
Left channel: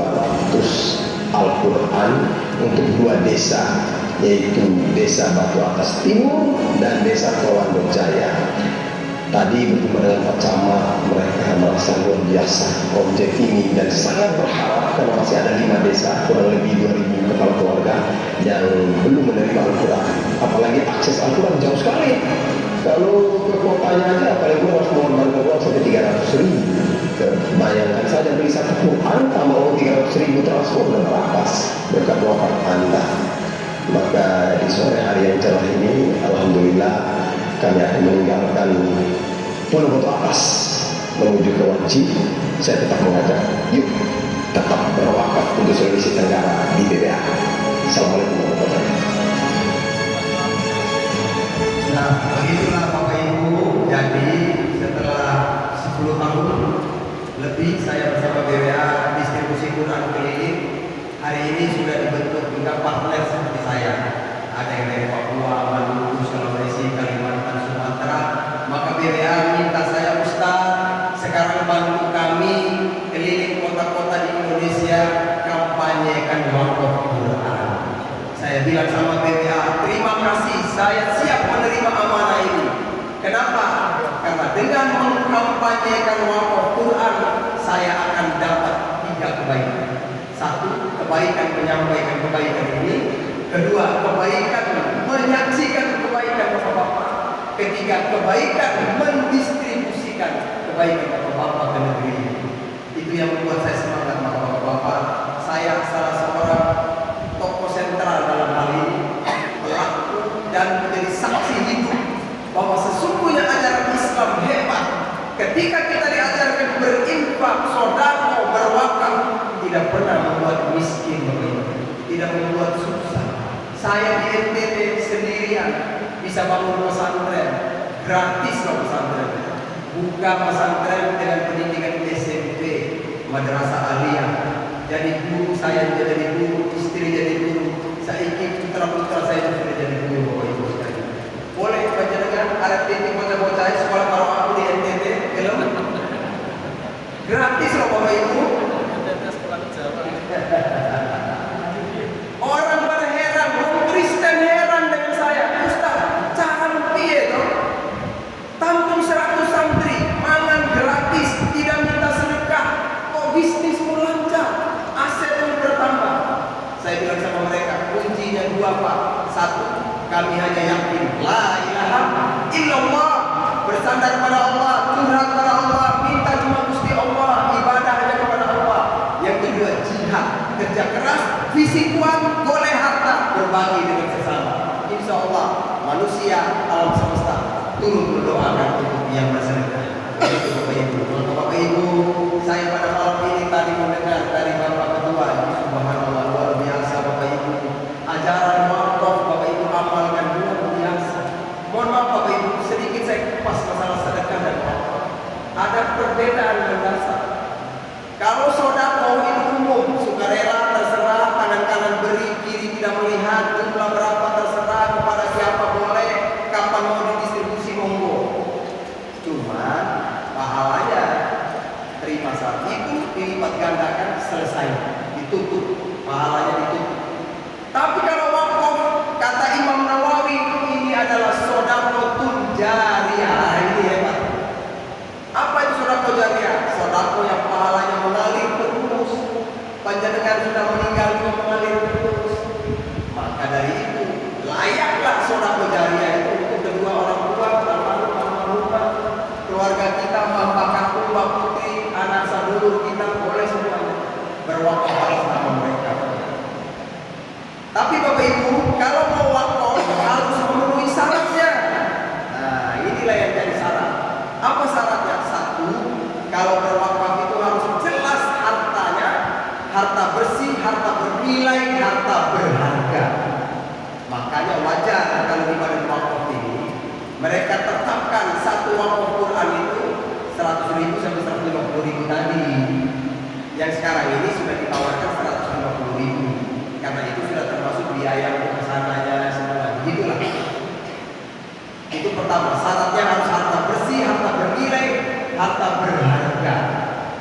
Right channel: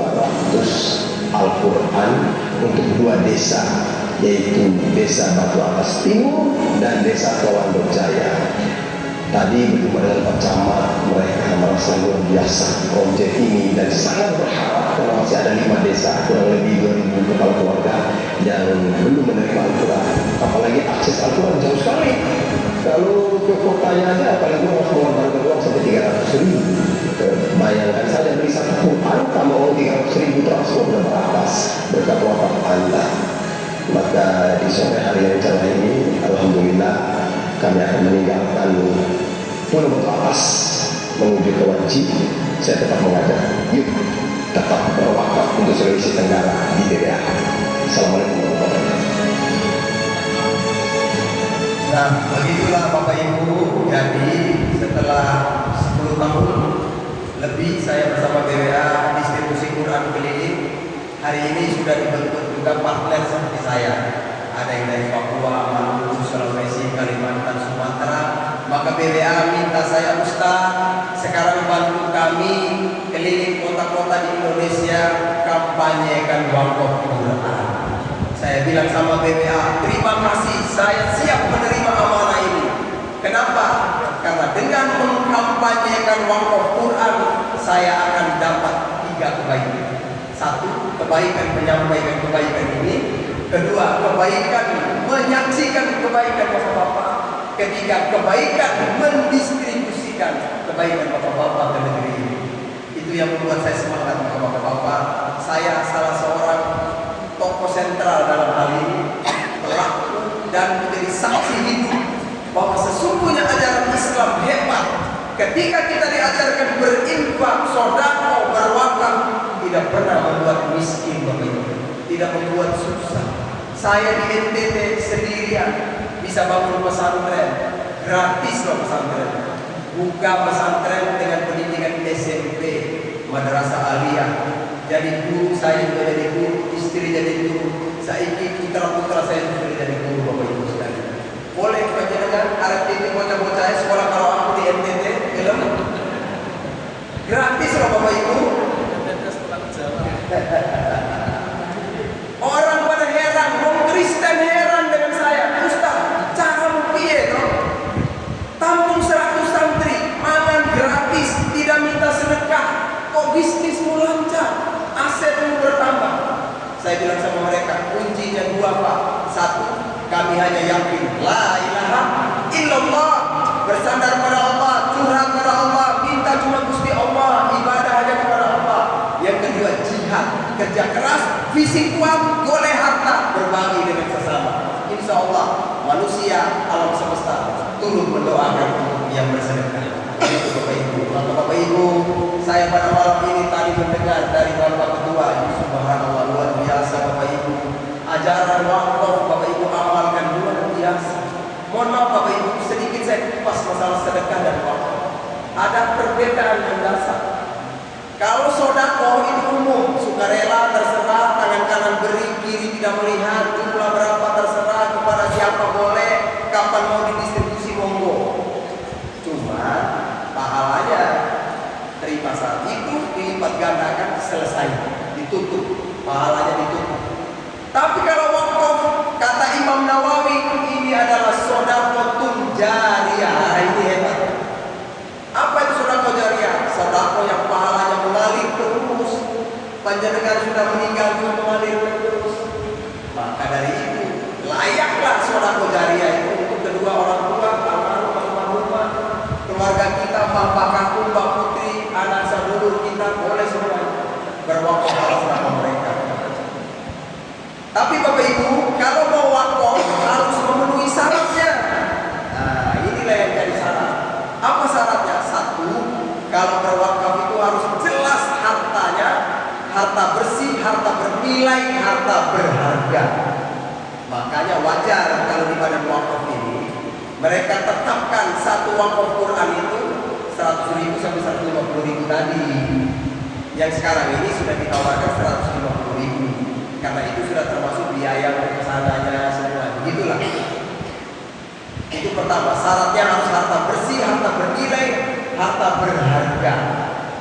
Al-Quran untuk 2 desa, yaitu Desa Batu Atas Timur dan Desa Tolando Jaya. Tadi bertemu dengan Pak Camat, mereka merasa luar biasa proyek ini dan sangat berharap karena masih ada 5 desa, kurang lebih 2.000 kepala keluarga yang belum menerima Al-Quran. Apalagi akses Al-Quran jauh sekali. Kalau ke kotanya aja paling kurang mengeluarkan uang sampai 300.000. Bayangkan saja beli satu Quran, kamu uang 300.000 termasuk berapa berkat doa Anda. Maka di sore hari yang cerah ini, alhamdulillah kami akan meninggalkan Pulau Batu Atas menuju ke Wanci. Saya tetap mengajak, yuk tetap berwakaf untuk Sulawesi Tenggara di DBA. Assalamualaikum warahmatullahi wabarakatuh. Nah, begitulah Bapak Ibu. Jadi setelah 10 tahun lebih saya bersama BWA distribusi Quran keliling, hari ini sudah dibentuk juga partner seperti saya. Ada yang dari Papua, Maluku, Sulawesi, Kalimantan, Sumatera. Maka BWA minta saya, Ustaz, sekarang bantu kami keliling kota-kota di Indonesia kampanyekan wakaf Quran. Saya bilang sama BWA, terima kasih, saya siap menerima amanah ini. Kenapa? Karena dengan mengkampanyekan wakaf Quran, saya akan dapat 3 kebaikan. 1, kebaikan menyampaikan kebaikan ini. 2, kebaikan menyaksikan kebaikan Bapak-bapak. 3, kebaikan mendistribusikan kebaikan Bapak-bapak ke negeri ini. Itu yang membuat saya semangat, Bapak-bapak. Saya salah seorang tokoh sentral dalam hal ini, pelaku dan menjadi saksi hidup bahwa sesungguhnya ajaran Islam hebat. Ketika kita diajarkan berinfak, sedekah, berwakaf, tidak pernah membuat miskin, tidak membuat susah. Saya di NTT sendirian bisa bangun pesantren gratis loh, pesantren. Buka pesantren dengan pendidikan SMP, madrasah aliyah. Jadi guru, saya juga jadi guru, istri jadi guru. Saiki putra-putra saya juga jadi guru, Bapak Ibu sekalian. Boleh panjenengan arep titik bocah-bocah sekolah kalau aku di NTT, gelem? Gratis loh Bapak Ibu. Orang pada heran, orang Kristen heran dengan saya. Ustaz, cara piye toh? Tampung 100 santri, mangan gratis, tidak minta sedekah. Kok bisnismu lancar? Asetmu bertambah. Saya bilang sama mereka, kuncinya 2 Pak. 1, kami hanya yakin la ilaha illallah, bersandar pada Allah, curhat pada Allah, minta cuma Gusti Allah, ibadah hanya kepada Allah. Yang kedua, jihad, kerja keras, fisik kuat, goleh harta, berbagi dengan sesama. Insya Allah manusia alam semesta turut mendoakan untuk yang bersedekah. Itu Bapak Ibu. Maka Bapak Ibu, saya pada malam ini tadi mendengar dari Bapak Ketua, subhanallah, luar biasa Bapak Ibu. Ajaran wakaf Bapak Ibu amalkan luar biasa. Mohon maaf Bapak Ibu, sedikit saya kupas masalah sedekah dan wakaf. Ada perbedaan mendasar. Kalau sedekah itu umum, sukarela terserah, tangan kanan beri, kiri tidak melihat, jumlah berapa terserah, kepada siapa boleh, kapan mau didistribusi monggo. Cuma pahalanya terima saat itu, dilipat gandakan, selesai, ditutup, pahalanya ditutup. Tapi kalau wakaf, kata Imam Nawawi, ini adalah sedekah jariyah. Nah, ini hebat. Apa itu sedekah jariyah? Sedekah yang pahalanya mengalir terus. Panjenengan sudah meninggal juga mengalir terus. Maka dari itu layaklah sedekah jariyah itu untuk kedua orang tua. kalau mau wakaf harus memenuhi syaratnya. Nah, inilah yang jadi syarat. Apa syaratnya? Satu, kalau berwakaf itu harus jelas hartanya, harta bersih, harta bernilai, harta berharga. Makanya wajar kalau di badan wakaf ini mereka tetapkan satu wakaf Quran itu 100.000 sampai 150.000 tadi. Yang sekarang ini sudah ditawarkan 150.000 karena itu sudah termasuk biaya kesananya semua. Begitulah. Itu pertama, syaratnya harus harta bersih, harta bernilai, harta berharga.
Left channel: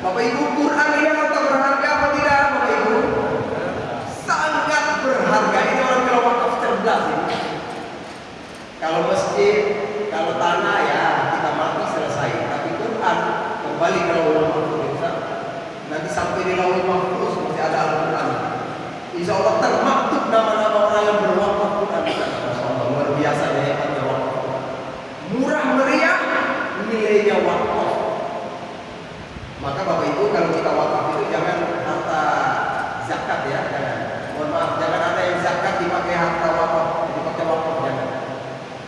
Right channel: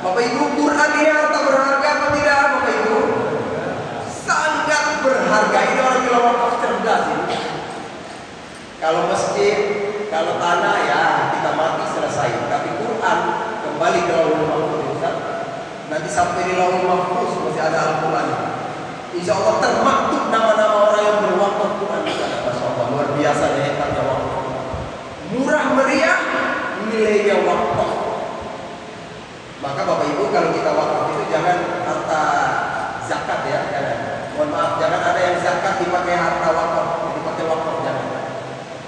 Bapak Ibu, Quran ini harta berharga apa tidak, Bapak Ibu? Sangat berharga. Ini orang bilang wakaf cerdas ini. Kalau masjid, kalau tanah ya kita mati selesai. Tapi Quran kembali ke Lauhul Mahfuz. Nanti sampai di Lauhul Mahfuz masih ada Al-Quran. Insya Allah termaktub nama-nama orang yang berwakaf Quran. Masya Allah, luar biasa hebatnya wakaf. Murah meriah, nilainya wakaf. Maka Bapak Ibu kalau kita wakaf itu jangan harta zakat ya, jangan. Mohon maaf, jangan ada yang zakat dipakai harta wakaf, dipakai wakaf jangan.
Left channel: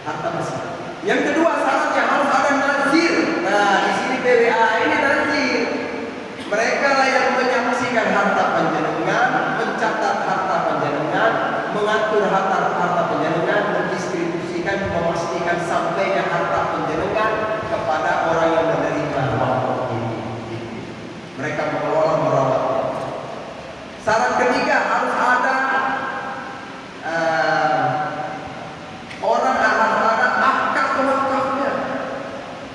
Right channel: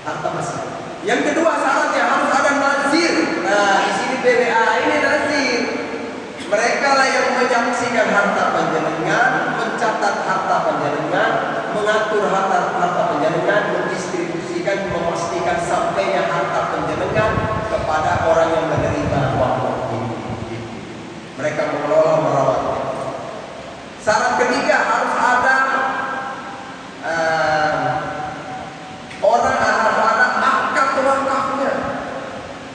Harta bersih. Yang kedua syaratnya harus ada nazir. Nah, di sini BBA ini nazir. Mereka lah yang menyaksikan harta panjenengan, mencatat harta panjenengan, mengatur harta panjenengan, mendistribusikan, memastikan sampainya harta panjenengan kepada orang yang menerima wakaf ini. Mereka mengelola, merawatnya. Syarat ketiga harus ada orang ada akad wakafnya.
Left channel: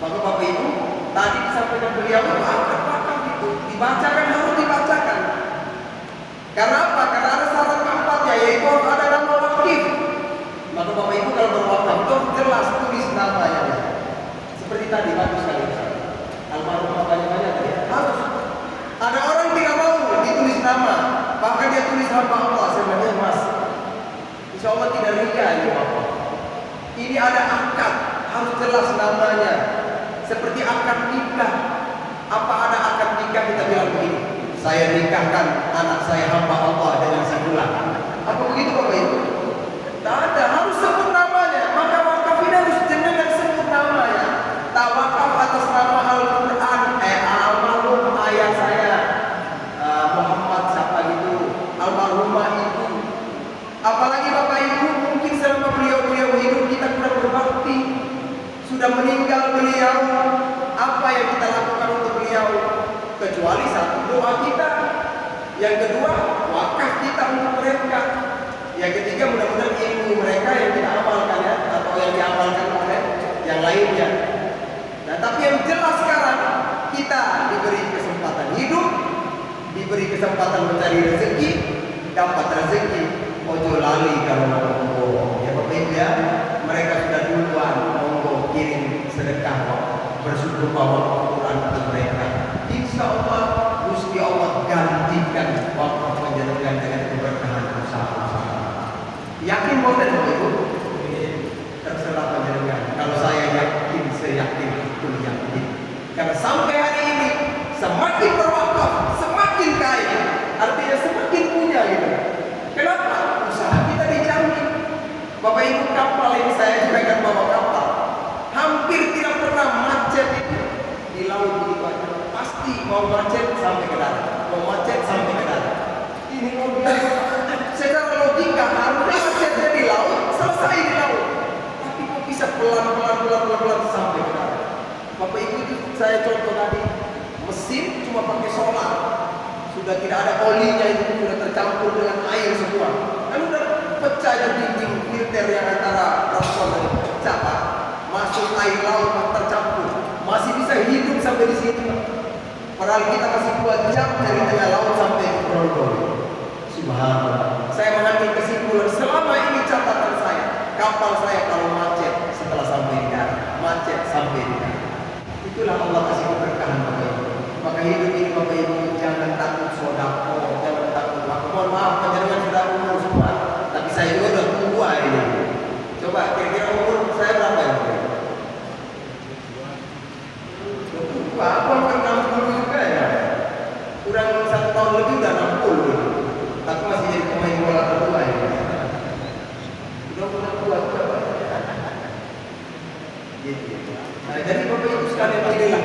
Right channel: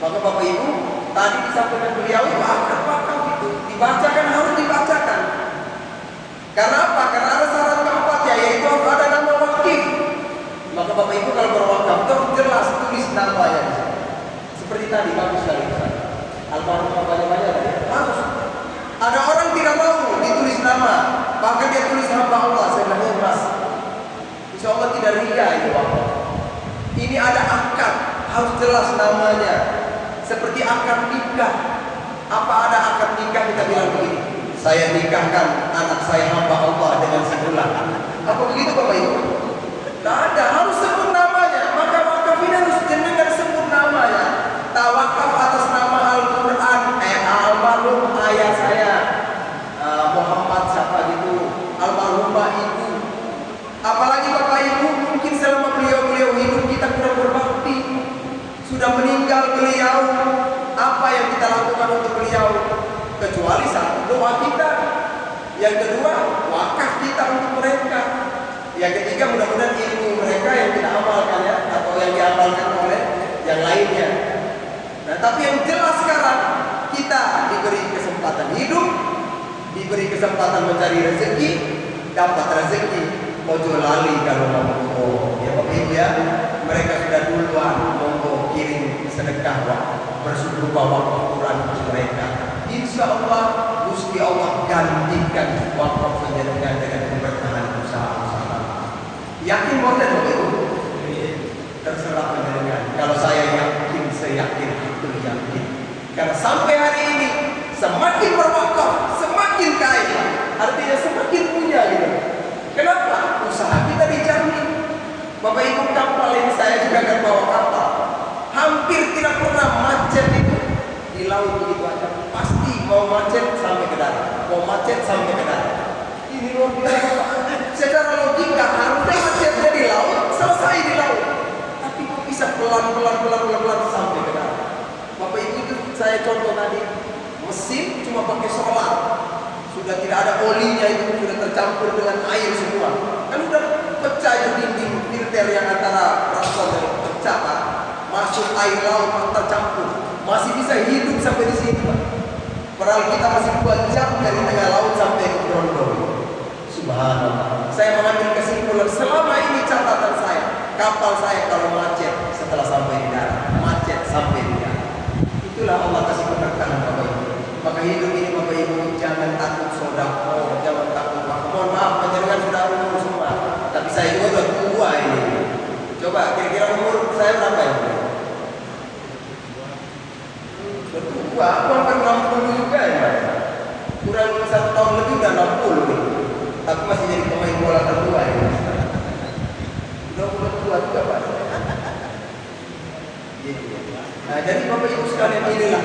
Maka Bapak Ibu tadi disampaikan beliau itu akad wakaf itu dibacakan, harus dibacakan. Karena apa? Karena ada syarat keempatnya, yaitu harus ada nama wakif. Maka Bapak Ibu kalau berwakaf itu jelas tulis namanya. Seperti tadi bagus sekali. Almarhum banyak-banyak ya. Harus. Ada orang tidak mau ditulis nama, bahkan dia tulis hamba Allah. Saya bilang, Mas, insya Allah tidak ria ini Bapak. Ini ada akad, harus jelas namanya. Seperti akad nikah. Apa ada akad nikah kita bilang begini, saya nikahkan anak saya hamba Allah dengan si fulan. Apa begitu Bapak Ibu? Tidak ada, harus sebut namanya. Maka wakaf ini harus jenengan sebut namanya. Tawakaf atas nama Al-Quran, almarhum ayah saya Muhammad siapa gitu, almarhumah ibu. Apalagi Bapak Ibu mungkin selama beliau hidup kita kurang berbakti. Sudah meninggal beliau, apa yang kita lakukan untuk beliau? Kecuali satu, doa kita. Yang kedua, wakaf kita untuk mereka. Yang ketiga, mudah-mudahan ilmu mereka yang kita amalkan ya, atau yang diamalkan oleh yang lainnya. Nah, tapi yang jelas sekarang kita diberi kesempatan hidup, diberi kesempatan mencari rezeki, dapat rezeki. Ojo lali kalau mau ya Bapak Ibu ya, mereka sudah duluan monggo kirim sedekah bersyukur wakaf Quran untuk mereka. Insya Allah Gusti Allah gantikan wakaf panjenengan dengan keberkahan usaha-usaha. Yakin boleh Bapak Ibu? Terserah panjenengan. Kalau saya yakin, saya yakin itu yakin. Karena sampai hari ini semakin berwakaf, semakin kaya. Artinya semakin punya gitu. Kenapa? Usaha kita dijamin. Bapak Ibu kapal ini saya juga akan bawa kapal. Hampir tidak pernah macet itu di laut begitu aja. Pasti mau macet sampai ke darat, mau macet sampai ke darat. Ini luar biasa. Secara logika harusnya macetnya di laut, selesai di laut. Tapi kok bisa pelan sampai ke darat. Bapak Ibu itu saya contoh tadi, mesin cuma pakai solar. Sudah tidak ada olinya, itu sudah tercampur dengan air semua. Kan udah pecah itu dinding filter yang antara rafon dan pecah Pak. Masuk air laut tercampur. Masih bisa hidup sampai di sini Pak. Padahal kita masih 2 jam dari tengah laut sampai ke Grogol. Subhanallah. Saya mengambil kesimpulan selama ini catatan saya, kapal saya kalau macet setelah sampai di darat, macet sampai di darat. Itulah Allah kasih keberkahan Bapak Ibu. Maka hidup ini Bapak Ibu jangan takut sodako, jangan takut. Mohon maaf panjenengan sudah umur semua, tapi saya juga udah tua ini. Coba kira-kira umur saya berapa ini? Udah tua, aku kan 60 juga ya. Kurang 1 tahun lebih udah 60. Aku masih jadi pemain bola tertua ya. Nah, jadi Bapak Ibu sekalian, inilah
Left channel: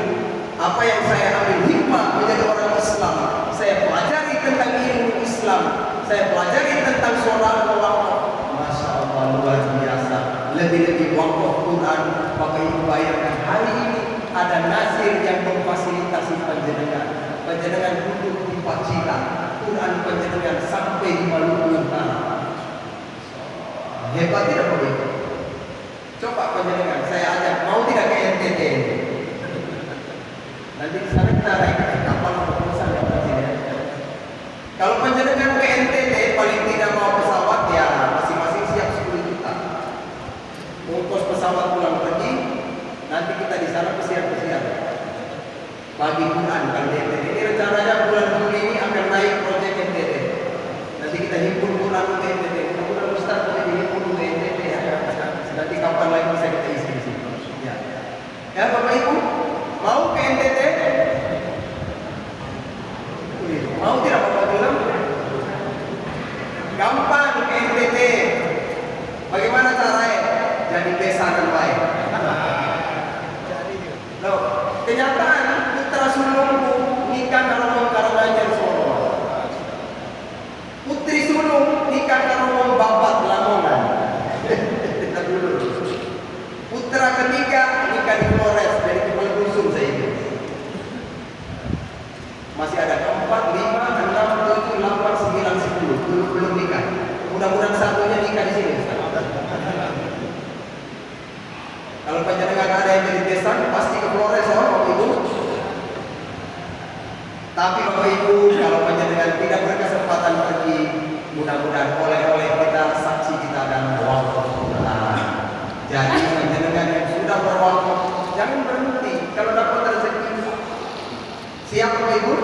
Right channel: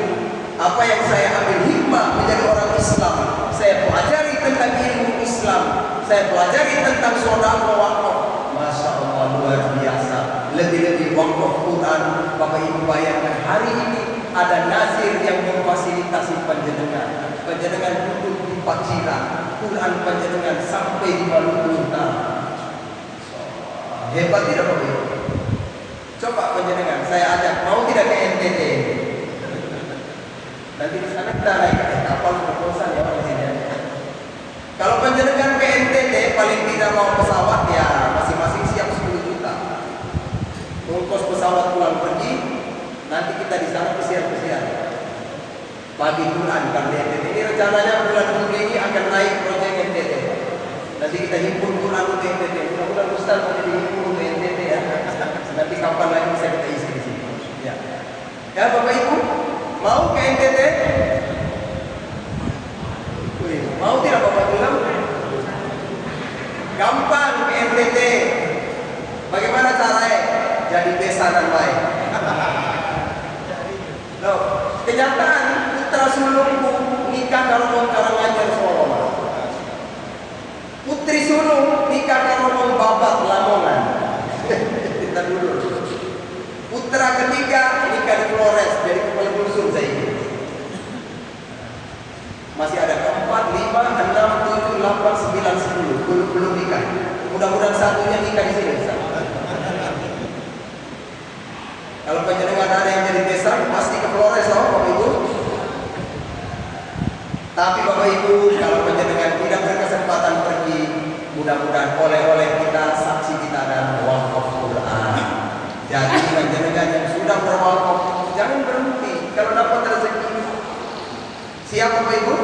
apa yang saya ambil hikmah menjadi orang Islam. Saya pelajari tentang ilmu Islam, saya pelajari tentang sedekah wakaf. Masya Allah, luar biasa. Lebih-lebih wakaf Quran. Bapak Ibu bayangkan hari ini ada Nasir yang memfasilitasi panjenengan. Panjenengan duduk di Pacitan, Quran panjenengan sampai di Maluku Utara. Hebat tidak Bapak Ibu? Coba panjenengan, saya ajak, mau tidak ke NTT? Nanti di sana kita naik kapal proposal ya di sini. Kalau panjenengan ke NTT paling tidak mau pesawat ya masing-masing siap 10 juta. Ongkos pesawat pulang pergi, nanti kita di sana pesiar-pesiar. Bagi Quran kan di NTT. Ini rencananya bulan Juli ini akan naik proyek NTT. Nanti kita himpun Quran untuk NTT. Mudah-mudahan Ustaz nanti dihimpun untuk NTT ya. Nanti kapan lagi bisa kita isi di sini. Ya. Ya Bapak Ibu, mau ke NTT? Wih, mau tidak Bapak bilang? Gampang ke NTT. Bagaimana caranya? Jadi besanan baik. Loh, kenyataan putra sulungku nikah kalau mau Karanganyar Solo. Putri sulung nikah kalau mau Babat Lamongan. Kita dulu. Putra ketiga nikah di Flores, dari kepala dusun saya ini. Masih ada keempat, 5, 6, 7, 8, 9, 10 belum nikah. Mudah-mudahan satunya nikah di sini. Kalau panjenengan ada yang jadi besan, pasti ke Flores, Bapak Ibu. Tapi Bapak Ibu, kalau panjenengan tidak berkesempatan pergi, mudah-mudahan oleh-oleh kita, saksi kita adalah wakaf Quran. Jadi panjenengan yang sudah berwakaf, jangan berhenti. Kalau dapat rezeki, siap Bapak Ibu?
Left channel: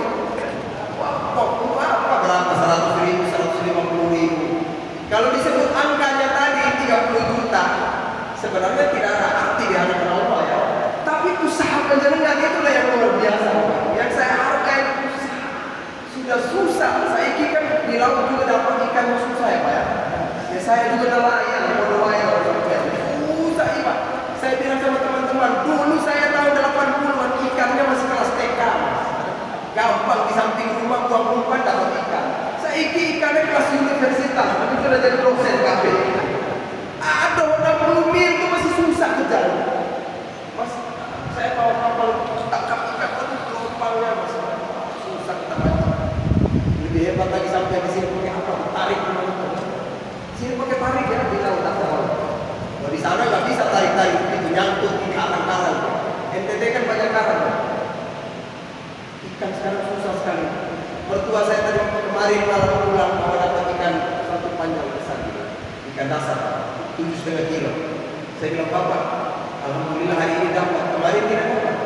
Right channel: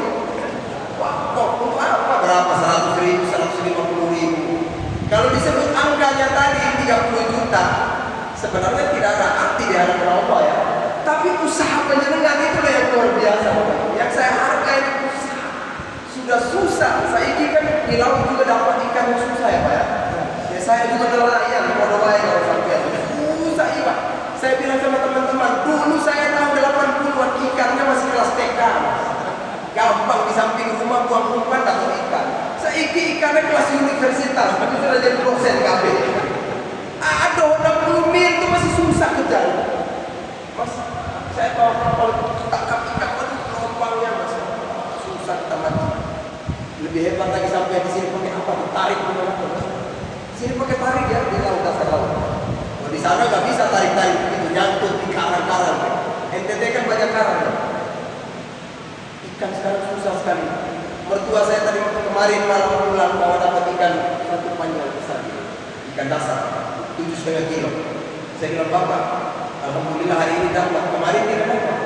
Wakaf untuk apa? Berapa? 100.000, 150.000. Kalau disebut angkanya tadi 30 juta, sebenarnya tidak ada arti di hadapan Allah ya. Tapi usaha panjenengan itulah yang luar biasa. Yang saya hargai usaha. Sudah susah. Saya kan di laut juga dapat ikan yang susah ya Pak ya. Ya saya juga nelayan, mau nelayan kalau sampai susah Pak. Saya bilang sama teman-teman, dulu saya tahun 80-an ikannya masih kelas TK. Gampang di samping rumah buang umpan dapat ikan. Saya ikannya kelas universitas, itu sudah jadi dosen KB. Ada 60 mil itu masih susah kejar. Mas, saya bawa kapal tangkap ikan, aduh gelombangnya mas, susah kita mancing. Lebih hebat lagi sampai di sini pakai apa? Ditarik kemana-mana. Sini pakai tarik ya di laut dasar laut. Oh, di sana nggak bisa tarik-tarik begitu, nyangkut di karang-karang. NTT kan banyak karang. Ikan sekarang susah sekali. Mertua saya tadi kemarin malam pulang bawa dapat ikan satu panjang besar, ikan dasar 7,5 kilo. Saya bilang Bapak, alhamdulillah hari ini dapat, kemarin tidak dapat.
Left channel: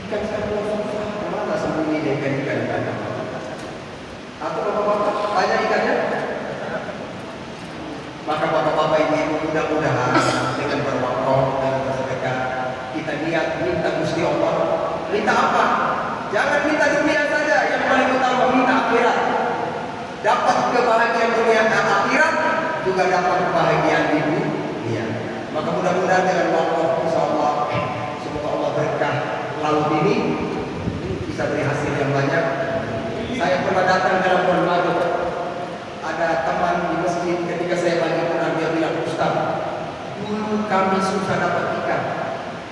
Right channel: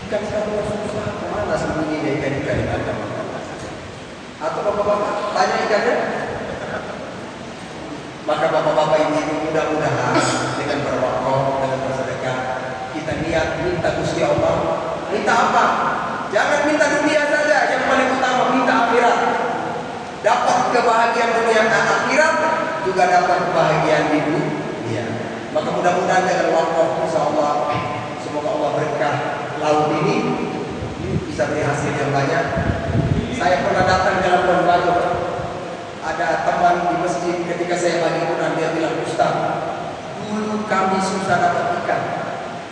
Ikan sekarang susah, kemana sembunyinya ikan-ikan di kandang? Atau bapak-bapak banyak ikannya? Maka bapak-bapak ini mudah-mudahan dengan berwakaf dan bersedekah kita niat minta Gusti Allah. Minta apa? Jangan minta dunia saja, yang paling utama minta akhirat. Dapat kebahagiaan dunia dan akhirat, juga dapat kebahagiaan di dunia. Maka mudah-mudahan dengan wakaf insyaallah semoga Allah berkah laut ini bisa beri hasil yang banyak. Saya pernah datang dalam berbagai ada teman di masjid ketika saya bagi Quran, dia bilang Ustaz, dulu kami susah dapat ikan,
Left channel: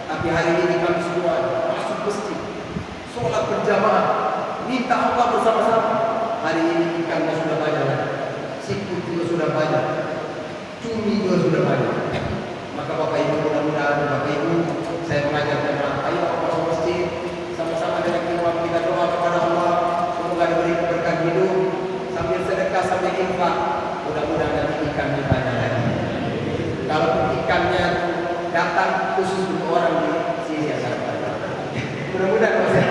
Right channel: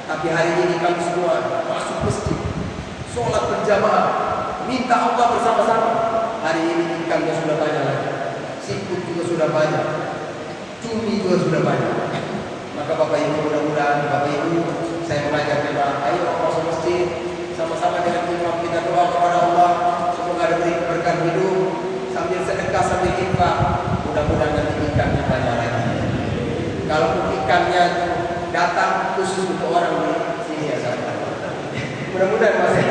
tapi hari ini kami semua masuk masjid, sholat berjamaah, minta Allah bersama-sama. Hari ini ikannya sudah banyak, siput juga sudah banyak, cumi juga sudah banyak. Maka Bapak Ibu, mudah-mudahan Bapak Ibu, saya mengajarkan ayo masuk masjid sama-sama dengan imam kita doa kepada Allah semoga diberi keberkahan hidup sambil sedekah sambil infak. Mudah-mudahan nanti ikannya banyak lagi. Kalau ikannya datang khusus untuk orang di sini ya saya. Mudah-mudahan Mas ya.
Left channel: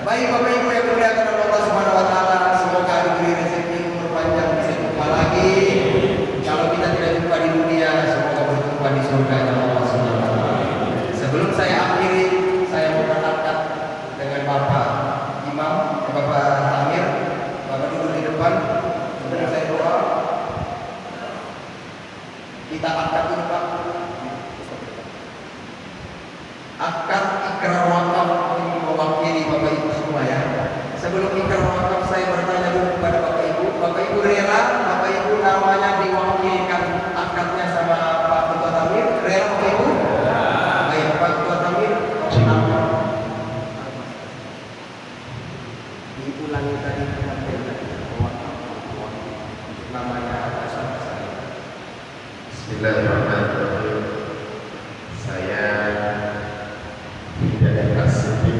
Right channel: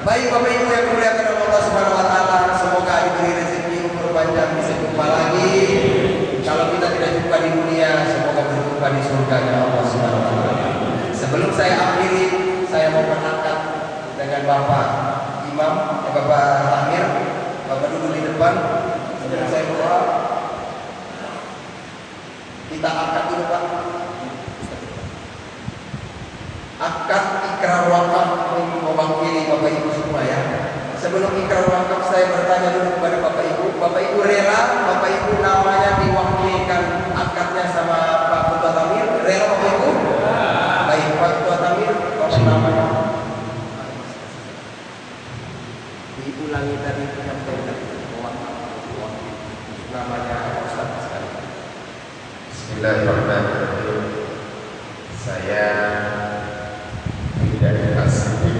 Baik Bapak Ibu yang dimuliakan oleh Allah Subhanahu wa taala, semoga diberi rezeki umur panjang bisa jumpa lagi. Kalau kita tidak jumpa di dunia, semoga berjumpa di surga Allah Subhanahu wa taala. Sebelum saya akhiri, saya mau berangkat dengan Bapak Imam, Bapak Amir. Bapak duduk di depan. Sebelum saya doa, kita angkat dulu Pak. akad ikrar wakaf mewakili Bapak Ibu semua ya. Sebelum ikrar wakaf saya bertanya dulu kepada Bapak Ibu rela Bapak Ibu namanya diwakilkan akadnya sama Pak Ketua Tamir? Rela Bapak Ibu? Baik, Pak Ketua Tamir, namanya diulangi tadi penyampaian wakaf namanya Ustaz sekali. Bismillahirrahmanirrahim. Saya tidak Asyidik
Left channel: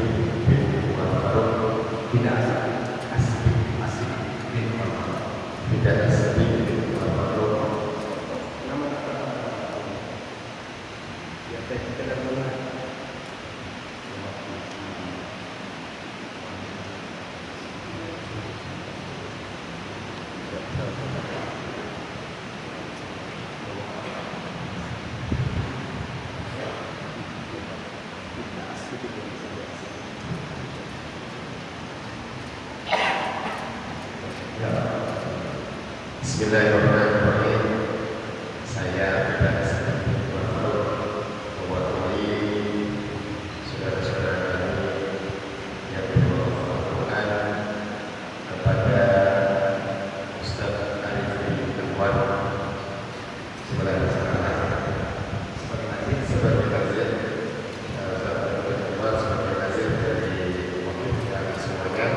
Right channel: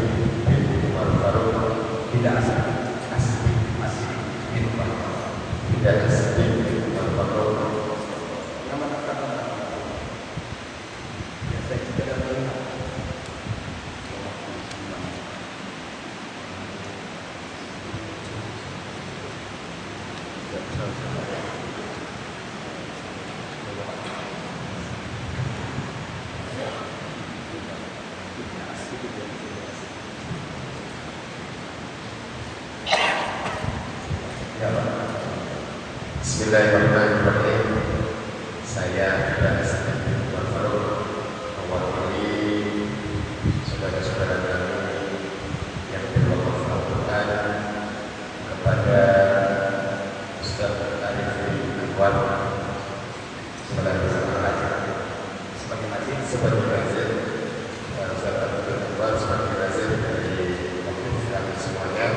bin Umar Faruk. Tidak asik bin Umar. Tidak Asyidik bin Umar Faruk. Nama ya saya tidak melihat. Bismillahirrahmanirrahim. Saya tidak Asyidik bin Umar Faruk mewakili saudara-saudara kami yang berwakaf kepada Ustaz Arif bin Anwar sebagai nazir dan Ustaz Arif bin Anwar sebagai nazir dari wakil kami semuanya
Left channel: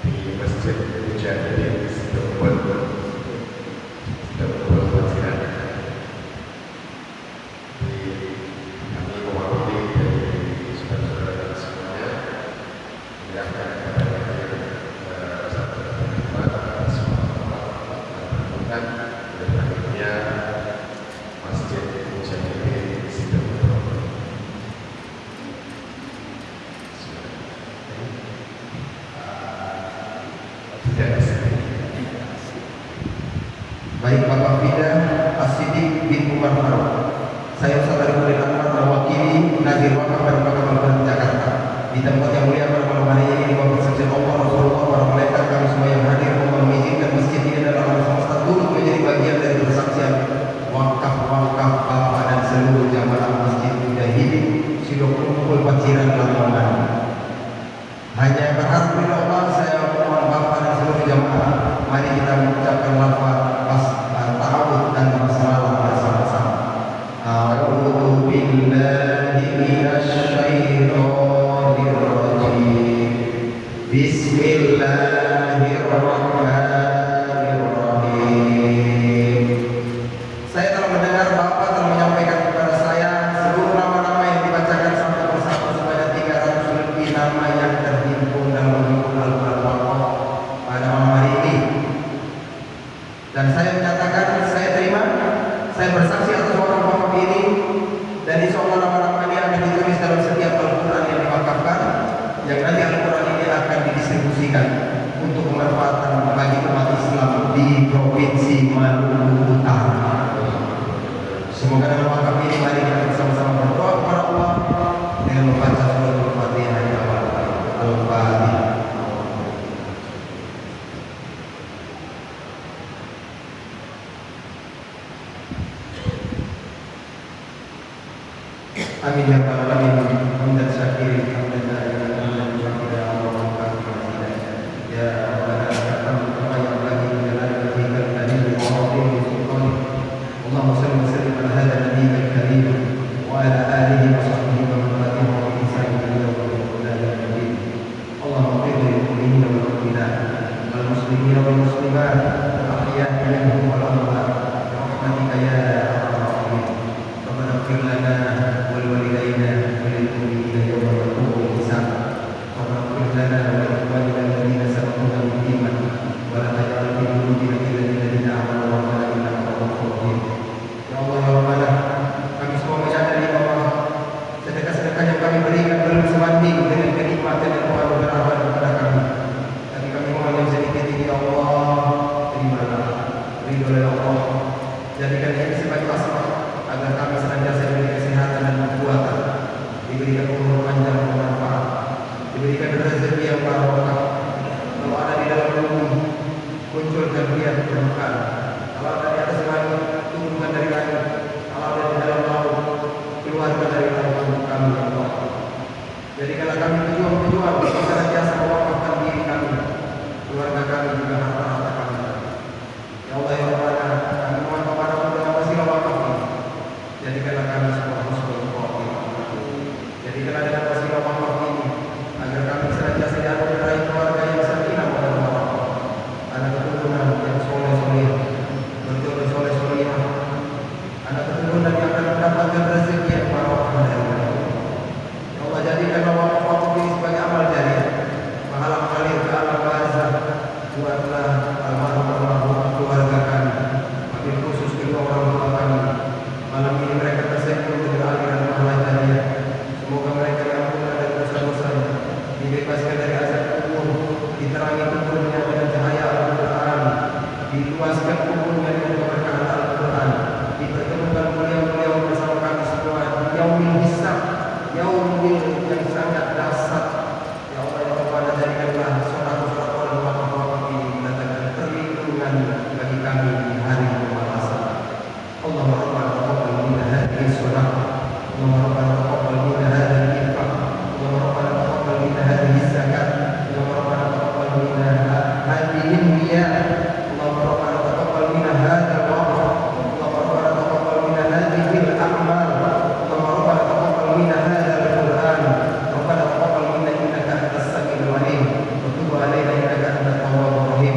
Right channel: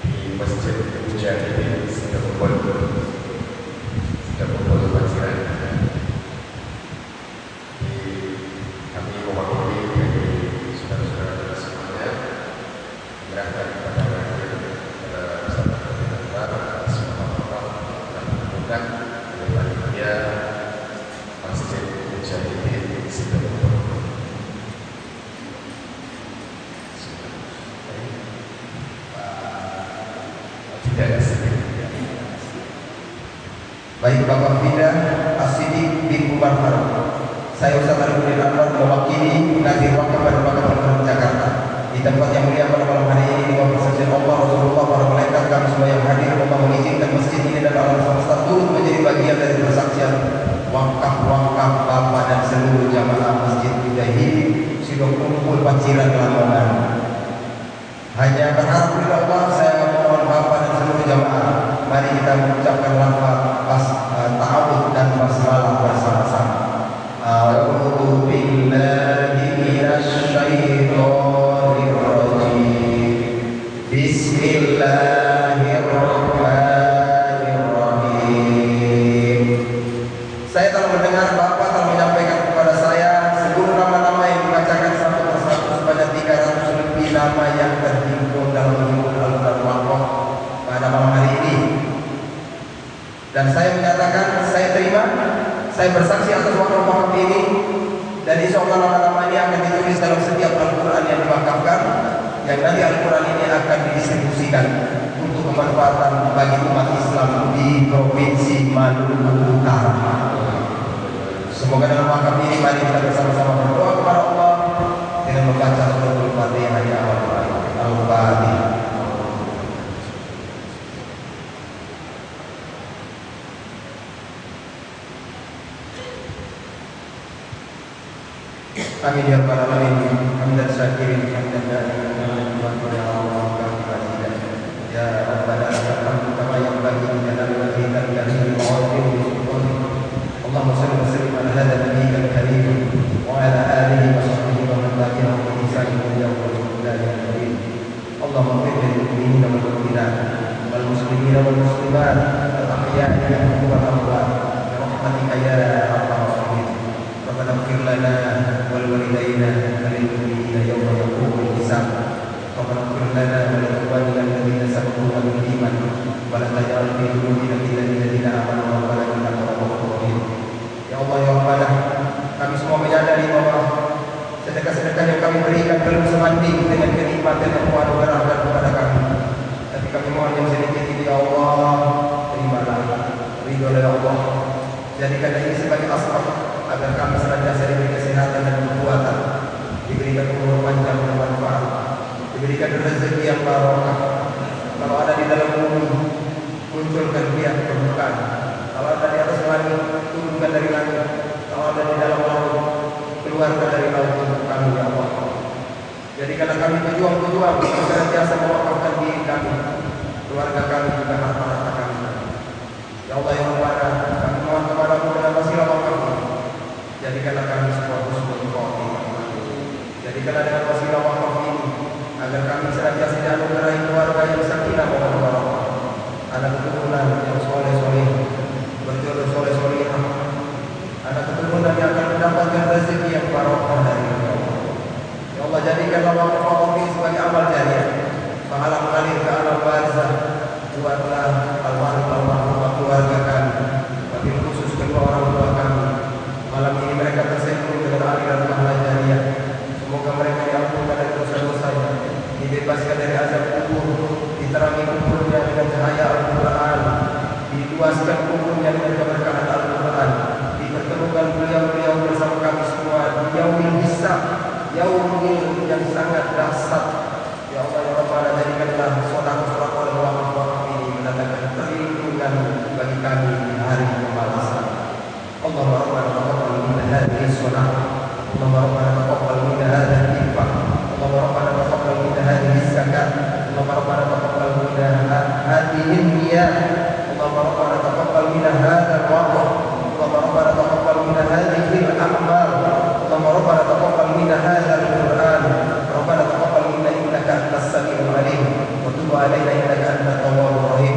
di Masjid Mujahidin Situbondo. Baik Bapak Fida Asyidik bin Umar Faruk. Saya Ustaz Arif bin Anwar mewakili nazir wakaf dan wakaf Pemkot Jakarta di tempat yang mulia pada malam hari ini di bawah persetujuan Allah, Rasulullah, para malaikat, kami semua yang hadir. Allah mengizinkan masjid ini dan alam semesta turut menjadi bagian dari persaksian wakaf Bapak dan seluruh jamaah Masjid Mujahidin sudah kumpul paciran Lamongan. Hanya berharap kepada Allah saya mohon Bapak dan seluruh jamaah, mari kita mengucapkan lafaz ta'awud dan basmalah bersama-sama. A'udzu billahi minasy syaithanir rajim. Bismillahirrahmanirrahim. Saya telah mendengar Bapak telah menyampaikan kepada saya seluruh nama-nama yang dibacakan satu persatu sebanyak 300 lebih nama yang terhimpun dalam Al-Quran Wakaf pada malam hari ini. Dan saya menyatakan, saya terima, saya bersaksi atas wakaf ini, dan insya Allah nama-nama ini akan ditulis dalam setiap Al-Quran yang diwakafkan, yang nanti Al-Quran ini akan didistribusikan untuk kemanfaatan bagi umat Islam di Provinsi Maluku Utara. Semoga dalam wakaf ini mari kita bersama-sama berdoa kepada Allah dengan membaca surat Al-Fatihah di awal Al-Fatihah. Amin ya rabbal alamin. Hamdan syakirin, hamdan da'iman wa qala Allahu ta'ala. Ya rabbana lakal kama yanbaghi li jalali wajhika al-karim wa 'azimi sultanik. Allahumma shalli wa sallim ala hadha an-nabiyyil karim wa ala alihi wa sahbihi wa man tabi'ahum bi ihsan ila yaumil qiyamah. Allahumma ighfir lil mu'minina wal mu'minat wal muslimina wal muslimat al ahya'i minhum wal amwat bi rahmatika ya arhamar rahimin. Rabbana ighfir lana ولوالدينا وللمؤمنين يوم يقوم الحساب. ربنا اغفر لنا ولإخواننا الذين سبقونا بالإيمان ولا تجعل في قلوبنا غلا للذين آمنوا ربنا إنك رؤوف رحيم. Ya Allah ya Rabbana, kami semua menyadari bahwa sedekah-sedekah yang kami berikan belum sebanding dengan kenikmatan yang Tuhan berikan kepada kami. Tapi kami mohon yang sedikit ini ya Allah, terimalah, ridho ya Allah. Jadikan ini sebagai asbab agar kami senantiasa diberi kesehatan dan kekuatan, diberikan umur panjang dan manfaat, diberikan rezeki yang barokah. Kalau ada di dalam bumi, munculkan dia permukaan. Kalau ada di atas langit, turunkan dari langit. Kalau ada di dalam laut, keluarkan dari laut permukaan. Jadikanlah kami pejuang-pejuang yang senantiasa mewakafkan diri kami, keluarga kami juga harta-harta kami. Ya Allah ya Rabbana, kami mohon kepadamu dengan wasilah wakaf ini. Jadikanlah kami sebuah husnul khotimah. Jadikanlah dengan wasilah wakaf ini agar kami senantiasa dianugerahi keluarga yang sakinah mawaddah warahmah, anak keturunan yang soleh-soleh, berjodoh soleh-solehah, anak keturunan yang akan mendapatkan rezeki yang barokah dari Allah. Ya Allah, jadikanlah wakaf ini sebagai amal jariah, pahala mengalir ke alam warisah. Buatlah almarhum keluarga kami, wabil khusus kedua orang tua kami. Malam ini mereka tersembun dengan aliran pahala jariah. Semoga mereka diampunkan dari dosa-dosanya, dibebaskan dari azab kubur, diterangi kuburnya dengan cahaya Al-Quran, diluaskan kuburnya dengan keberkahan Al-Quran, dipertemukan beliau-beliau bersama kami semua di yaumil hisab, yaumil yang sangat dahsyat. Ya Allah ya Rabbana, jadikanlah sedekah-sedekah dan wakaf ini mendatangkan perlindungan bagi kami di hari pembalasan. Allahumma rabbana taqabbal minna hadhihi sedekah, Allahumma rabbana taqabbal minna hadha al-infaq, Allahumma rabbana taqabbal minna hadhihi zakat, Allahumma rabbana taqabbal minna hadhihi niyat, Allahumma rabbana taqabbal minna hadha al-waqf, Allahumma rabbana taqabbal minna hadhihi al-a'mal, Allahumma rabbana taqabbal minna hadha al-Qur'an, Rabbana taqabbal minna innaka antas samiul alim wa tub alaina innaka antat tawwabur rahim.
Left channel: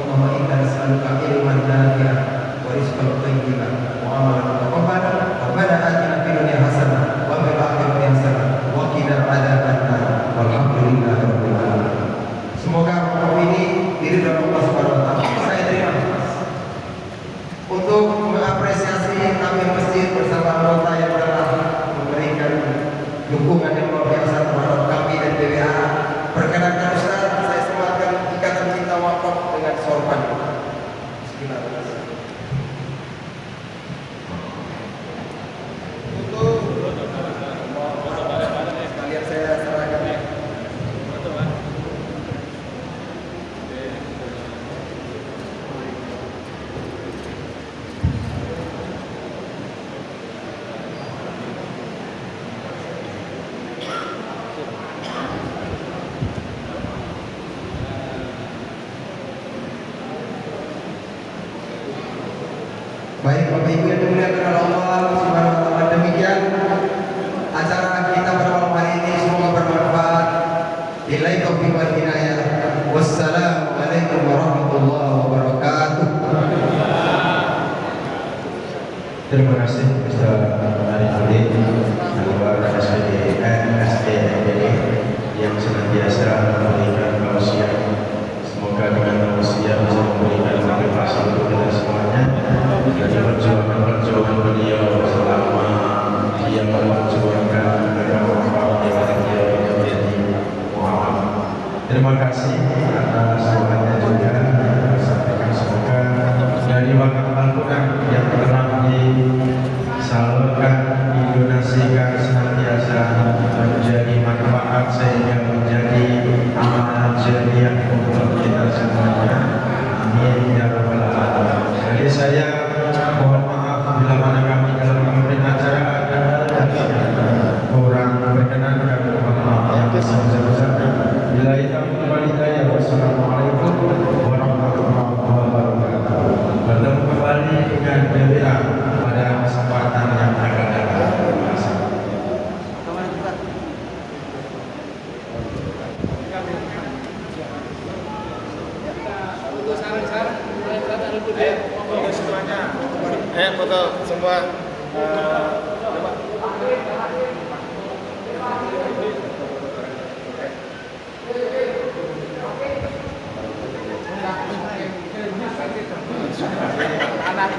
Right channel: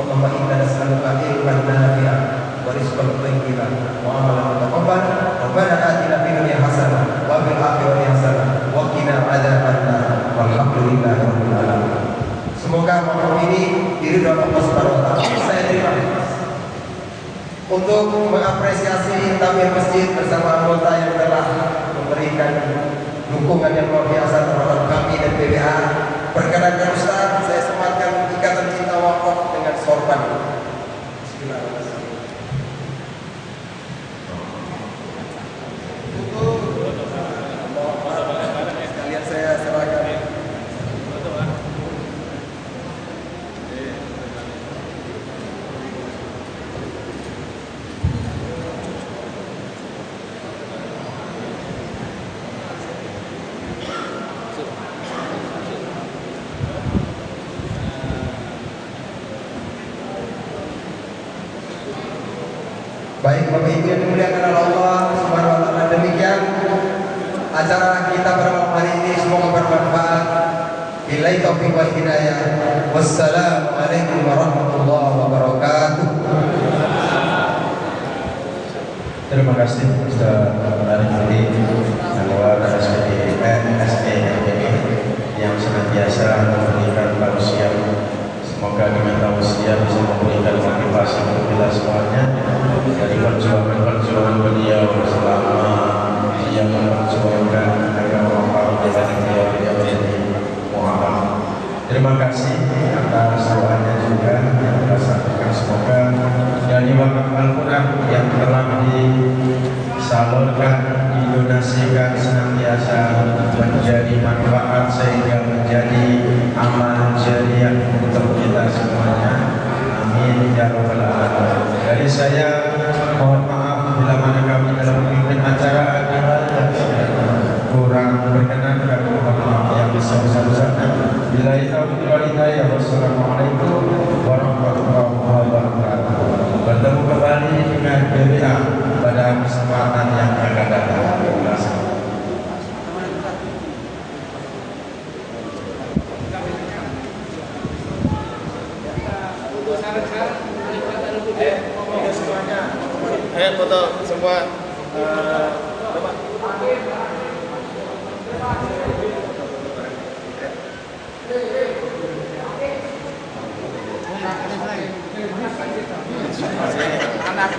Allahumma inna nas'aluka ilman nafi'an wa rizqan thayyiban wa amalan mutaqabbalan. Rabbana atina fid dunya hasanah wa fil akhirati hasanah wa qina adzabannar. Walhamdulillahi rabbil alamin. Semoga malam ini diridhoi Allah Subhanahu wa taala. Saya terima untuk mengapresiasi takmir masjid bersama anggota yang telah memberikan dukungan yang luar biasa terhadap kami dan PBH. Perkenankan Ustaz, saya sematkan ikatan cinta wakaf dengan sorban. Bismillahirrahmanirrahim. Sekalian saya serahkan. Baik Bapak Ibu yang dimuliakan Allah Subhanahu wa taala, demikian acara kita pada malam hari ini, semoga bermanfaat. Billahi taufiq wal hidayah. Wassalamualaikum warahmatullahi wabarakatuh. Terima kasih Ustaz Ali Lewat SPD yang senantiasa memberikan tausiah. Semoga dengan tausiah bisa memberikan motivasi untuk kita semuanya dari perjuangan beliau selama dia memperjuangkan agar orang yang dia menjadi mu'alaf. Terima kasih atas doanya juga kita sampaikan, semoga dari wakaf Al-Quran yang telah disalurkan, didonasikan senantiasa menjadi manfaat sehingga menjadi amal jariah untuk kita semuanya. Amin ya rabbal alamin. Dari saya mohon maaf bila mana kami dalam memimpin acara ada kurang berkenan, kami mohon maaf yang besar-besarnya. Bila itu hidayah. Wassalamualaikum warahmatullahi wabarakatuh. Bertemu kembali dengan PBA pada kesempatan yang akan datang. Terima kasih. Ayo foto semua. Anak